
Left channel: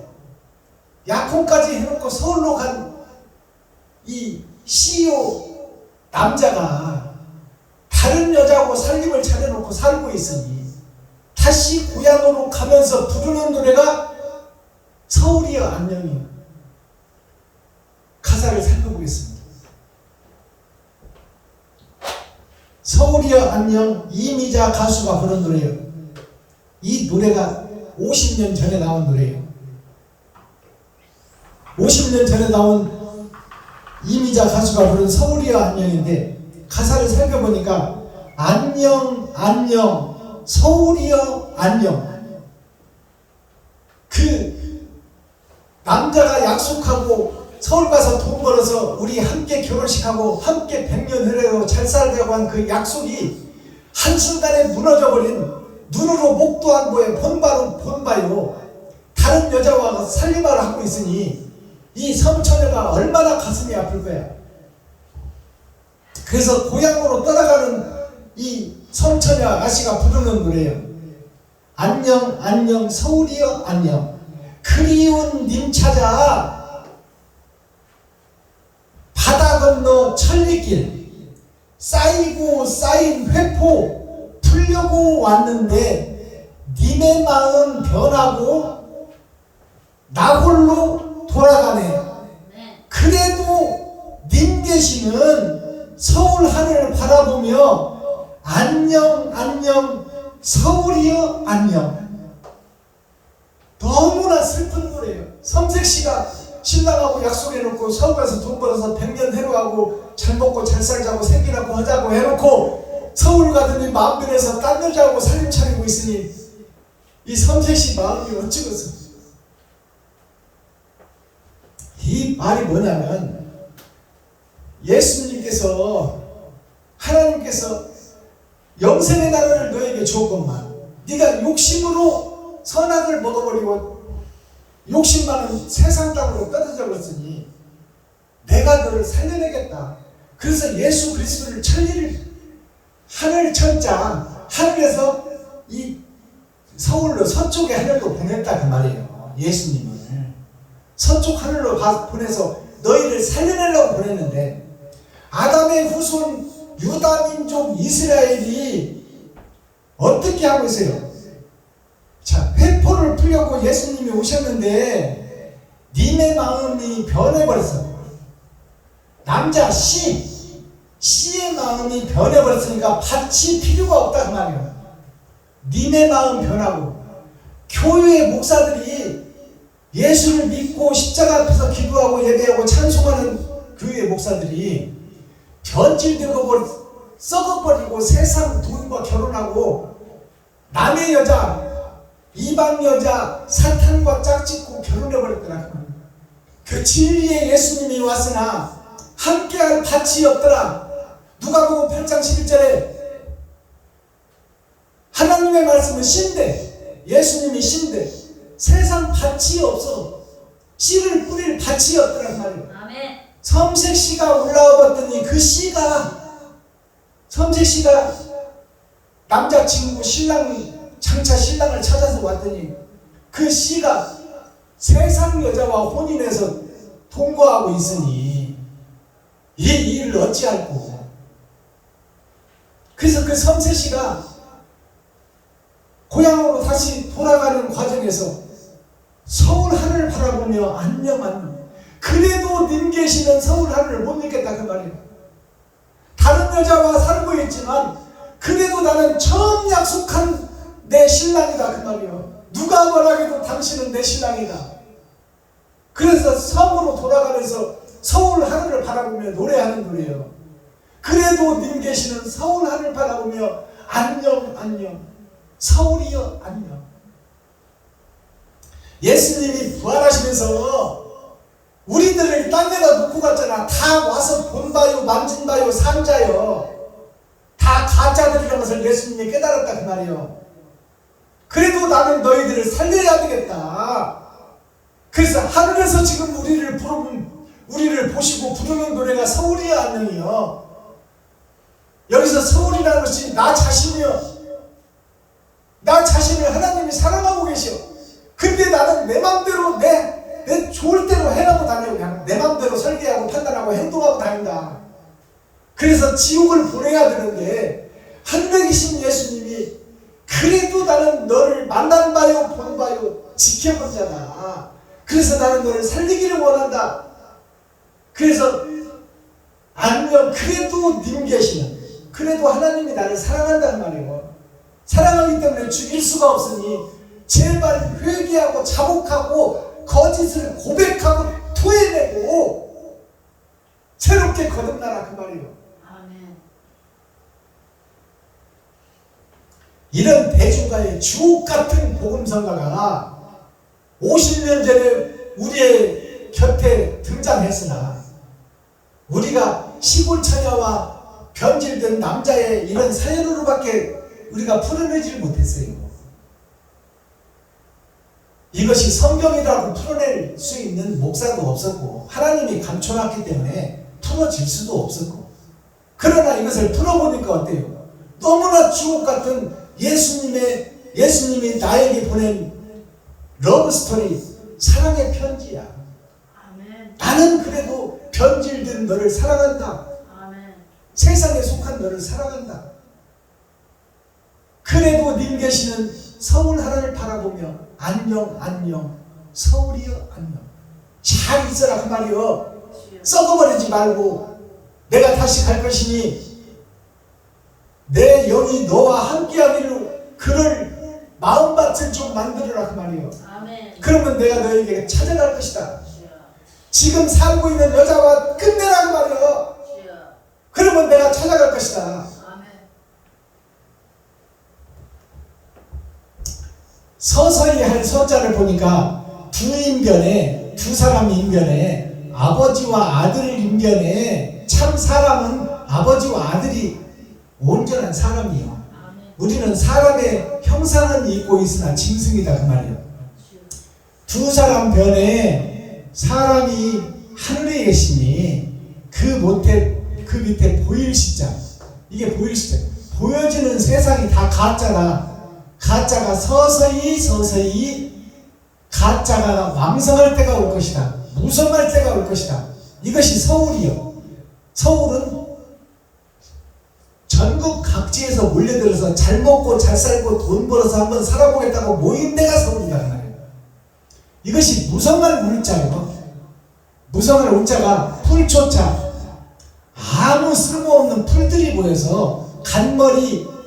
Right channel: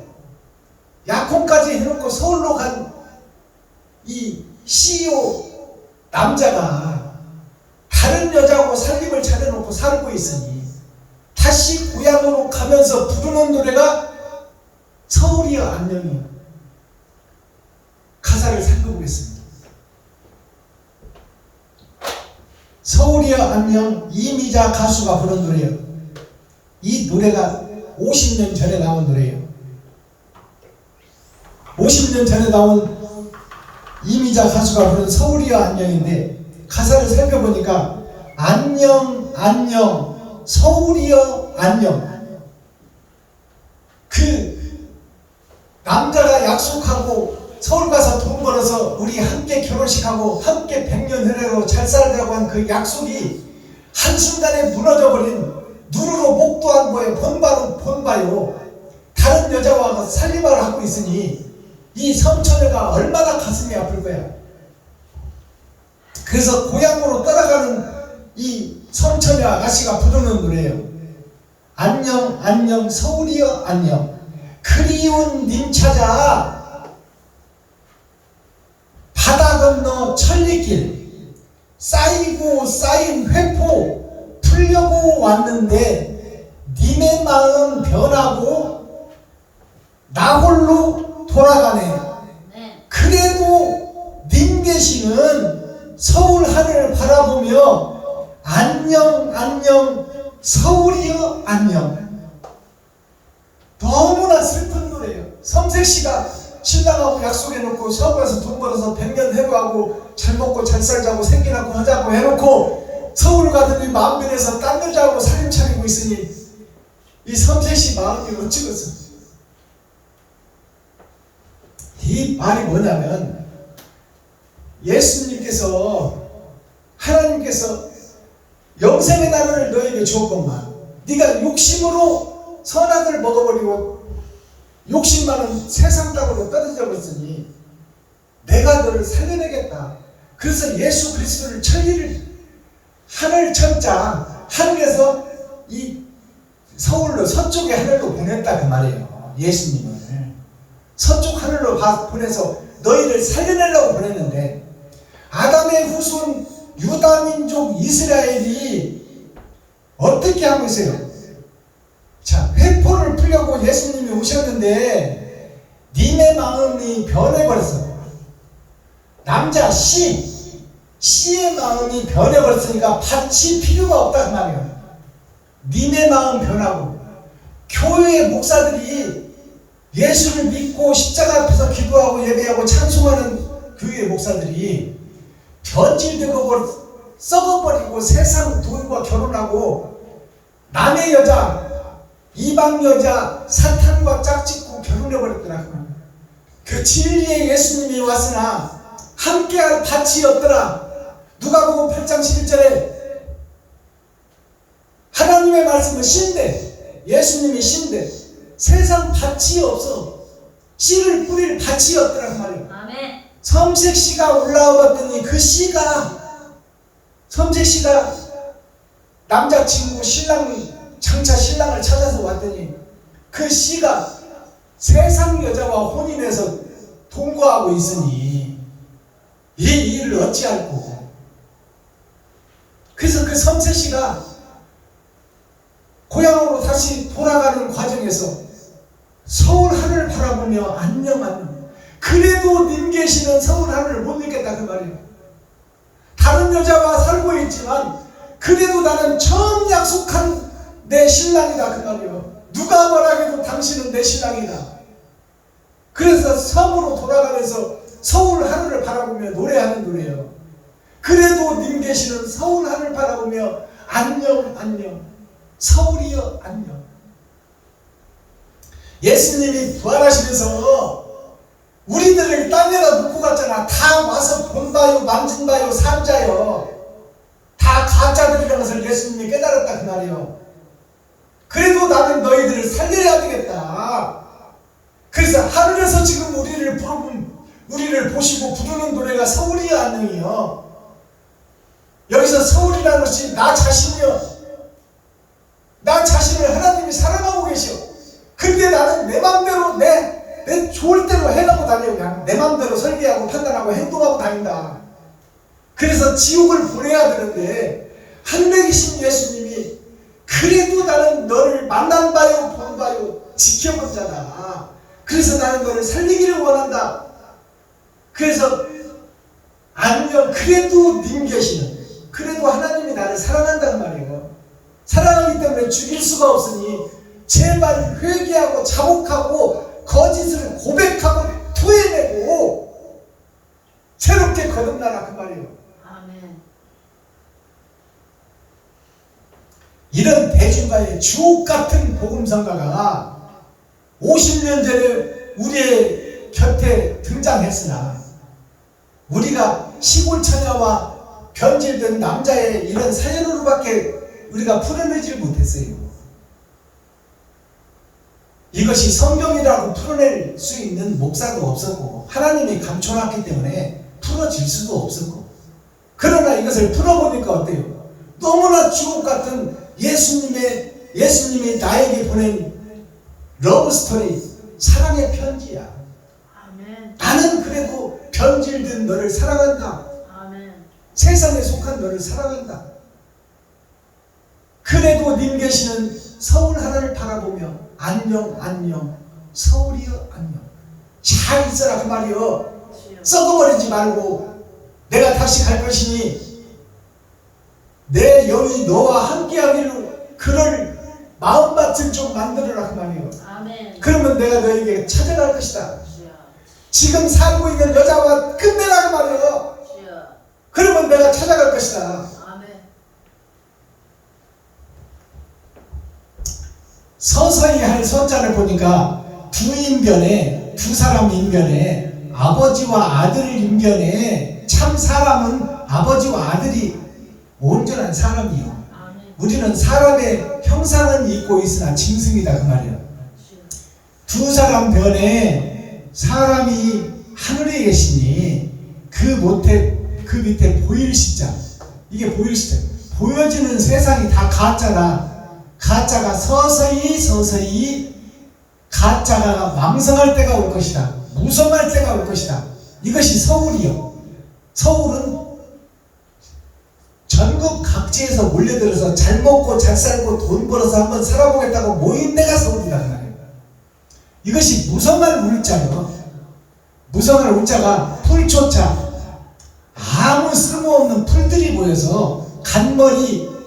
약혼까지 해놓고 서울로 간 이 CEO 남자가 다른 여자하고 살림을 차려놓고 살고 있으니 다시 고향으로 가면서 부르는 노래가 서울이여 안녕이요. 가사를 살펴보겠습니다. 서울이여 안녕, 이미자 가수가 부른 노래예요. 이 노래가 50년 전에 나온 노래예요. 50년 전에 나온 이미자 가수가 부른 서울이여 안녕인데 가사를 살펴보니까 안녕 안녕 서울이여 안녕. 그 남자가 약속하고 서울 가서 돈 벌어서 우리 함께 결혼식하고 함께 100년 흐르고 잘 살자고 한 그 약속이 한순간에 무너져버린, 눈으로 목도 안 보여 본바로 본바요 다른 여자와 살림을 하고 있으니 이 섬처녀가 얼마나 가슴이 아플 거야. 그래서 고향으로 떠나가는 이 섬처녀 아가씨가 부르는 노래예요. 안녕 안녕 서울이여 안녕, 그리운 님 찾아 바다 건너 천리길, 쌓이고 쌓인 회포 풀려고 왔는데 님의 마음 변하고 나 홀로 돌아가네. 그래도 님 계시는 서울 하늘을 바라보며 안녕 안녕 서울이여 안녕. 너무나 슬픈 노래예요. 섬색시가 신랑하고 약속해놓고 서울 가서 돈 벌어서 100년 해로하고 잘 먹고 잘 살자고 생기 낳고 하자고 해놓고 서울 가더니 마음 변해서 딴 여자하고 살림 차리고 있으니 이 섬색시 마음이 어찌겠어. 이 말이 뭐냐면 예수님께서, 하나님께서 영생의 나라를 너에게 주었건만 네가 욕심으로 선악을 먹어버리고 욕심 많은 세상 땅으로 떨어져 버렸으니 내가 너를 살려내겠다. 그래서 예수 그리스도를 천리를 하늘 천자 하늘에서 이 서울로 서쪽의 하늘로 보냈다 그 말이에요. 예수님을 서쪽 하늘로 보내서 너희를 살려내려고 보냈는데 아담의 후손 유다민족 이스라엘이 어떻게 하고 있어요? 자, 회포를 풀려고 예수님이 오셨는데 님의 마음이 변해버렸어. 남자 씨의 마음이 변해버렸으니까 밭이 필요가 없다 그 말이에요. 님의 마음 변하고 교회 목사들이 예수를 믿고 십자가 앞에서 기도하고 예배하고 찬송하는 교회 목사들이 변질되고 썩어버리고 세상 돈과 결혼하고 남의 여자, 이방 여자, 사탄과 짝짓고 결혼해버렸더라. 그 진리의 예수님이 왔으나 함께할 밭이 없더라. 누가복음 8장 11절에 하나님의 말씀은 신대, 예수님이 신대, 세상 밭이 없어. 씨를 뿌릴 밭이 없더라 그 말이에요. 아멘. 섬색씨가 올라와봤더니 그 씨가, 섬색씨가 남자친구 장차 신랑을 찾아서 왔더니 그 씨가 세상 여자와 혼인해서 동거하고 있으니 이 일을 어찌할꼬. 그래서 그 섬색씨가 고향으로 다시 돌아가는 과정에서 서울 하늘을 바라보며 안녕. 그래도 님 계시는 서울 하늘을 못 읽겠다 그 말이에요. 다른 여자와 살고 있지만 그래도 나는 처음 약속한 내 신랑이다 그 말이에요. 누가 뭐라 해도 당신은 내 신랑이다. 그래서 섬으로 돌아가면서 서울 하늘을 바라보며 노래하는 노래예요. 그래도 님 계시는 서울 하늘 바라보며 안녕. 서울이여 안녕. 예수님이 부활하시면서 우리들을 땅에다 놓고 갔잖아. 다 와서 본바요, 만진바요, 산자요. 다 가짜들이라는 것을 예수님이 깨달았다 그 말이에요. 그래도 나는 너희들을 살려야 되겠다. 그래서 하늘에서 지금 우리를 보시고 부르는 노래가 서울이여 안녕이요. 여기서 서울이라는 것이 나 자신이요. 나 자신을 하나님이 사랑하고 계셔. 근데 나는 내 맘대로 내 좋을 대로 해가고 다녀. 그냥 내 맘대로 설계하고 판단하고 행동하고 다닌다. 그래서 지옥을 보내야 되는데 하늘에 계신 예수님이 그래도 나는 너를 만난 바요 본 바요 지켜본 자다. 그래서 나는 너를 살리기를 원한다. 그래서 안녕. 그래도 님 계시는, 그래도 하나님이 나를 사랑한다는 말이에요. 사랑하기 때문에 죽일 수가 없으니 제발 회개하고 자복하고 거짓을 고백하고 토해내고 새롭게 거듭나라 그 말이에요. 아멘. 이런 대중가의 주옥같은 복음성가가 50년 전에 우리의 곁에 등장했으나 우리가 시골 처녀와 변질된 남자의 이런 사연으로밖에 우리가 풀어내질 못했어요. 이것이 성경이라고 풀어낼 수 있는 목사도 없었고 하나님이 감춰놨기 때문에 풀어질 수도 없었고, 그러나 이것을 풀어보니까 어때요? 너무나 주옥같은 예수님이 나에게 보낸 러브스토리, 사랑의 편지야. 아멘. 나는 그래도 변질된 너를 사랑한다. 아멘. 세상에 속한 너를 사랑한다. 그래도 님 계시는 서울 하늘을 바라보며 안녕. 서울이여 안녕. 잘 있어라 그 말이여. 썩어버리지 말고 내가 다시 갈 것이니 내 영이 너와 함께하기를 그럴 마음밭을 좀 만들어라 그 말이에요. 아멘. 그러면 내가 너에게 찾아갈 것이다. 주여. 지금 살고 있는 여자와 끝내라 그 말이에요. 주여. 그러면 내가 찾아갈 것이다. 아멘. 서서히 할 선자를 보니까 두 사람 인견에 아버지와 아들 인견에 참 사람은 아버지와 아들이 온전한 사람이에요. 아멘. 우리는 사람의 형상은 있고 있으나 짐승이다 그 말이에요. 두 사람 변에 사람이 하늘에 계시니 그 밑에 보일시자. 이게 보일시자. 보여지는 세상이 다 가짜다. 가짜가 서서히 가짜가 왕성할 때가 올 것이다. 무성할 때가 올 것이다. 이것이 서울이요. 서울은 전국 각지에서 몰려들어서 잘 먹고 잘 살고 돈 벌어서 한번 살아보겠다고 모인 데가 서울이다. 이것이 무성할 울자요. 무성할 울자가 풀초자. 아무 쓸모없는 풀들이 모여서 간머리,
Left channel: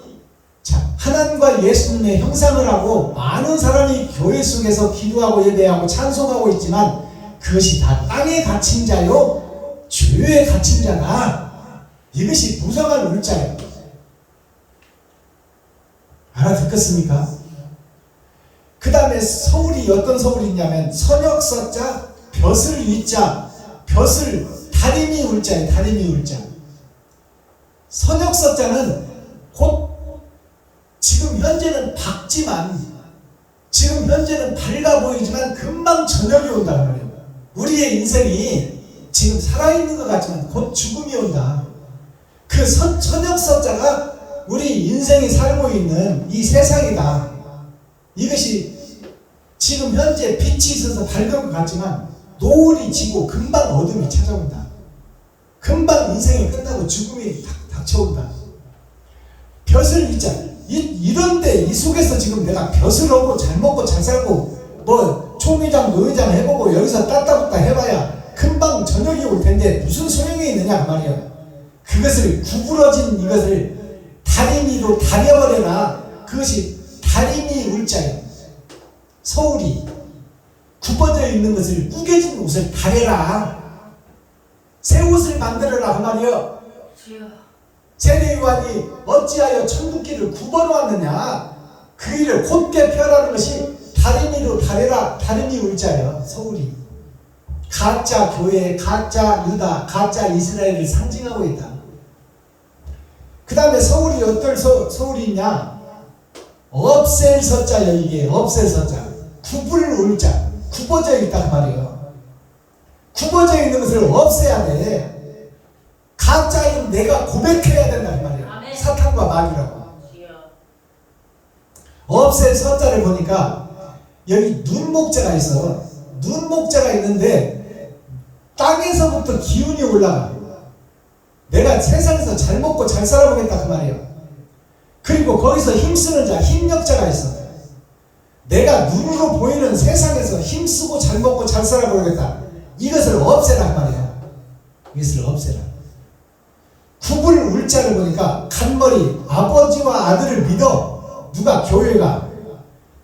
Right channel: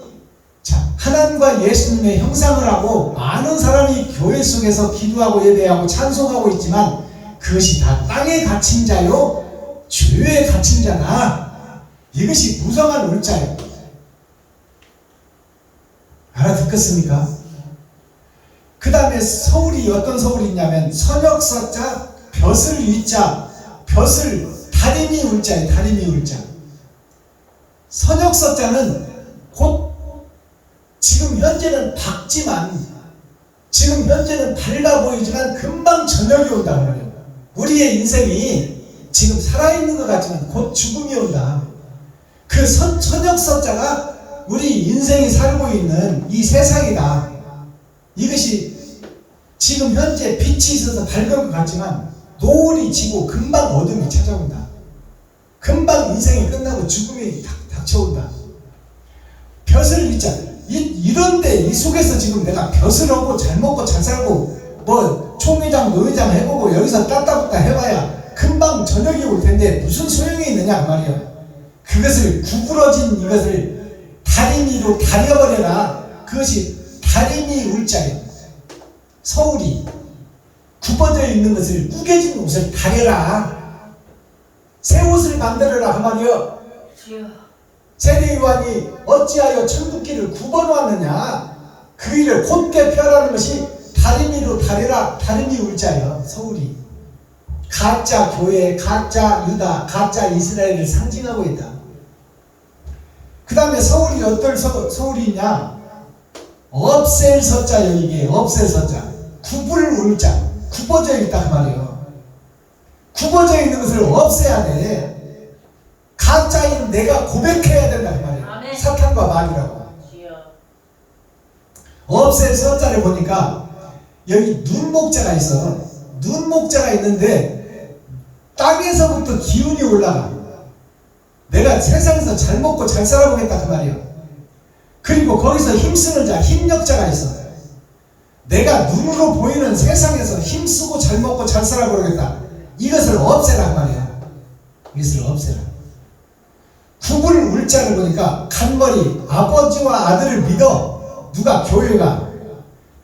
하나님과 예수님의 형상을 하고 많은 사람이 교회 속에서 기도하고 예배하고 찬송하고 있지만 그것이 다 땅에 갇힌 자요, 죄에 갇힌 자다. 이것이 무성한 울자예요. 듣겠습니까? 그 다음에 서울이 어떤 서울이냐면 선역서자 벼슬 위자 벼슬 다리미 울자예요. 다리미 울자. 선역서자는 곧 지금 현재는 밝지만 지금 현재는 밝아 보이지만 금방 저녁이 온단 말이에요. 우리의 인생이 지금 살아있는 것 같지만 곧 죽음이 온다. 그 선역서자가 우리 인생이 살고 있는 이 세상이다. 이것이 지금 현재 빛이 있어서 밝은 것 같지만 노을이 지고 금방 어둠이 찾아온다. 금방 인생이 끝나고 죽음이 닥쳐온다. 벼슬 위자 이런데 이 속에서 지금 내가 벼슬 하고 잘 먹고 잘 살고 뭐 총회장 노회장 해보고 여기서 따따붙다 해봐야 금방 저녁이 올 텐데 무슨 소용이 있느냐 그 말이에요. 그것을 구부러진 이것을 다리미로 다려버려라. 그것이 다리미 울자예요. 서울이 굽어져 있는 것을 구겨진 옷을 다려라. 새 옷을 만들어라 그 말이요. 주여. 세례요한이 어찌하여 천국길을 굽어놓았느냐. 그 일을 곧게 펴라는 것이 다리미로 다려라. 다리미 울자예요. 서울이 가짜 교회, 가짜 유다, 가짜 이스라엘을 상징하고 있다. 그 다음에 서울이 어떨 서울이 있냐. 없앨 서자예요. 이게 없앨 서자. 굽을 울자. 굽어져 있다 그 말이에요. 굽어져 있는 것을 없애야 돼. 가짜인 내가 고백해야 된다 그 말이에요. 아멘. 사탄과 마귀라고. 주여. 없앨 서자를 보니까 여기 눈목자가 있어. 눈목자가 있는데 땅에서부터 기운이 올라가. 내가 세상에서 잘 먹고 잘 살아보겠다 그 말이에요. 그리고 거기서 힘쓰는 자, 힘력자가 있어. 내가 눈으로 보이는 세상에서 힘쓰고 잘 먹고 잘 살아보겠다. 이것을 없애란 말이에요. 이것을 없애라. 굽을 울자를 보니까 간머리 아버지와 아들을 믿어. 누가 교회가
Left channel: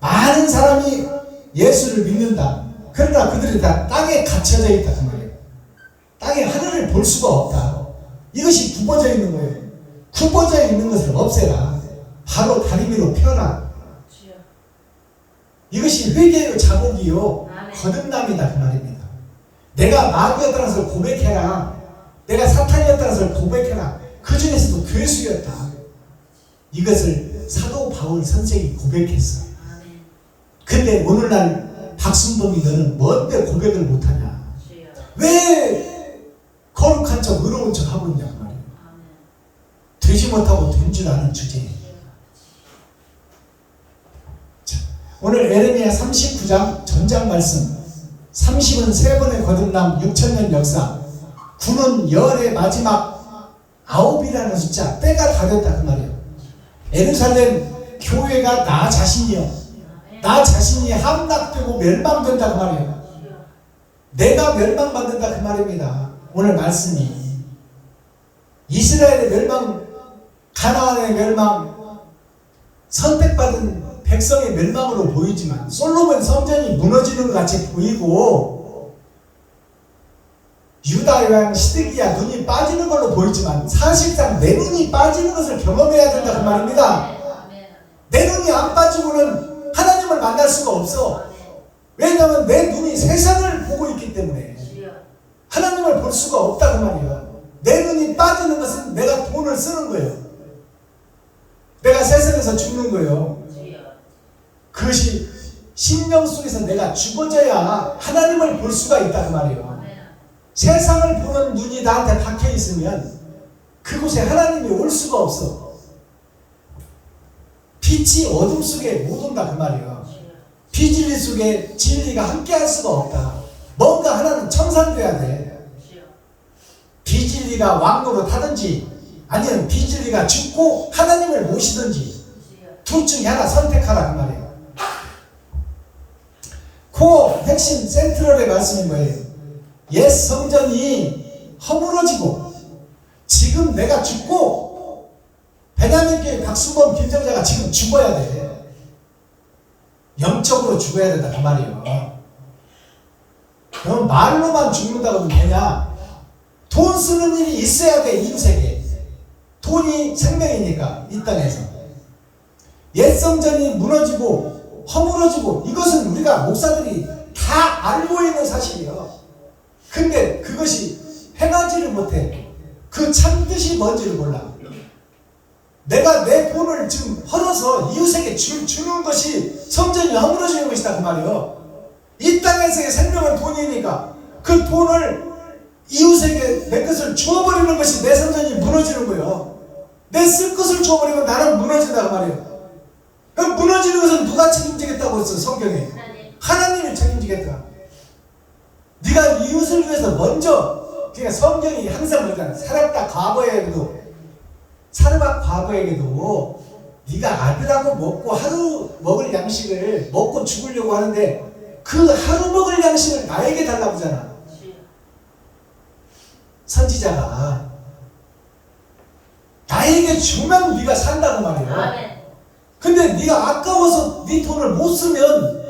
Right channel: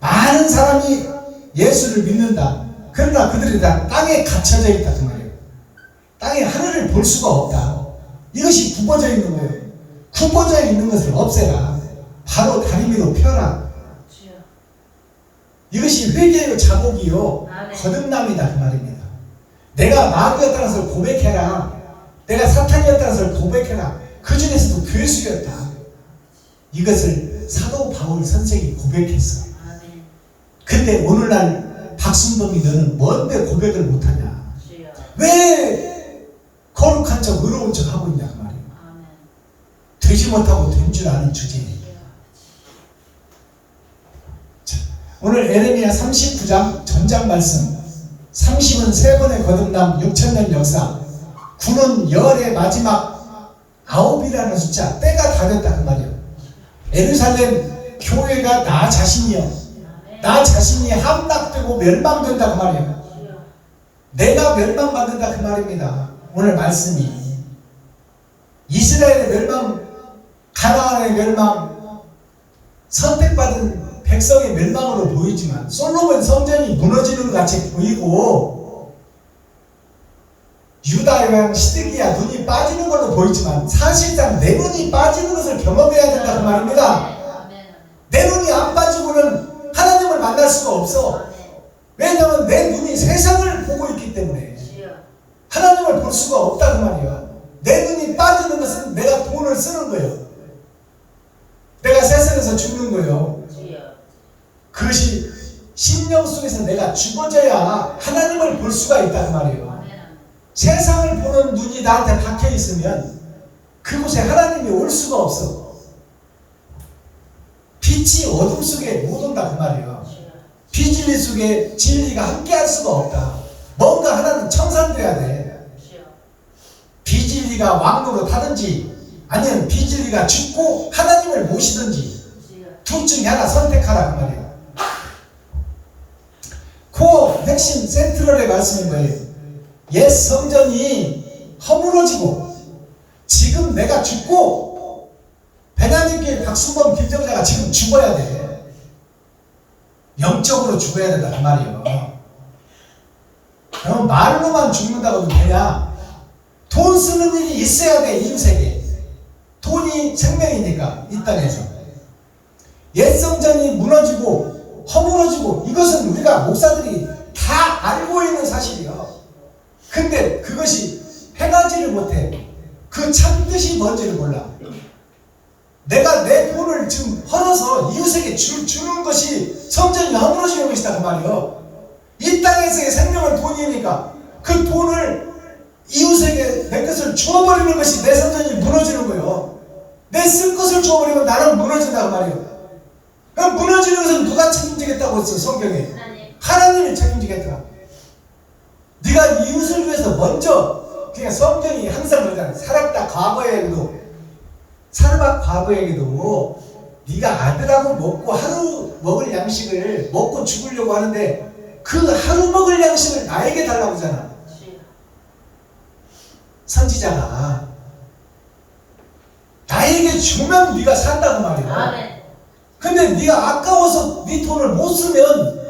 많은 사람이 예수를 믿는다. 그러나 그들이 다 땅에 갇혀져 있다 그 말이에요. 땅에 하늘을 볼 수가 없다. 이것이 굽어져 있는 거예요. 굽어져 있는 것을 없애라. 바로 다리미로 펴라. 주여. 이것이 회개요 자복이요 아멘. 거듭남이다 그 말입니다. 내가 마귀였다는 것을 고백해라. 내가 사탄이었다는 것을 고백해라. 그 중에서도 괴수였다. 이것을 사도 바울 선생이 고백했어. 아멘. 근데 오늘날 박순범이 너는 뭔데 고백을 못하냐. 주여. 왜 거룩한 척 의로운 척 하고 있냐 그 말이에요. 아멘. 되지 못하고 된 줄 아는 주제에 오늘 에레미야 39장 전장 말씀 30은 세 번의 거듭남 6천년 역사 9는 열의 마지막 9이라는 숫자 때가 다 됐다 그 말이에요. 예루살렘 교회가 나 자신이요 나 자신이 함락되고 멸망된다 그 말이에요. 주여. 내가 멸망받는다 그 말입니다. 오늘 말씀이 이스라엘의 멸망 가나안의 멸망 선택받은 백성의 멸망으로 보이지만 솔로몬 성전이 무너지는 것 같이 보이고 유다 왕 시드기야 눈이 빠지는 걸로 보이지만 사실상 내 눈이 빠지는 것을 경험해야 된다 그 말입니다. 아멘. 내 눈이 안 빠지고는 하나님을 만날 수가 없어. 아멘. 왜냐하면 내 눈이 세상을 보고 있기 때문에 주여. 하나님을 볼 수가 없다 그 말이야. 내 눈이 빠지는 것은 내가 돈을 쓰는 거예요. 내가 세상에서 죽는 거예요. 주여. 그것이 심령 속에서 내가 죽어져야 하나님을 볼 수가 있다 그 말이에요. 아멘. 세상을 보는 눈이 나한테 박혀 있으면 그곳에 하나님이 올 수가 없어. 빛이 어둠 속에 못 온다 그 말이에요. 주여. 비진리 속에 진리가 함께할 수가 없다. 뭔가 하나는 청산돼야 돼. 주여. 비진리가 왕노로 타든지 아니면 비진리가 죽고 하나님을 모시든지 주여. 둘 중에 하나 선택하라 그 말이에요. 그 핵심 센트럴의 말씀인 거예요. 옛 성전이 허물어지고 지금 내가 죽고 베냐민 교회 박순범 김정자가 지금 죽어야 돼. 영적으로 죽어야 된다 그 말이에요. 그럼 말로만 죽는다고 되냐? 돈 쓰는 일이 있어야 돼. 이웃에게 돈이 생명이니까 이 땅에서 옛 성전이 무너지고 허물어지고 이것은 우리가 목사들이 다 알고 있는 사실이에요. 근데 그것이 행하지를 못해. 그 참뜻이 뭔지를 몰라. 내가 내 돈을 지금 헐어서 이웃에게 주는 것이 성전이 허물어지는 것이다 그 말이에요. 이 땅에서의 생명은 돈이니까 그 돈을 이웃에게 내 것을 주어버리는 것이 내 성전이 무너지는 거예요. 내 쓸 것을 주어버리면 나는 무너진다고 말이에요. 그럼 무너지는 것은 누가 책임지겠다고 했어 성경에? 하나님이 책임지겠다. 네가 이웃을 위해서 먼저, 그러니까 성경이 항상 그러잖아. 사르밧 과거에도 네가 아들하고 먹고 하루 먹을 양식을 먹고 죽으려고 하는데 그 하루 먹을 양식을 나에게 달라고 하잖아. 선지자가 나에게 주면 네가 산다고 말이야. 근데 네가 아까워서 네 돈을 못 쓰면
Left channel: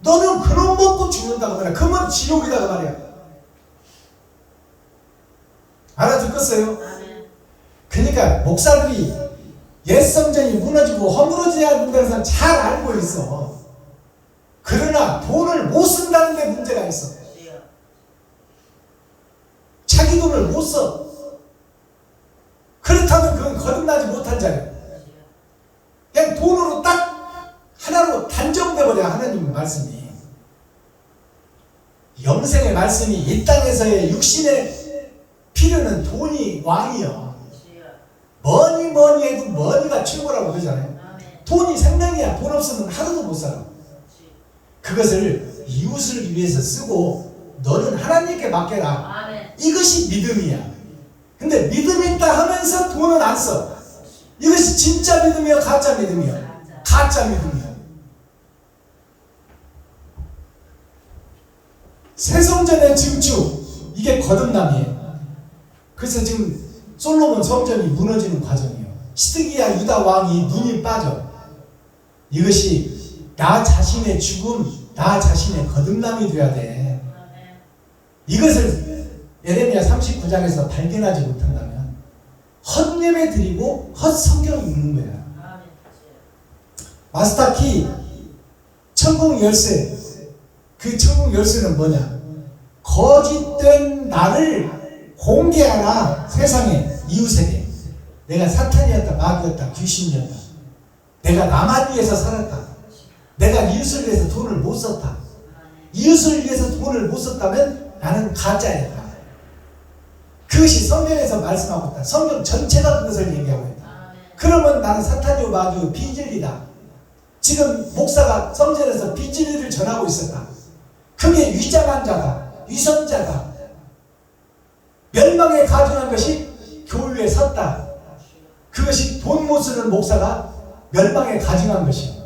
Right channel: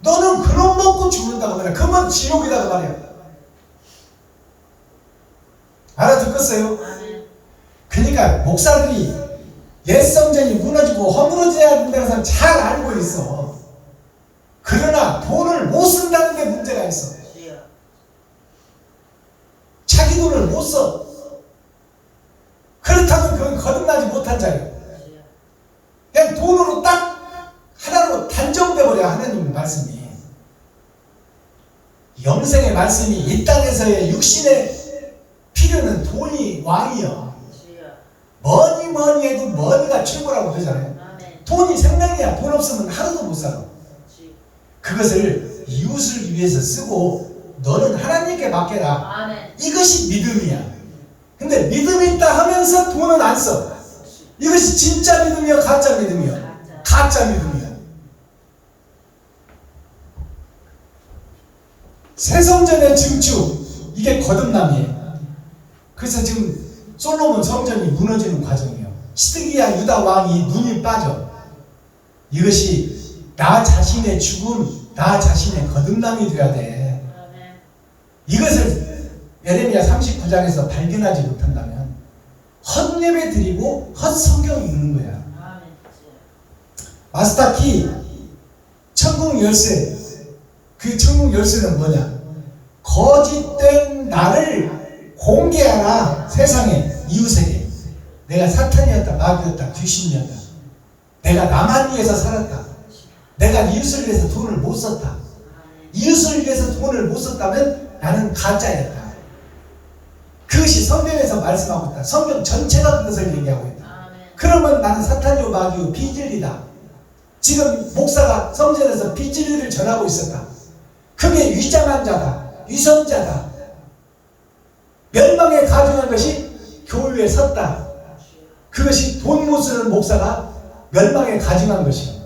너는 그놈 먹고 죽는다고 말이야. 그러면 지옥이다고 말이야. 알아듣겠어요? 그러니까 목사들이 옛 성전이 무너지고 허물어져야 된다는 사람 잘 알고 있어. 그러나 돈을 못 쓴다는 게 문제가 있어. 자기 돈을 못 써. 그렇다면 그건 거듭나지 못한 자예요. 그냥 돈으로 딱 하나로 단정돼 버려. 하나님 말씀이 영생의 말씀이 이 땅에서의 육신의 필요는 돈이 왕이요. 뭐니 해도 머니가 최고라고 그러잖아요. 돈이 생명이야. 돈 없으면 하루도 못 살아. 그것을 이웃을 위해서 쓰고 너는 하나님께 맡겨라. 이것이 믿음이야. 근데 믿음 있다 하면서 돈은 안 써. 이것이 진짜 믿음이야, 가짜 믿음이야? 가짜 믿음이야. 새성전의 증축, 이게 거듭남이에요. 그래서 지금 솔로몬 성전이 무너지는 과정이에요. 시드기야 유다 왕이 눈이 빠져. 이것이 나 자신의 죽음, 나 자신의 거듭남이 되어야 돼. 이것을 에레미야 39장에서 발견하지 못한다면 헛예배 드리고 헛성경 읽는 거야. 마스터키 천국 열쇠. 그 천국 열쇠는 뭐냐? 거짓된 나를 공개하라. 세상에, 이웃에게. 내가 사탄이었다, 마귀였다, 귀신이었다. 내가 나만 위해서 살았다. 내가 이웃을 위해서 돈을 못 썼다. 이웃을 위해서 돈을 못 썼다면 나는 가짜였다. 그것이 성경에서 말씀하고 있다. 성경 전체가 그것을 얘기하고 있다. 그러면 나는 사탄이요 마귀요 비진리다. 지금 목사가 성전에서 비진리를 전하고 있었다. 그게 위장한 자다. 위선자다. 멸망에 가증한 것이 교회에 섰다. 그것이 돈 못 쓰는 목사가 멸망에 가증한 것이요.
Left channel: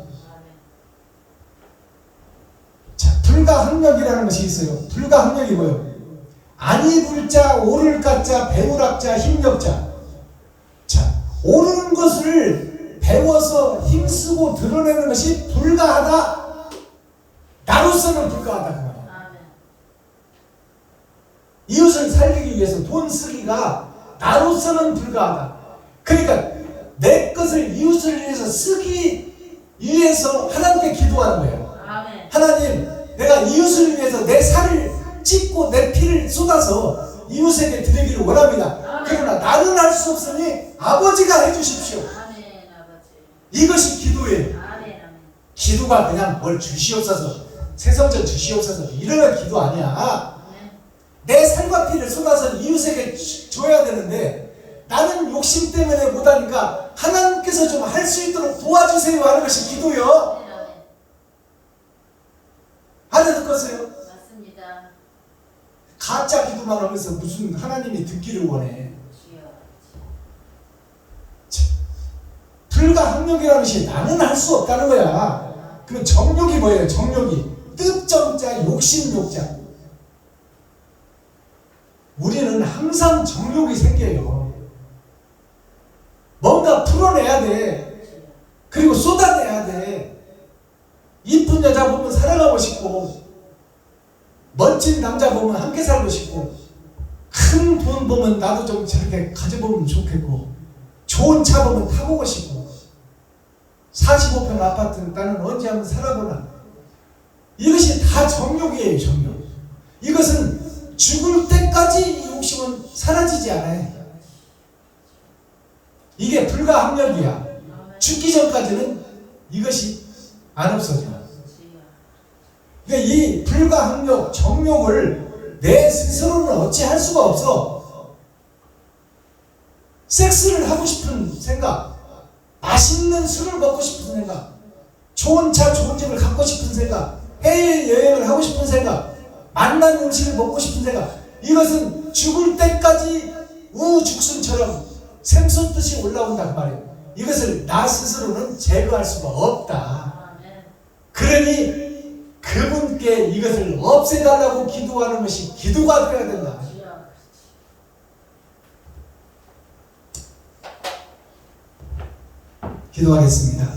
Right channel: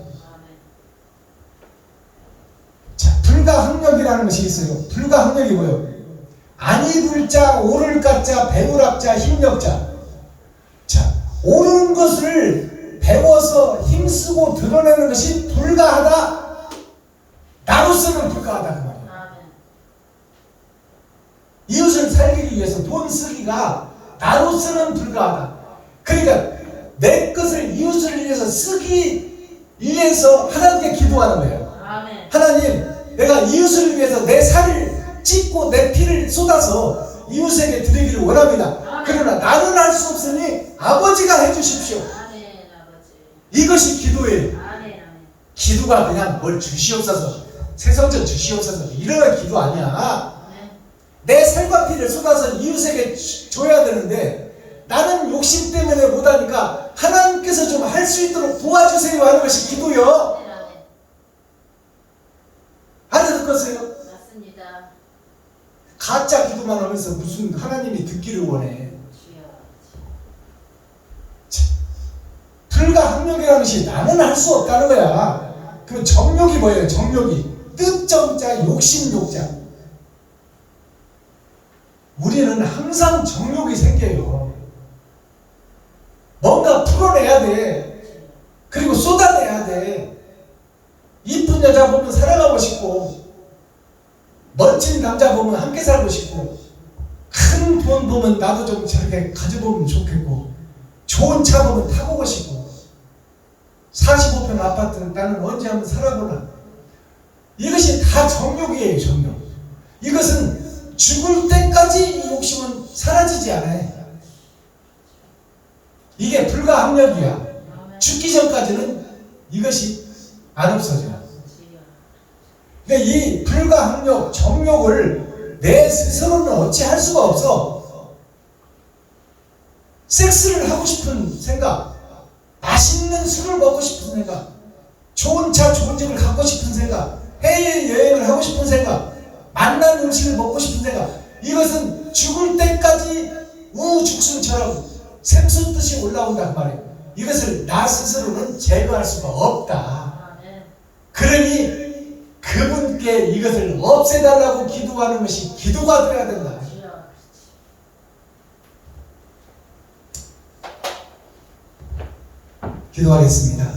자, 불가항력이라는 것이 있어요. 불가항력이 뭐예요? 아니 불자, 오를 가자, 배우락자, 힘력자. 자, 옳은 것을 배워서 힘쓰고 드러내는 것이 불가하다. 나로서는 불가하다 그 말이야. 이웃을 살리기 위해서 돈 쓰기가 나로서는 불가하다. 그러니까 내 것을 이웃을 위해서 쓰기 위해서 하나님께 기도하는 거예요. 하나님, 내가 이웃을 위해서 내 살을 찢고 내 피를 쏟아서 이웃에게 드리기를 원합니다. 그러나 나는 할 수 없으니 아버지가 해주십시오. 이것이 기도예요. 기도가 그냥 뭘 주시옵소서, 새성전 주시옵소서 이러는 기도 아니야. 내 살과 피를 쏟아서 이웃에게 줘야 되는데 나는 욕심 때문에 못하니까 하나님께서 좀 할 수 있도록 도와주세요 하는 것이 기도요. 알아듣겠어요? 맞습니다. 가짜 기도만 하면서 무슨 하나님이 듣기를 원해. 불가항력이라는 것이 나는 할 수 없다는 거야. 그 정욕이 뭐예요? 정욕이 뜻정자, 욕심욕자. 우리는 항상 정욕이 생겨요. 뭔가 풀어내야 돼. 그리고 쏟아내야 돼. 이쁜 여자 보면 살아가고 싶고, 멋진 남자 보면 함께 살고 싶고, 큰 돈 보면 나도 좀 저렇게 가져보면 좋겠고, 좋은 차 보면 타보고 싶고, 45평 아파트 나는 언제 한번 살아보나. 이것이 다 정욕이에요. 정욕. 이것은 죽을 때까지 이 욕심은 사라지지 않아요. 이게 불가항력이야. 아멘. 죽기 전까지는 이것이 안 없어져. 주여. 그러니까 이 불가항력, 정욕을 내 스스로는 어찌할 수가 없어. 섹스를 하고 싶은 생각, 맛있는 술을 먹고 싶은 생각, 좋은 차, 좋은 집을 갖고 싶은 생각, 해외여행을 하고 싶은 생각, 맛난 음식을 먹고 싶은 생각, 이것은 죽을 때까지 우죽순처럼 샘솟듯이 올라온다 그 말이에요. 이것을 나 스스로는 제거할 수가 없다. 아멘. 그러니 그분께 이것을 없애달라고 기도하는 것이 기도가 되어야 된다. 주여. 기도하겠습니다.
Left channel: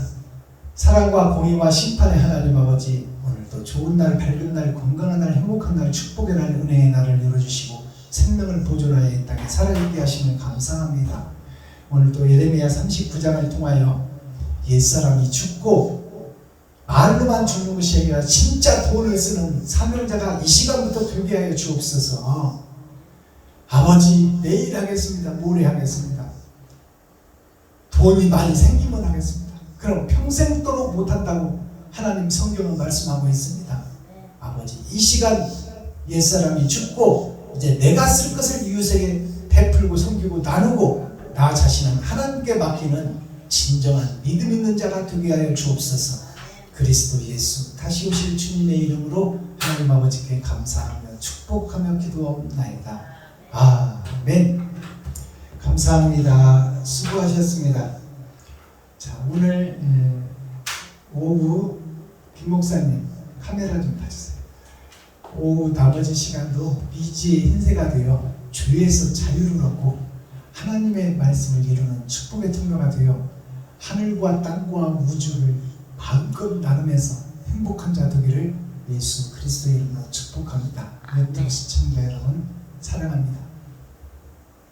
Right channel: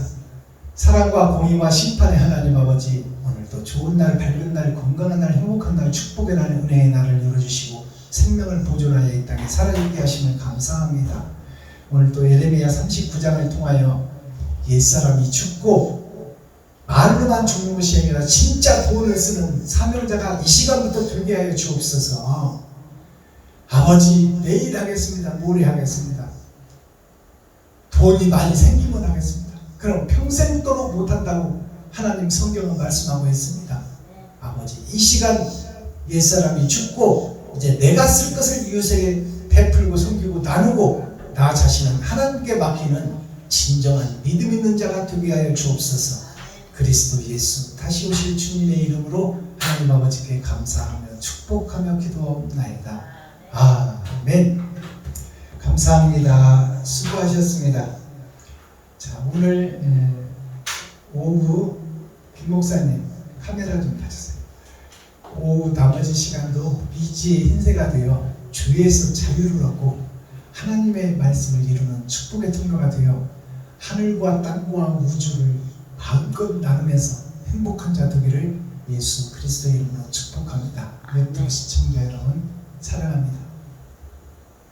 사랑과 공의와 심판의 하나님 아버지, 오늘도 좋은 날, 밝은 날, 건강한 날, 행복한 날, 축복의 날, 은혜의 날을 열어주시고 생명을 보존하여 이 땅에 살아있게 하시면 감사합니다. 오늘도 예레미야 39장을 통하여 옛사람이 죽고 말로만 죽는 것이 아니라 진짜 돈을 쓰는 사명자가 이 시간부터 되게 하여 주옵소서. 아버지, 내일 하겠습니다. 모레 하겠습니다. 돈이 많이 생기면 하겠습니다. 그럼 평생도록 못한다고 하나님 성경은 말씀하고 있습니다. 아버지, 이 시간 옛사람이 죽고 이제 내가 쓸 것을 이웃에게 베풀고 섬기고 나누고 나 자신은 하나님께 맡기는 진정한 믿음 있는 자가 되게 하여 주옵소서. 그리스도 예수 다시 오실 주님의 이름으로 하나님 아버지께 감사하며 축복하며 기도하옵나이다. 아멘. 감사합니다. 수고하셨습니다. 자, 오늘 오후 김 목사님 카메라 좀 봐주세요. 오후 나머지 시간도 미지의 흰새가 되어 죄에서 자유를 얻고 하나님의 말씀을 이루는 축복의 통로가 되어 하늘과 땅과 우주를 마음껏 나누면서 행복한 자 되기를 예수 그리스도의 이름으로 축복합니다. 유튜브 시청자 여러분,